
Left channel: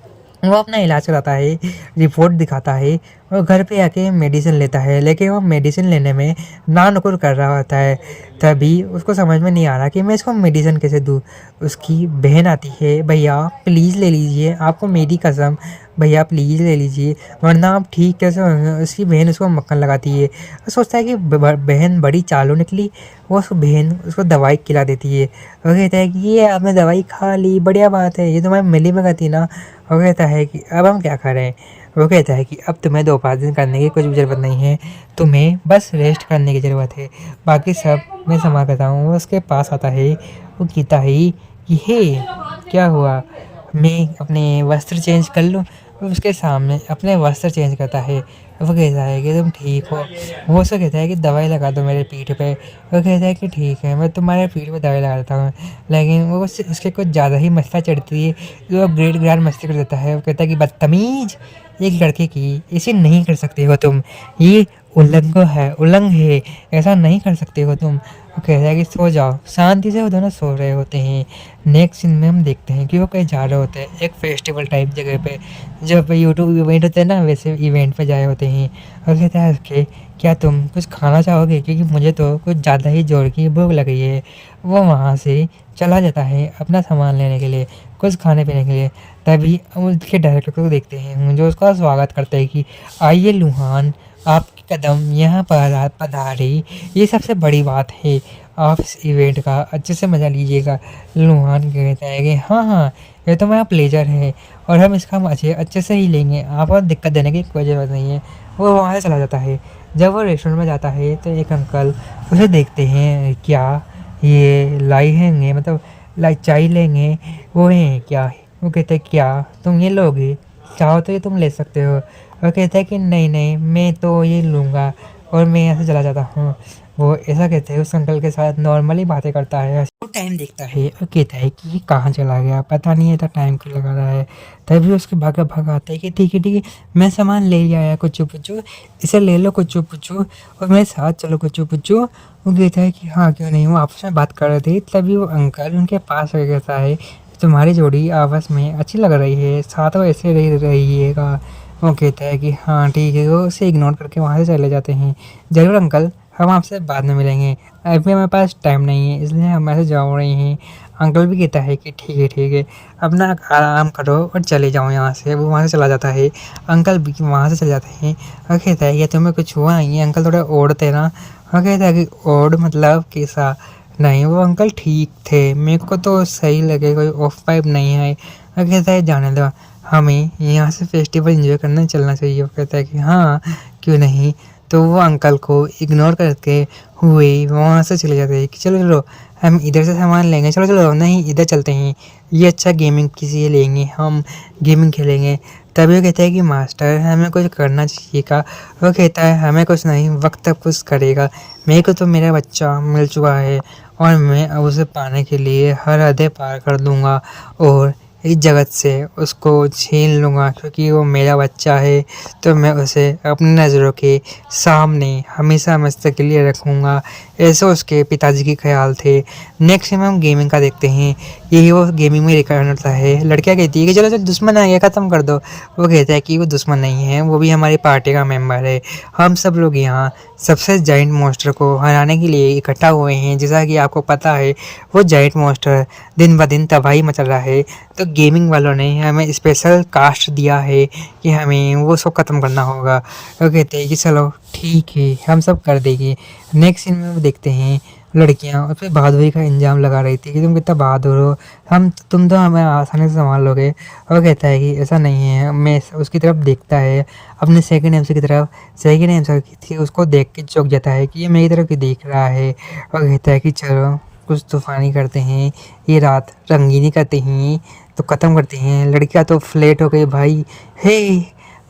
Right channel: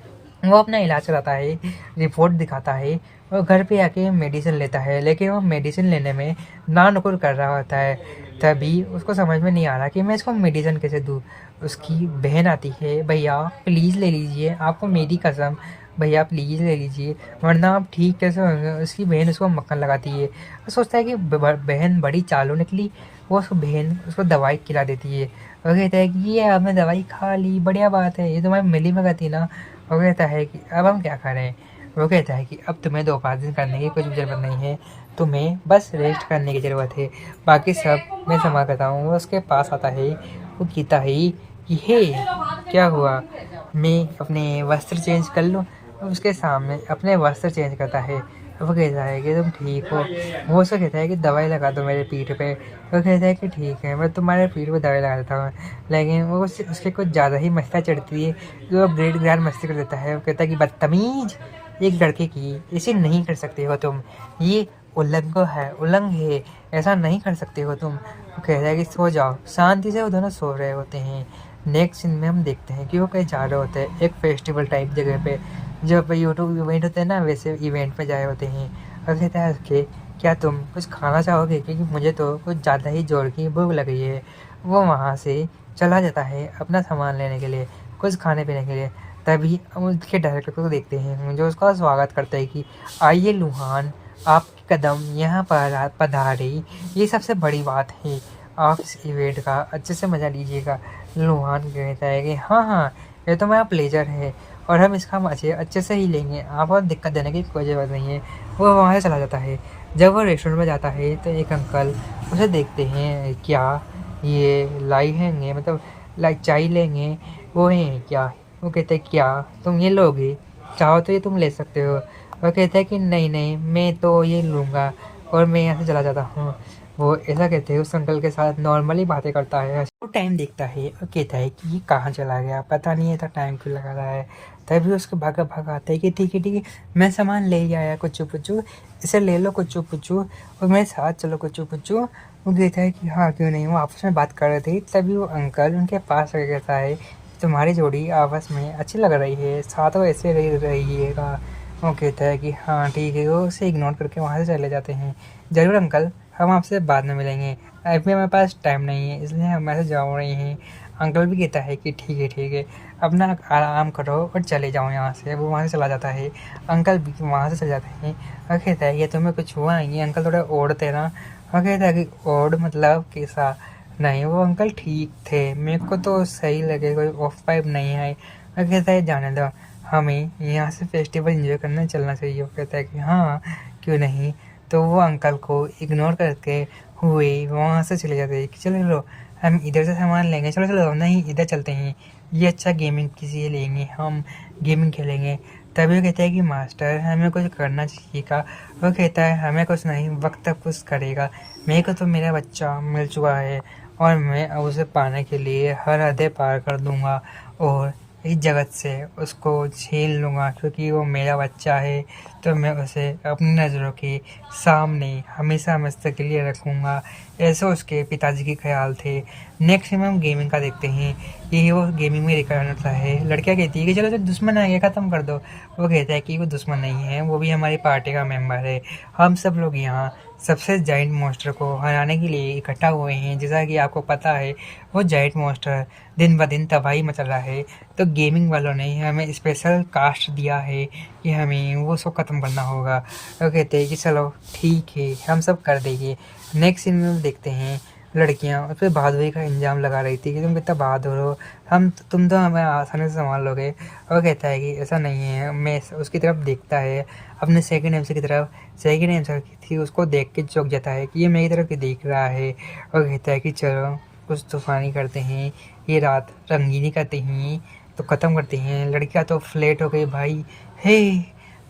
वो अपना इलाज कराता है, रिपोर्ट दिखाता है और घर पे आके मेडिसिन लेता है, लेकिन वो मेडिसिन लेने में ना नुकुर कर रहा होता है। तभी उसको समझ में नहीं आ रहा कि मैं इसको मेडिसिन कैसे दूँ। उसकी बहन आती है, भैया प्लीज़ ले लीजिए, आपको मेरी कसम, भैया प्लीज़ ले लीजिए, वरना आप ठीक कैसे होंगे। उसकी बहन उसको मक्खन लगाती है। वो सोचता है कि बहन बड़ी चालू निकली। वो उसको बहन उसको दवाई खिला देती है। वो कहता है कि ये आपने दवाई खा ली, बढ़िया बात है, ये तुम्हारी मिली में गई ना। वो कहता है कि अब हम क्या करें? वो कहता है कि अब तुम्हें 2-5 दिन करने की कुछ भी ज़रूरत नहीं है, तुम्हें बस रेस्ट करने की ज़रूरत है, बाकी सब मैं संभाल करता हूँ। वो उसके पास आता है, वो कहता है कि हे, क्या हुआ, मैं अपने वस्त्र चेंज कर लूँ? वो उसके सामने अपने वस्त्र चेंज करता है। वो कहता है कि तुम ठीक हो? वो उसको कहता है कि दवाई लगा दो मेरे पीठ पे। वो कहता है कि ठीक है, मैं तुम्हारे पीठ पे दवाई लगा देता हूँ। लेकिन वो उसके कुछ ज़्यादा ही मस्ती चढ़ती है, जो ग्रेट ग्रैंड मस्ती कर देता है। वो कहता है कि बदतमीज, एक लड़के की ऐसे नहीं कर सकते हो तुम, ये उल्लंघ है, ऐसा नहीं कर सकते हो तुम। वो कहता है कि सो जाओ। शांति से वो दोनों सो रहे होते हैं। नेक्स्ट सीन में हम देखते हैं कि वो कहीं जा रहे होते हैं एक फेस्टिवल टाइप जगह पे, जो पे यूट्यूब इवेंट होते हैं ना, वैसे इवेंट पे जाए होते हैं। और कहता है कि क्या तुम कुछ खाना चाहोगे, क्योंकि मुझे तो कुछ ज़्यादा ही जोर की भूख लग रही है। वो वहाँ से चला जाता है अपना सामान लेने के लिए, कुछ खाने पीने के लिए। तभी हम उसके डायरेक्टर को देखते हैं जो उसका स्वागत करते हैं कि आइए लुहान, आपके कदम यहाँ पर पधारे, ये सबसे बड़ी बात है। आप इस इवेंट का अच्छे से मज़ा लीजिएगा। लुहान कहता है कि हाँ हाँ, ये तो मेरा प्लेजर है और हम इसका मज़े अच्छे से ही लेंगे, आपको दिक्कत देने की कोई ज़रूरत नहीं है। वो वहाँ से चला जाता है। जब वो रेस्टोरेंट में जाता है तो एक अंकल उसे देखते हैं, क्या ये लाई हैंगे, मतलब लाई चाय लेंगे, वो हैं क्या। वो कहते हैं क्या तुम ये लोगे, चाहो तो ये तुम ले सकते हो। वो कहता है कि नहीं नहीं, मैं तो ये लूँगा और मैं यहाँ से चला जाता हूँ। वो ऐसा कहते हैं उस अंकल के साथ नॉर्मली बातें करता है। वो टाइम देखता है और कहता है कि ये कहाँ चला गया, पता नहीं है तो टाइम क्यों लगा रहा है। तभी उसके भागा भागा आता है कि ठीक है ठीक है, मैं सामान ले ही आया कुचू पुचू, इसे ले लो कुचू पुचू और मेरे साथ चलो कुचू पुचू। वो कहता है कि हाँ क्यों नहीं। वो आपस में बात कर रहे थे, तभी वो अंकल उनके पास आ कहता है तुम्हारी जोड़ी आपस में अच्छी लग रही है, साथ वो ऐसे रहिएगा। वो कहता है कि हाँ ठीक है। वो उसे इग्नोर करके वहाँ से चले जाते हैं। ज़रूर अंकल, हम आपसे बाद में मिलेंगे, अभी हमारे पास टाइम नहीं है, इसलिए हम ऐसे जा रहे हैं। अंकल भी कहता है कि ठीक है, अपना आराम करो और चले जाओ यहाँ से। वो वहाँ से चला जाता है। अंकल भी वहाँ से चले जाते हैं और कहता है कि तुम्हें कुछ हुआ है। ये अंकल थोड़ा ओड थे ना। और कहता है कि ओड मतलब कैसा। नहीं, वो अंकल ठीक थे, मेरे को तो सही लगे, कोई ऑफ पाइप नहीं है। और कहता है जाने दो, हमें यहाँ से फेस्टिवल एंजॉय करने चलना चाहिए। वो कहता है कि हाँ क्यों नहीं। तो वो अंकल को इग्नोर करके हुए वहाँ से चले जाते हैं कि चलो चलो हम इधर से सामान लेंगे, चलो चलो नहीं इधर चलते हैं, ये अच्छा गेमिंग किसी से लेंगे, हम गेमिंग खेलेंगे। तभी वो कहता है कि मास्टर हमें कुछ करना चाहिए का। वो कहता है हमें कुछ नहीं, वक्त कुछ करेगा, मेरे को तो मेरा बच्चा मिल चुका है और मैं अब उसे पाने के लिए हर हदें पार कर दूँगा और इस जगत से उसको छीन लूँगा, क्योंकि वो मेरा बच्चा है। तो मैं उसे अपनी नज़रों के सामने हमेशा हमेशा के लिए रखूँगा। ऐसे उसके पिताजी के ख्याल थे। नेक्स्ट में हम गेमिंग का देखते हैं। यही वो गेमिंग में रिकॉर्ड होता है। लड़कियाँ कहती है कि चलो चलो दुश्मन आ गया, ख़त्म कर दो। वो कहता है कि वो दुश्मन नहीं है, वो भी हमारी पार्टी का मेम्बर है। हम सब लोग यहाँ सबसे जाइंट मॉन्स्टर को हराने के लिए इकट्ठा हुए हैं। जैसा कि आपको पता है वो जाइंट मॉन्स्टर दिन ब दिन तबाही मचल रहा है, तो गेमिंग वालों ने हमें स्पेशल कास्ट दिया है कि हमें वो सब ख़त्म करना होगा। वो कहते हैं कि चलो ठीक है, हम सब कर देंगे। नेक्स्ट सीन में वो देखते हैं लड़कियां उस पर बहादुरी का इंजाम लगा रही थी कि तुम कितना बहादुर हो, तुम तो हमें आसानी से संभाल लोगे। और कहता है कि ऐसा नहीं है। मैं उसकी तरफ देखता है, अपने सेकंड एमसी की तरफ। सेकंड एमसी थी उसको देख के चौंक जाता है कि ये मेरी तरफ ही देख रहा है। और कहता है कि चलो कुछ तूफ़ानी करते हैं, ये रात रंगीनी करते हैं, तो ख़त्म करते हैं। लड़कियां तो फ्लैट हो गई भाई। हे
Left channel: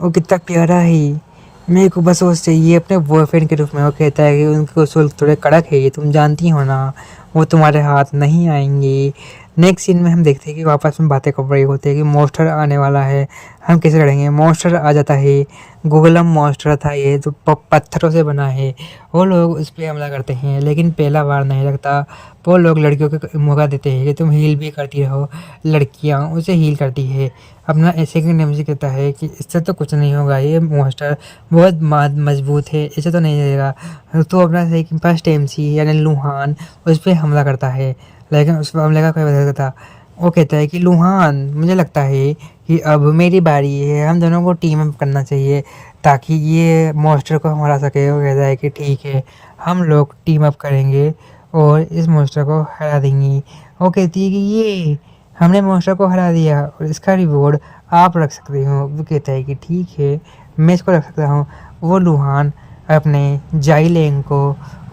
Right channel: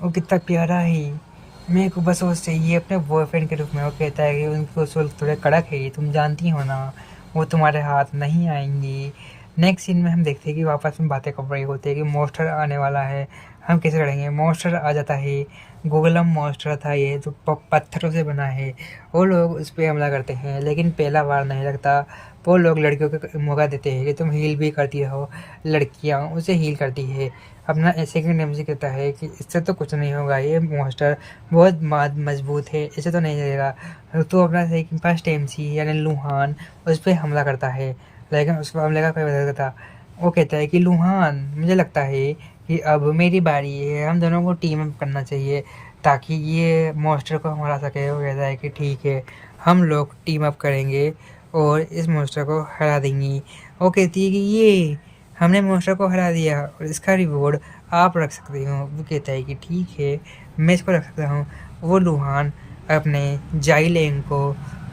वो कितना प्यारा है, मेरे को बस वो चाहिए अपने बॉयफ्रेंड के रूप में। वो कहता है कि उनके उसूल थोड़े कड़क है, ये तुम जानती हो ना, वो तुम्हारे हाथ नहीं आएंगे। नेक्स्ट सीन में हम देखते हैं कि वापस में बातें कर रही होती है कि मॉन्स्टर आने वाला है, हम कैसे लड़ेंगे। मॉन्स्टर आ जाता है। गोगलम मॉन्स्टर था ये, जो पत्थरों से बना है। वो लोग उस पर हमला करते हैं, लेकिन पहला बार नहीं लगता। वो लोग लड़कियों को मौका देते हैं कि तुम हील भी करती रहो। लड़कियां उसे हील करती है। अपना सेकंड एमसी कहता है कि इससे तो कुछ नहीं होगा, ये मॉन्स्टर बहुत मजबूत है, इसे तो नहीं लगेगा। तो अपना फर्स्ट एमसी यानी लुहान उस पर हमला करता है, लेकिन उस पर हमले का कोई वजह था। वो कहता है कि लुहान, मुझे लगता है कि अब मेरी बारी है, हम दोनों को टीम अप करना चाहिए ताकि ये मॉन्स्टर को हरा सके। वो कहता है कि ठीक है, हम लोग टीम अप करेंगे और इस मॉन्स्टर को हरा देंगी। वो कहती है कि ये हमने मॉन्स्टर को हरा दिया और इसका रिवॉर्ड आप रख सकते हो। वो कहता है कि ठीक है, मैं इसको रख सकता हूँ। वो लुहान अपने जाइलेंग को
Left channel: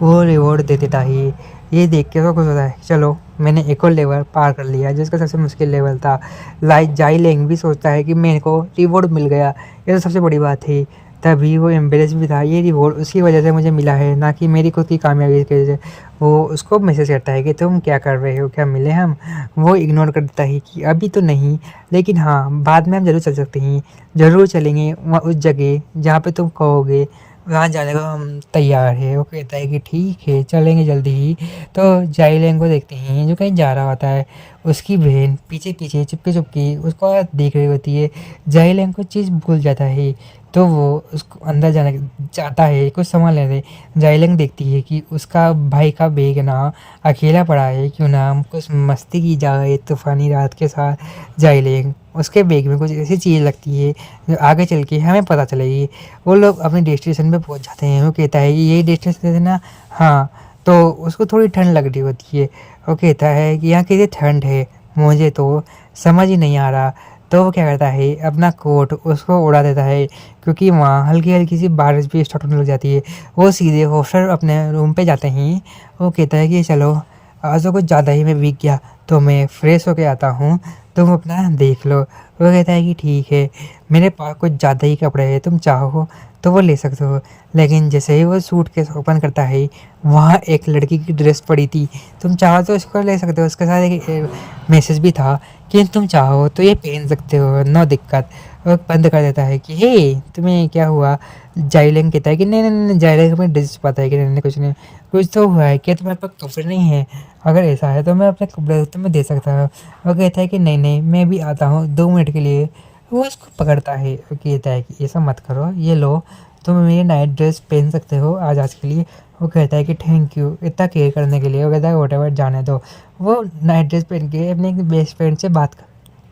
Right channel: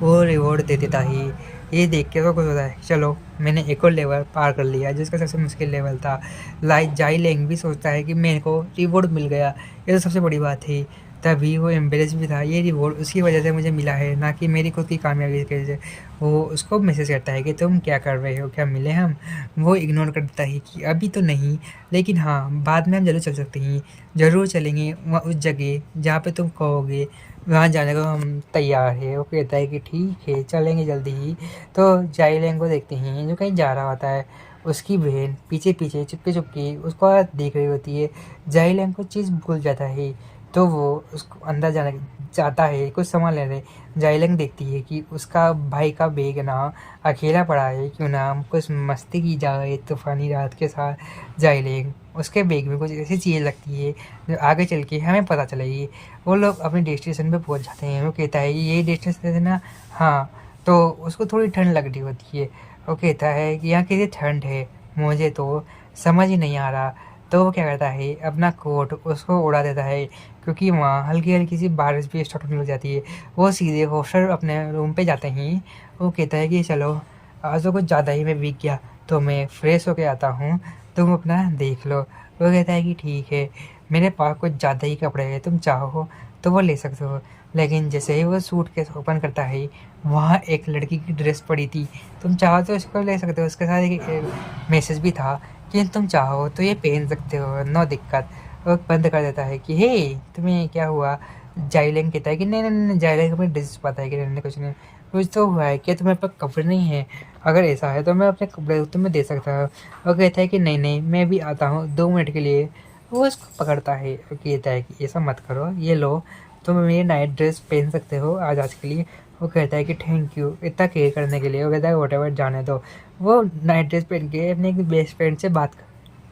वो रिवॉर्ड दे देता है। ये देख के तो कुछ होता है, चलो मैंने एक और लेवल पार कर लिया, जिसका सबसे मुश्किल लेवल था। जाइलेंग भी सोचता है कि मेरे को रिवॉर्ड मिल गया, ये तो सबसे बड़ी बात थी। तभी वो एम्बेरेस भी था, ये रिवॉर्ड उसकी वजह से मुझे मिला है, ना कि मेरी खुद की कामयाबी की वजह से। वो उसको मैसेज करता है कि तुम क्या कर रहे हो, क्या मिले हम। वो इग्नोर करता है कि अभी तो नहीं, लेकिन हाँ बाद में हम ज़रूर चल सकते हैं, ज़रूर चलेंगे वहाँ उस जगह जहाँ पे तुम कहोगे। वहाँ जाने को हम तैयार है। वो कहता है कि ठीक है चलेंगे जल्दी ही। तो जाइलेंग को देखते हैं जो कहीं जा रहा होता है। उसकी बहन पीछे पीछे चुपके चुपके उसको देख रही होती है। जाइलेंग कुछ चीज़ भूल जाता है तो वो उसको अंदर जाने चाहता है कुछ सामान लेने। जाइलेंग देखती है कि उसका भाई का बैग ना अकेला पड़ा है, क्यों ना हम कुछ मस्ती की जाए तूफानी रात के साथ। जाइलेंग उसके बैग में कुछ ऐसी चीज़ लगती है जो आगे चल के हमें पता चलेगी। वो लोग अपने डेस्टिनेशन पे पहुंच जाते हैं। वो कहता है कि यही डेस्टिनेशन है ना। हाँ। तो उसको थोड़ी ठंड लग रही होती है। वो कहता है कि यहाँ कितनी ठंड है, मुझे तो समझ ही नहीं आ रहा। तो वो क्या करता है अपना कोट उसको उड़ा देता है, क्योंकि वहाँ हल्की हल्की सी बारिश भी स्टार्ट होने लग जाती है। वो सीधे हॉस्टल अपने रूम पे जाते हैं। वो कहता है कि चलो आज तो कुछ ज़्यादा ही मैं वीक गया, तो मैं फ्रेश होके आता हूँ, तुम अपना देख लो। वो कहता है कि ठीक है, मेरे पास कुछ ज़्यादा ही कपड़े हैं, तुम चाहो तो वो ले सकते हो। लेकिन जैसे ही वो सूटकेस ओपन करता है, वहाँ एक लड़की की ड्रेस पड़ी थी। तुम चाहो तो इसको ले सकते हो, उसके साथ एक मैसेज भी था कि तुम चाहो तो ये पहन सकते हो, नो दिक्कत। वो बंद कर देता है कि हे तुम्हें क्या हुआ। जाइलेंग कहता है कि नहीं नहीं नहीं। जाइलेंग अपनी ड्रेस पाता है कि नहीं नहीं कुछ नहीं, कुछ तो हुआ है, क्या तुम्हारे पास कपड़े नहीं है? अगर ऐसा है तो मैं अपने कपड़े तुम्हें दे सकता हूँ। वो कहता है कि नहीं नहीं मैं भी आता हूँ 2 मिनट के लिए। वो उसको पकड़ता है, कहता है कि ऐसा मत करो, ये लो तुम मेरी नाइट ड्रेस पहन सकते हो आज के लिए। वो कहता है कि थैंक यू इतना केयर करने के लिए। वो कहता है वॉटेवर जाने दो। वो नाइट ड्रेस पहन के अपने बेस्ट फ्रेंड से बात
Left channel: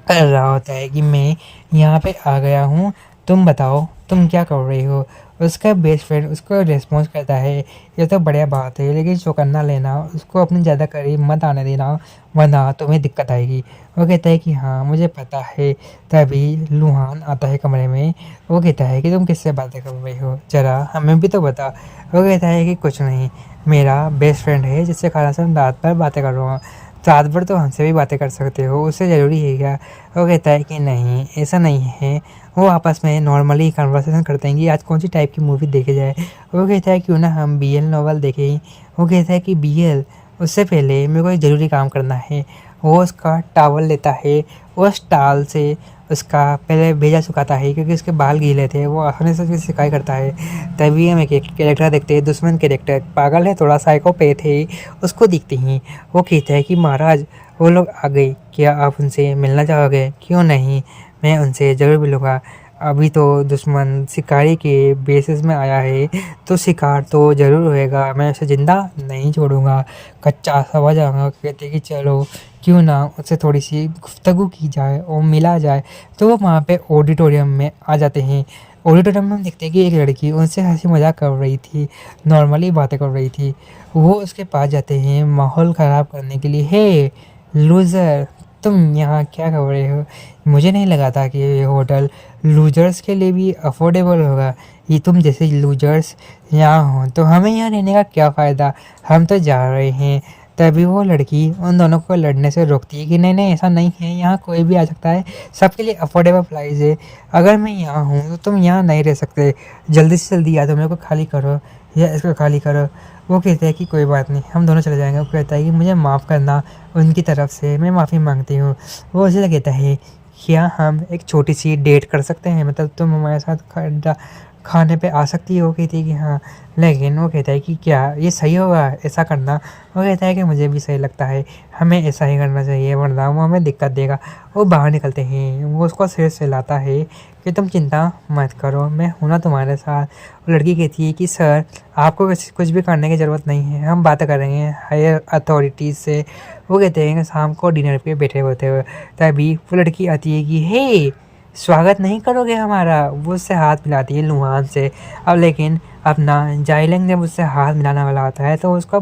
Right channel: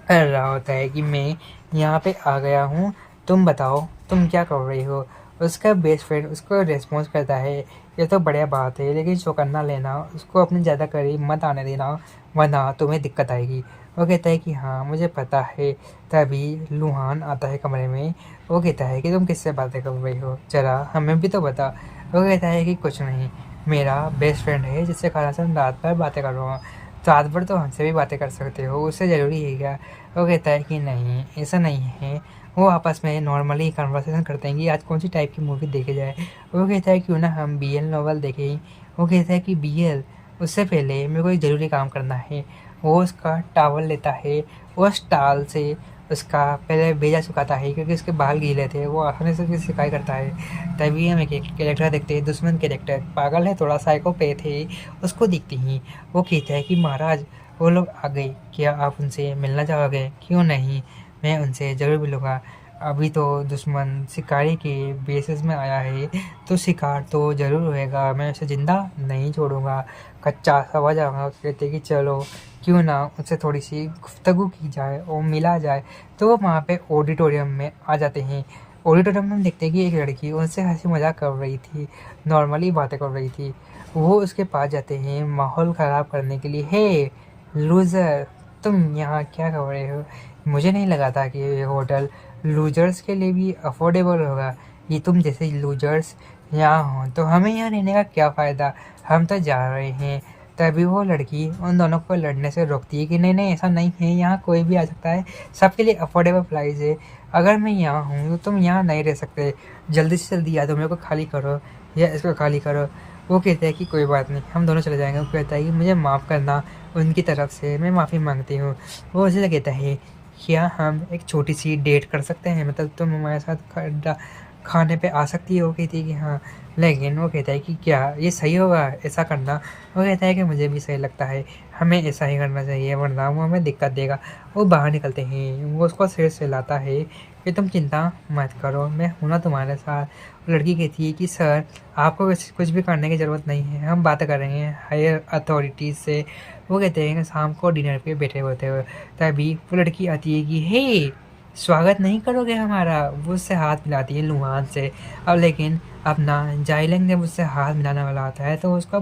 कर रहा होता है कि मैं यहाँ पे आ गया हूँ, तुम बताओ तुम क्या कर रही हो। उसका बेस्ट फ्रेंड उसको रिस्पॉन्स करता है, ये तो बढ़िया बात है लेकिन चौकन्ना लेना, उसको अपनी ज़्यादा करीब मत आने देना वरना तुम्हें दिक्कत आएगी। वो कहता है कि हाँ मुझे पता है। तभी लुहान आता है कमरे में। वो कहता है कि तुम किससे बातें कर रही हो, ज़रा हमें भी तो बता। वो कहता है कि कुछ नहीं, मेरा बेस्ट फ्रेंड है जिससे खाना से हम रात भर बातें कर रहा हूँ। रात भर तो हमसे भी बातें कर सकते हो, उससे ज़रूरी है क्या? वो कहता है कि नहीं ऐसा नहीं है। वो आपस में नॉर्मली कन्वर्सेशन करते हैं कि आज कौन सी टाइप की मूवी देखे जाए। वो कहता है क्यों ना हम BL नॉवल देखें। वो कहता है कि BL, उससे पहले मेरे को एक ज़रूरी काम करना है। वो उसका टावल लेता है, उस टावल से उसका पहले भेजा सुखाता है क्योंकि उसके बाल गीले थे। वो आसानी से उसकी सिकाई करता है। तभी हम एक कैरेक्टर देखते हैं, दुश्मन कैरेक्टर, पागल है थोड़ा, साइकोपैथ है, उसको दिखते हैं। वो कहता है कि महाराज वो लोग आ गए, क्या आप उनसे मिलना चाहोगे? क्यों नहीं, मैं उनसे ज़रूर मिलूँगा। अभी तो दुश्मन शिकारी के बेसिस में आया है तो शिकार तो ज़रूर होएगा, मैं उसे ज़िंदा नहीं छोड़ूंगा। कच्चा समझ आऊँगा। कहते कि चलो क्यों ना उससे थोड़ी सी गुफ्तगू की जाए और मिला जाए। तो वो वहाँ पे ऑडिटोरियम में आ जाते हैं। ऑडिटोरियम में हम देखते हैं कि एक लड़की उनसे हंसी मजाक कर रही थी, नॉर्मली बातें कर रही थी। वो उसके पास जाते हैं माहौल ख़राब करने के लिए। हे लूज़र, तुम यहाँ क्या कर रहे हो? मुझे नहीं लगा था कि ये होटल लूजर्स के लिए भी अफोर्डेबल होगा। ये तुम जैसे लूजर्स यहाँ हो तो हमें यहाँ रहने का क्या फ़ायदा, हम तो जा रहे हैं। तभी वो लड़की उन दोनों को लड़ने से रोकती है कि नहीं नहीं ऐसा नहीं है, यहाँ कोई भी आ सकता है, सबके लिए अफोर्डेबल प्राइस है। अगर मैं यहाँ हूँ तो तुम यहाँ नहीं रह सकते, जल्दी से जल्दी या तो मेरे को खाली करो या इसको खाली करो। वो कहते हैं कि कोई बात नहीं, हम दोनों चले जाएंगे। वो कहता है कि मुझे माफ़ करना, उनकी तरफ से मैं माफ़ी मांगती हूँ। वो उसे कहता है क्या हम एक छोटी सी डेट कर सकते हैं, मतलब तुम हमारे साथ खाने पे आ सकती हो? कहती है कि हाँ। लेकिन वो कहता है कि क्या ये सही होगा ऐसा करना? वो कहता है कि मुझे भी सही लगता है, हमें ऐसा ही करना चाहिए वरना वो हमें दिक्कत देगा। वो बाहर निकलते हैं। वो उसको सिर सहलाता है कि तुम चिंता मत करो, मैं हूं ना तुम्हारे साथ। वो लड़की कहती है कि सर आपको कुछ भी करने की ज़रूरत नहीं है, हम बातें कर रहे हैं हायर अथॉरिटीज़ से। वो कहते हैं कि शाम को डिनर पे बैठे होते हुए तभी वो लड़की आती है कि हे स्वागत नहीं करोगे हमारा? वो उससे हाथ मिलाती है लुहान से। अब लेकिन अपना जाइलेंग जब उससे हाथ मिलाने वाला होता है तो उसको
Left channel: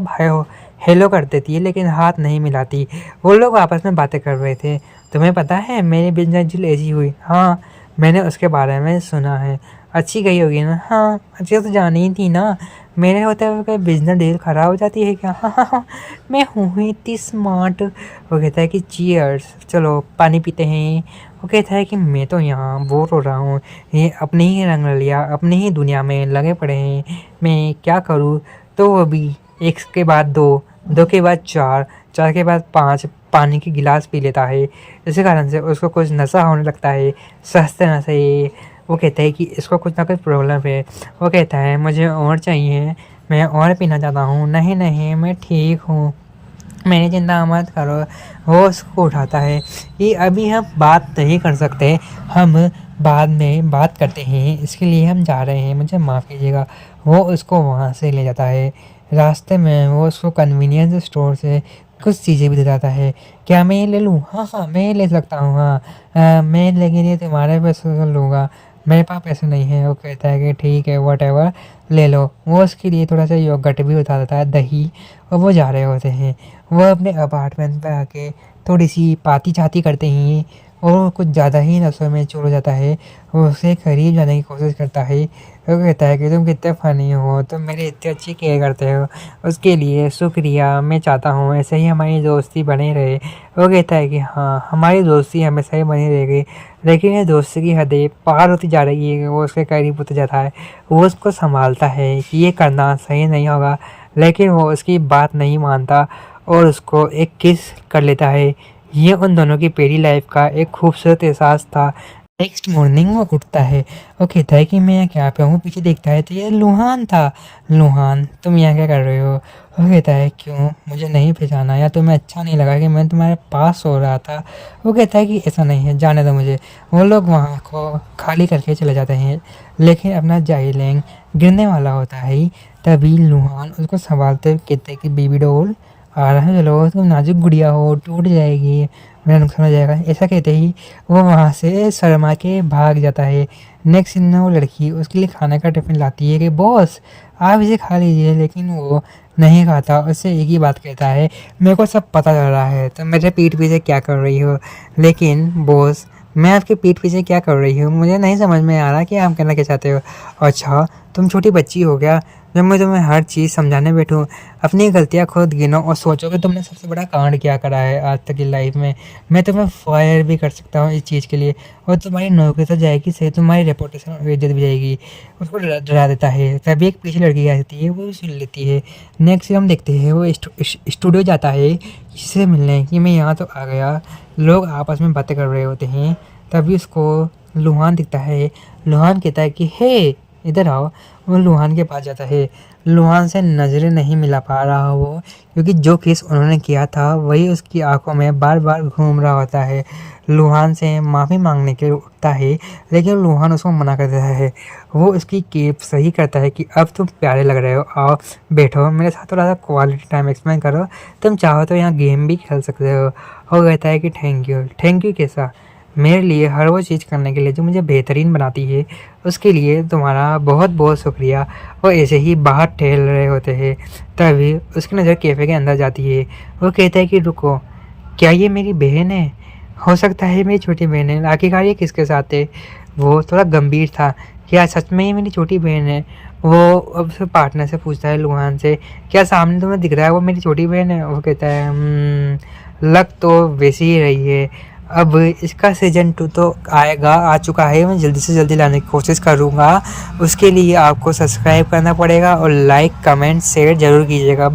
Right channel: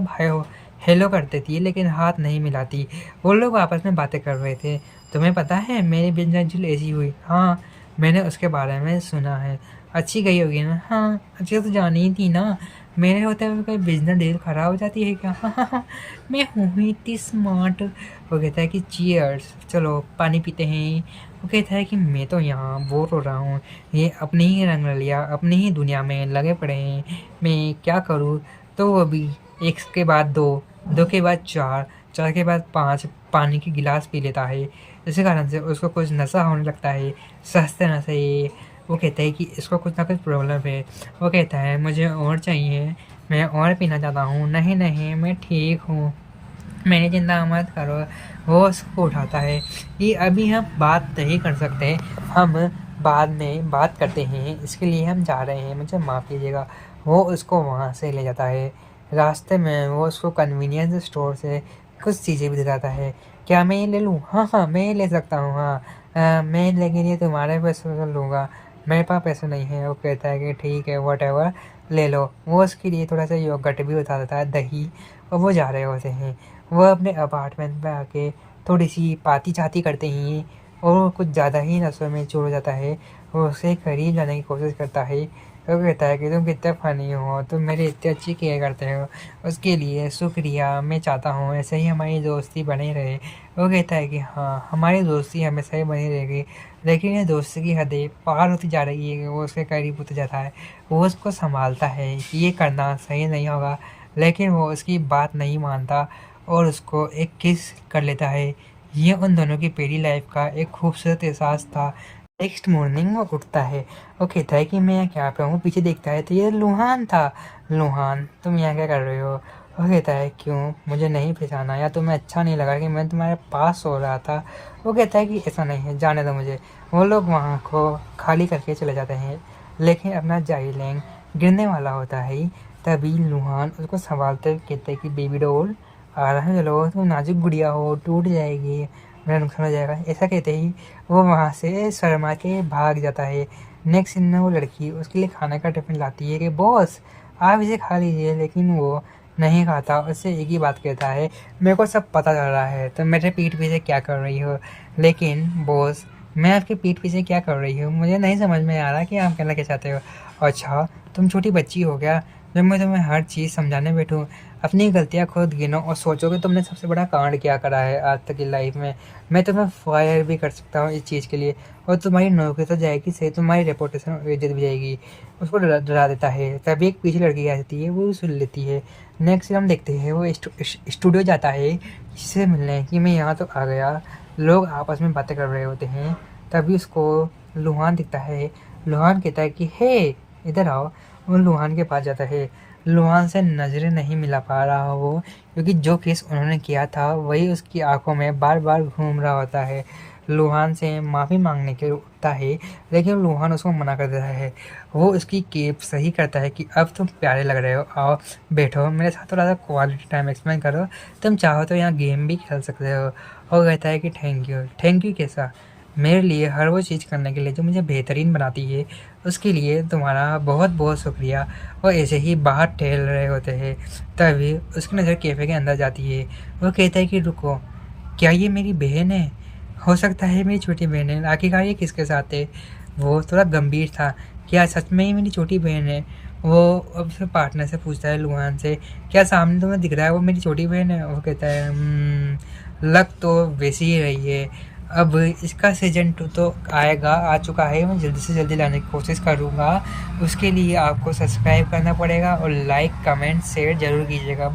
हेलो कर देती है लेकिन हाथ नहीं मिलाती। वो लोग आपस में बातें कर रहे थे। तुम्हें पता है मेरी बिजनेस डील ऐसी हुई? हाँ मैंने उसके बारे में सुना है। अच्छी गई होगी ना? हाँ अच्छी तो जानी ही थी ना, मेरे होते हुए कोई बिजनेस डील ख़राब हो जाती है क्या? हाँ हाँ हाँ, मैं हूँ इतनी स्मार्ट। वो कहता है कि चीयर्स, चलो पानी पीते हैं। वो कहता है कि मैं तो यहाँ बोर हो रहा हूँ, ये अपने ही रंग लिया अपनी ही दुनिया में लगे पड़े हैं, मैं क्या करूँ? तो वो भी एक के बाद दो, दो के बाद चार, चार के बाद पाँच पानी की गिलास पी लेता है। इसी कारण से उसको कुछ नशा होने लगता है, सस्ते नशे। वो कहता है कि इसको कुछ ना कुछ प्रॉब्लम है। वो कहता है मुझे और चाहिए, मैं और पीना चाहता हूँ। नहीं नहीं मैं ठीक हूँ, मेरी चिंता मत करो। वो उसको उठाता है कि अभी हम बात नहीं कर सकते, हम बाद में बात करते हैं, इसके लिए हम जा रहे हैं, मुझे माफ़ कीजिएगा। वो उसको वहाँ से ले जाता है। रास्ते में वो उसको कन्वीनियंस स्टोर से कुछ चीज़ें भी दे जाता है। क्या मैं ये ले लूँ? हाँ हाँ मैं ये ले सकता हूँ। हाँ मैं लेकिन ये तुम्हारे पैसे से लूँगा, मेरे पास पैसे नहीं है। वो कहता है कि ठीक है वॉटेवर ले लो। वो उसके लिए थोड़ा सा योगर्ट भी बता देता है, दही। और वो जा रहे होते हैं। वह अपने अपार्टमेंट पे आके थोड़ी सी पाती चाती करते हैं और वो कुछ ज़्यादा ही नशे में चूर हो जाता है। वो उससे करीब जाने की कोशिश करता है। वो कहता है कि तुम कितने फ़नी हो, तुम मेरी इतनी अच्छी केयर करते हो, उसके लिए शुक्रिया। मैं चाहता हूँ ऐसे ही हमारी दोस्ती बनी रहे। वो कहता है कि हाँ हमारी दोस्ती हमेशा ही बनी रहेगी, लेकिन ये दोस्ती की हदें पार होती जा रही है। वो उसके करीब होता जाता है। वो उसको संभालता है कि ये करना सही नहीं होगा, लेकिन वो उसकी बात नहीं मानता और उसको एक किस कर लेता है। ये उन दोनों की पहली लाइफ का एक खूबसूरत एहसास था। नेक्स्ट मॉर्निंग वो उठता है। वो कहता है कि मैं यहाँ क्या पे हूँ, पीछे देखता है तो ये लुहान था। लुहान तुम यहाँ क्या कर रहे हो? वो कहता है क्यों, मुझे नहीं पहचाना या तुम्हें अच्छा नहीं लगा कि मैं तुम्हारे पास सो रहा था? वो कहता है कि ऐसा नहीं है, जाने दो मुझे। वो लोग वहाँ को खाली करके चले जाते हैं, लेकिन अपना जाइलेंग गिरने वाला होता है। तभी लुहान उसको संभालते हुए कहता है कि बेबी डॉल आ रहा है, चलो तुम नाजुक गुड़िया हो, टूट जाएगी, मेरा नुकसान हो जाएगा। ऐसा कहते ही वो वहाँ से शर्मा के भाग जाता है। नेक्स्ट सीन में वो लड़की उसके लिए खाने का टिफिन लाती है कि बॉस आप इसे खा लीजिए, लेकिन वो नहीं खाता। उससे एक ही बात कहता है मेरे को सब पता चल रहा है तो मेरे पीठ पीछे क्या कर रही हो। लेकिन बॉस मैं आपके पीठ पीछे क्या कर रही हूँ, मुझे नहीं समझ में आ रहा कि आप कहना क्या चाहते हो। अच्छा तुम छोटी बच्ची हो क्या जब मैं तुम्हें हर चीज़ समझाने बैठूँ? अपनी गलतियाँ खुद गिनो और सोचो कि तुमने सबसे बड़ा कांड क्या करा है आज तक की लाइफ में। मैं तुम्हें फायर भी कर सकता हूँ इस चीज़ के लिए, और तुम्हारी नौकरी तो जाएगी सही, तुम्हारी रेपुटेशन और इज्जत भी जाएगी। उसको डरा देता है। तभी एक पीछे लड़की आती है, वो भी सुन लेती है। नेक्स्ट हम देखते हैं वो स्टूडियो जाता है किसी से मिलने कि मैं यहाँ तो आ गया। लोग आपस में बातें कर रहे होते हैं। तभी उसको लुहान दिखता है। लुहान कहता है कि हे इधर आओ। वो लुहान के पास जाता है। लुहान से नज़रें नहीं मिला पा रहा वो, क्योंकि जो केस उन्होंने किया था वही उसकी आंखों में बार बार घूम रहा होता है। लुहान से माफ़ी मांगने के लिए उठता है, लेकिन लुहान उसको मना कर देता है। वो उसकी केप सही करता है कि अब तुम प्यारे लग रहे हो, आओ बैठो मेरे साथ, थोड़ा सा क्वालिटी टाइम एक्सपेंड करो, तुम चाहो तो यहाँ गेम भी खेल सकते हो। वो कहता है कि थैंक यू। थैंक यू कैसा? मेरे लिए हर वो चीज़ करने के लिए जो मुझे बेहतरीन बनाती है, उसके लिए तुम्हारा बहुत बहुत शुक्रिया। वो ऐसे ही बाहर टहल रहे होते हैं। तभी उसकी नज़र कैफ़े के अंदर जाती है। वो कहता है कि रुको, क्या ये मेरी बहन है? हो सकता है मेरी छोटी बहन है, आखिरकार ये किसके साथ है? वो थोड़ा गंभीर था। क्या सच में ये मेरी छोटी बहन है? वो अब उसके पार्टनर से पूछता है लुहान से, क्या सामने तुम्हें दिख रहा है वो मेरी छोटी बहन है? वो कहता है लग तो वैसी ही रही है। अब इसका सीज़न 2 तो आ चुका है, मैं जल्दी से जल्दी लाने की कोशिश करूँगा। उसके लिए आपको सब्सक्राइब करना पड़ेगा और लाइक कमेंट शेयर ज़रूर कीजिएगा।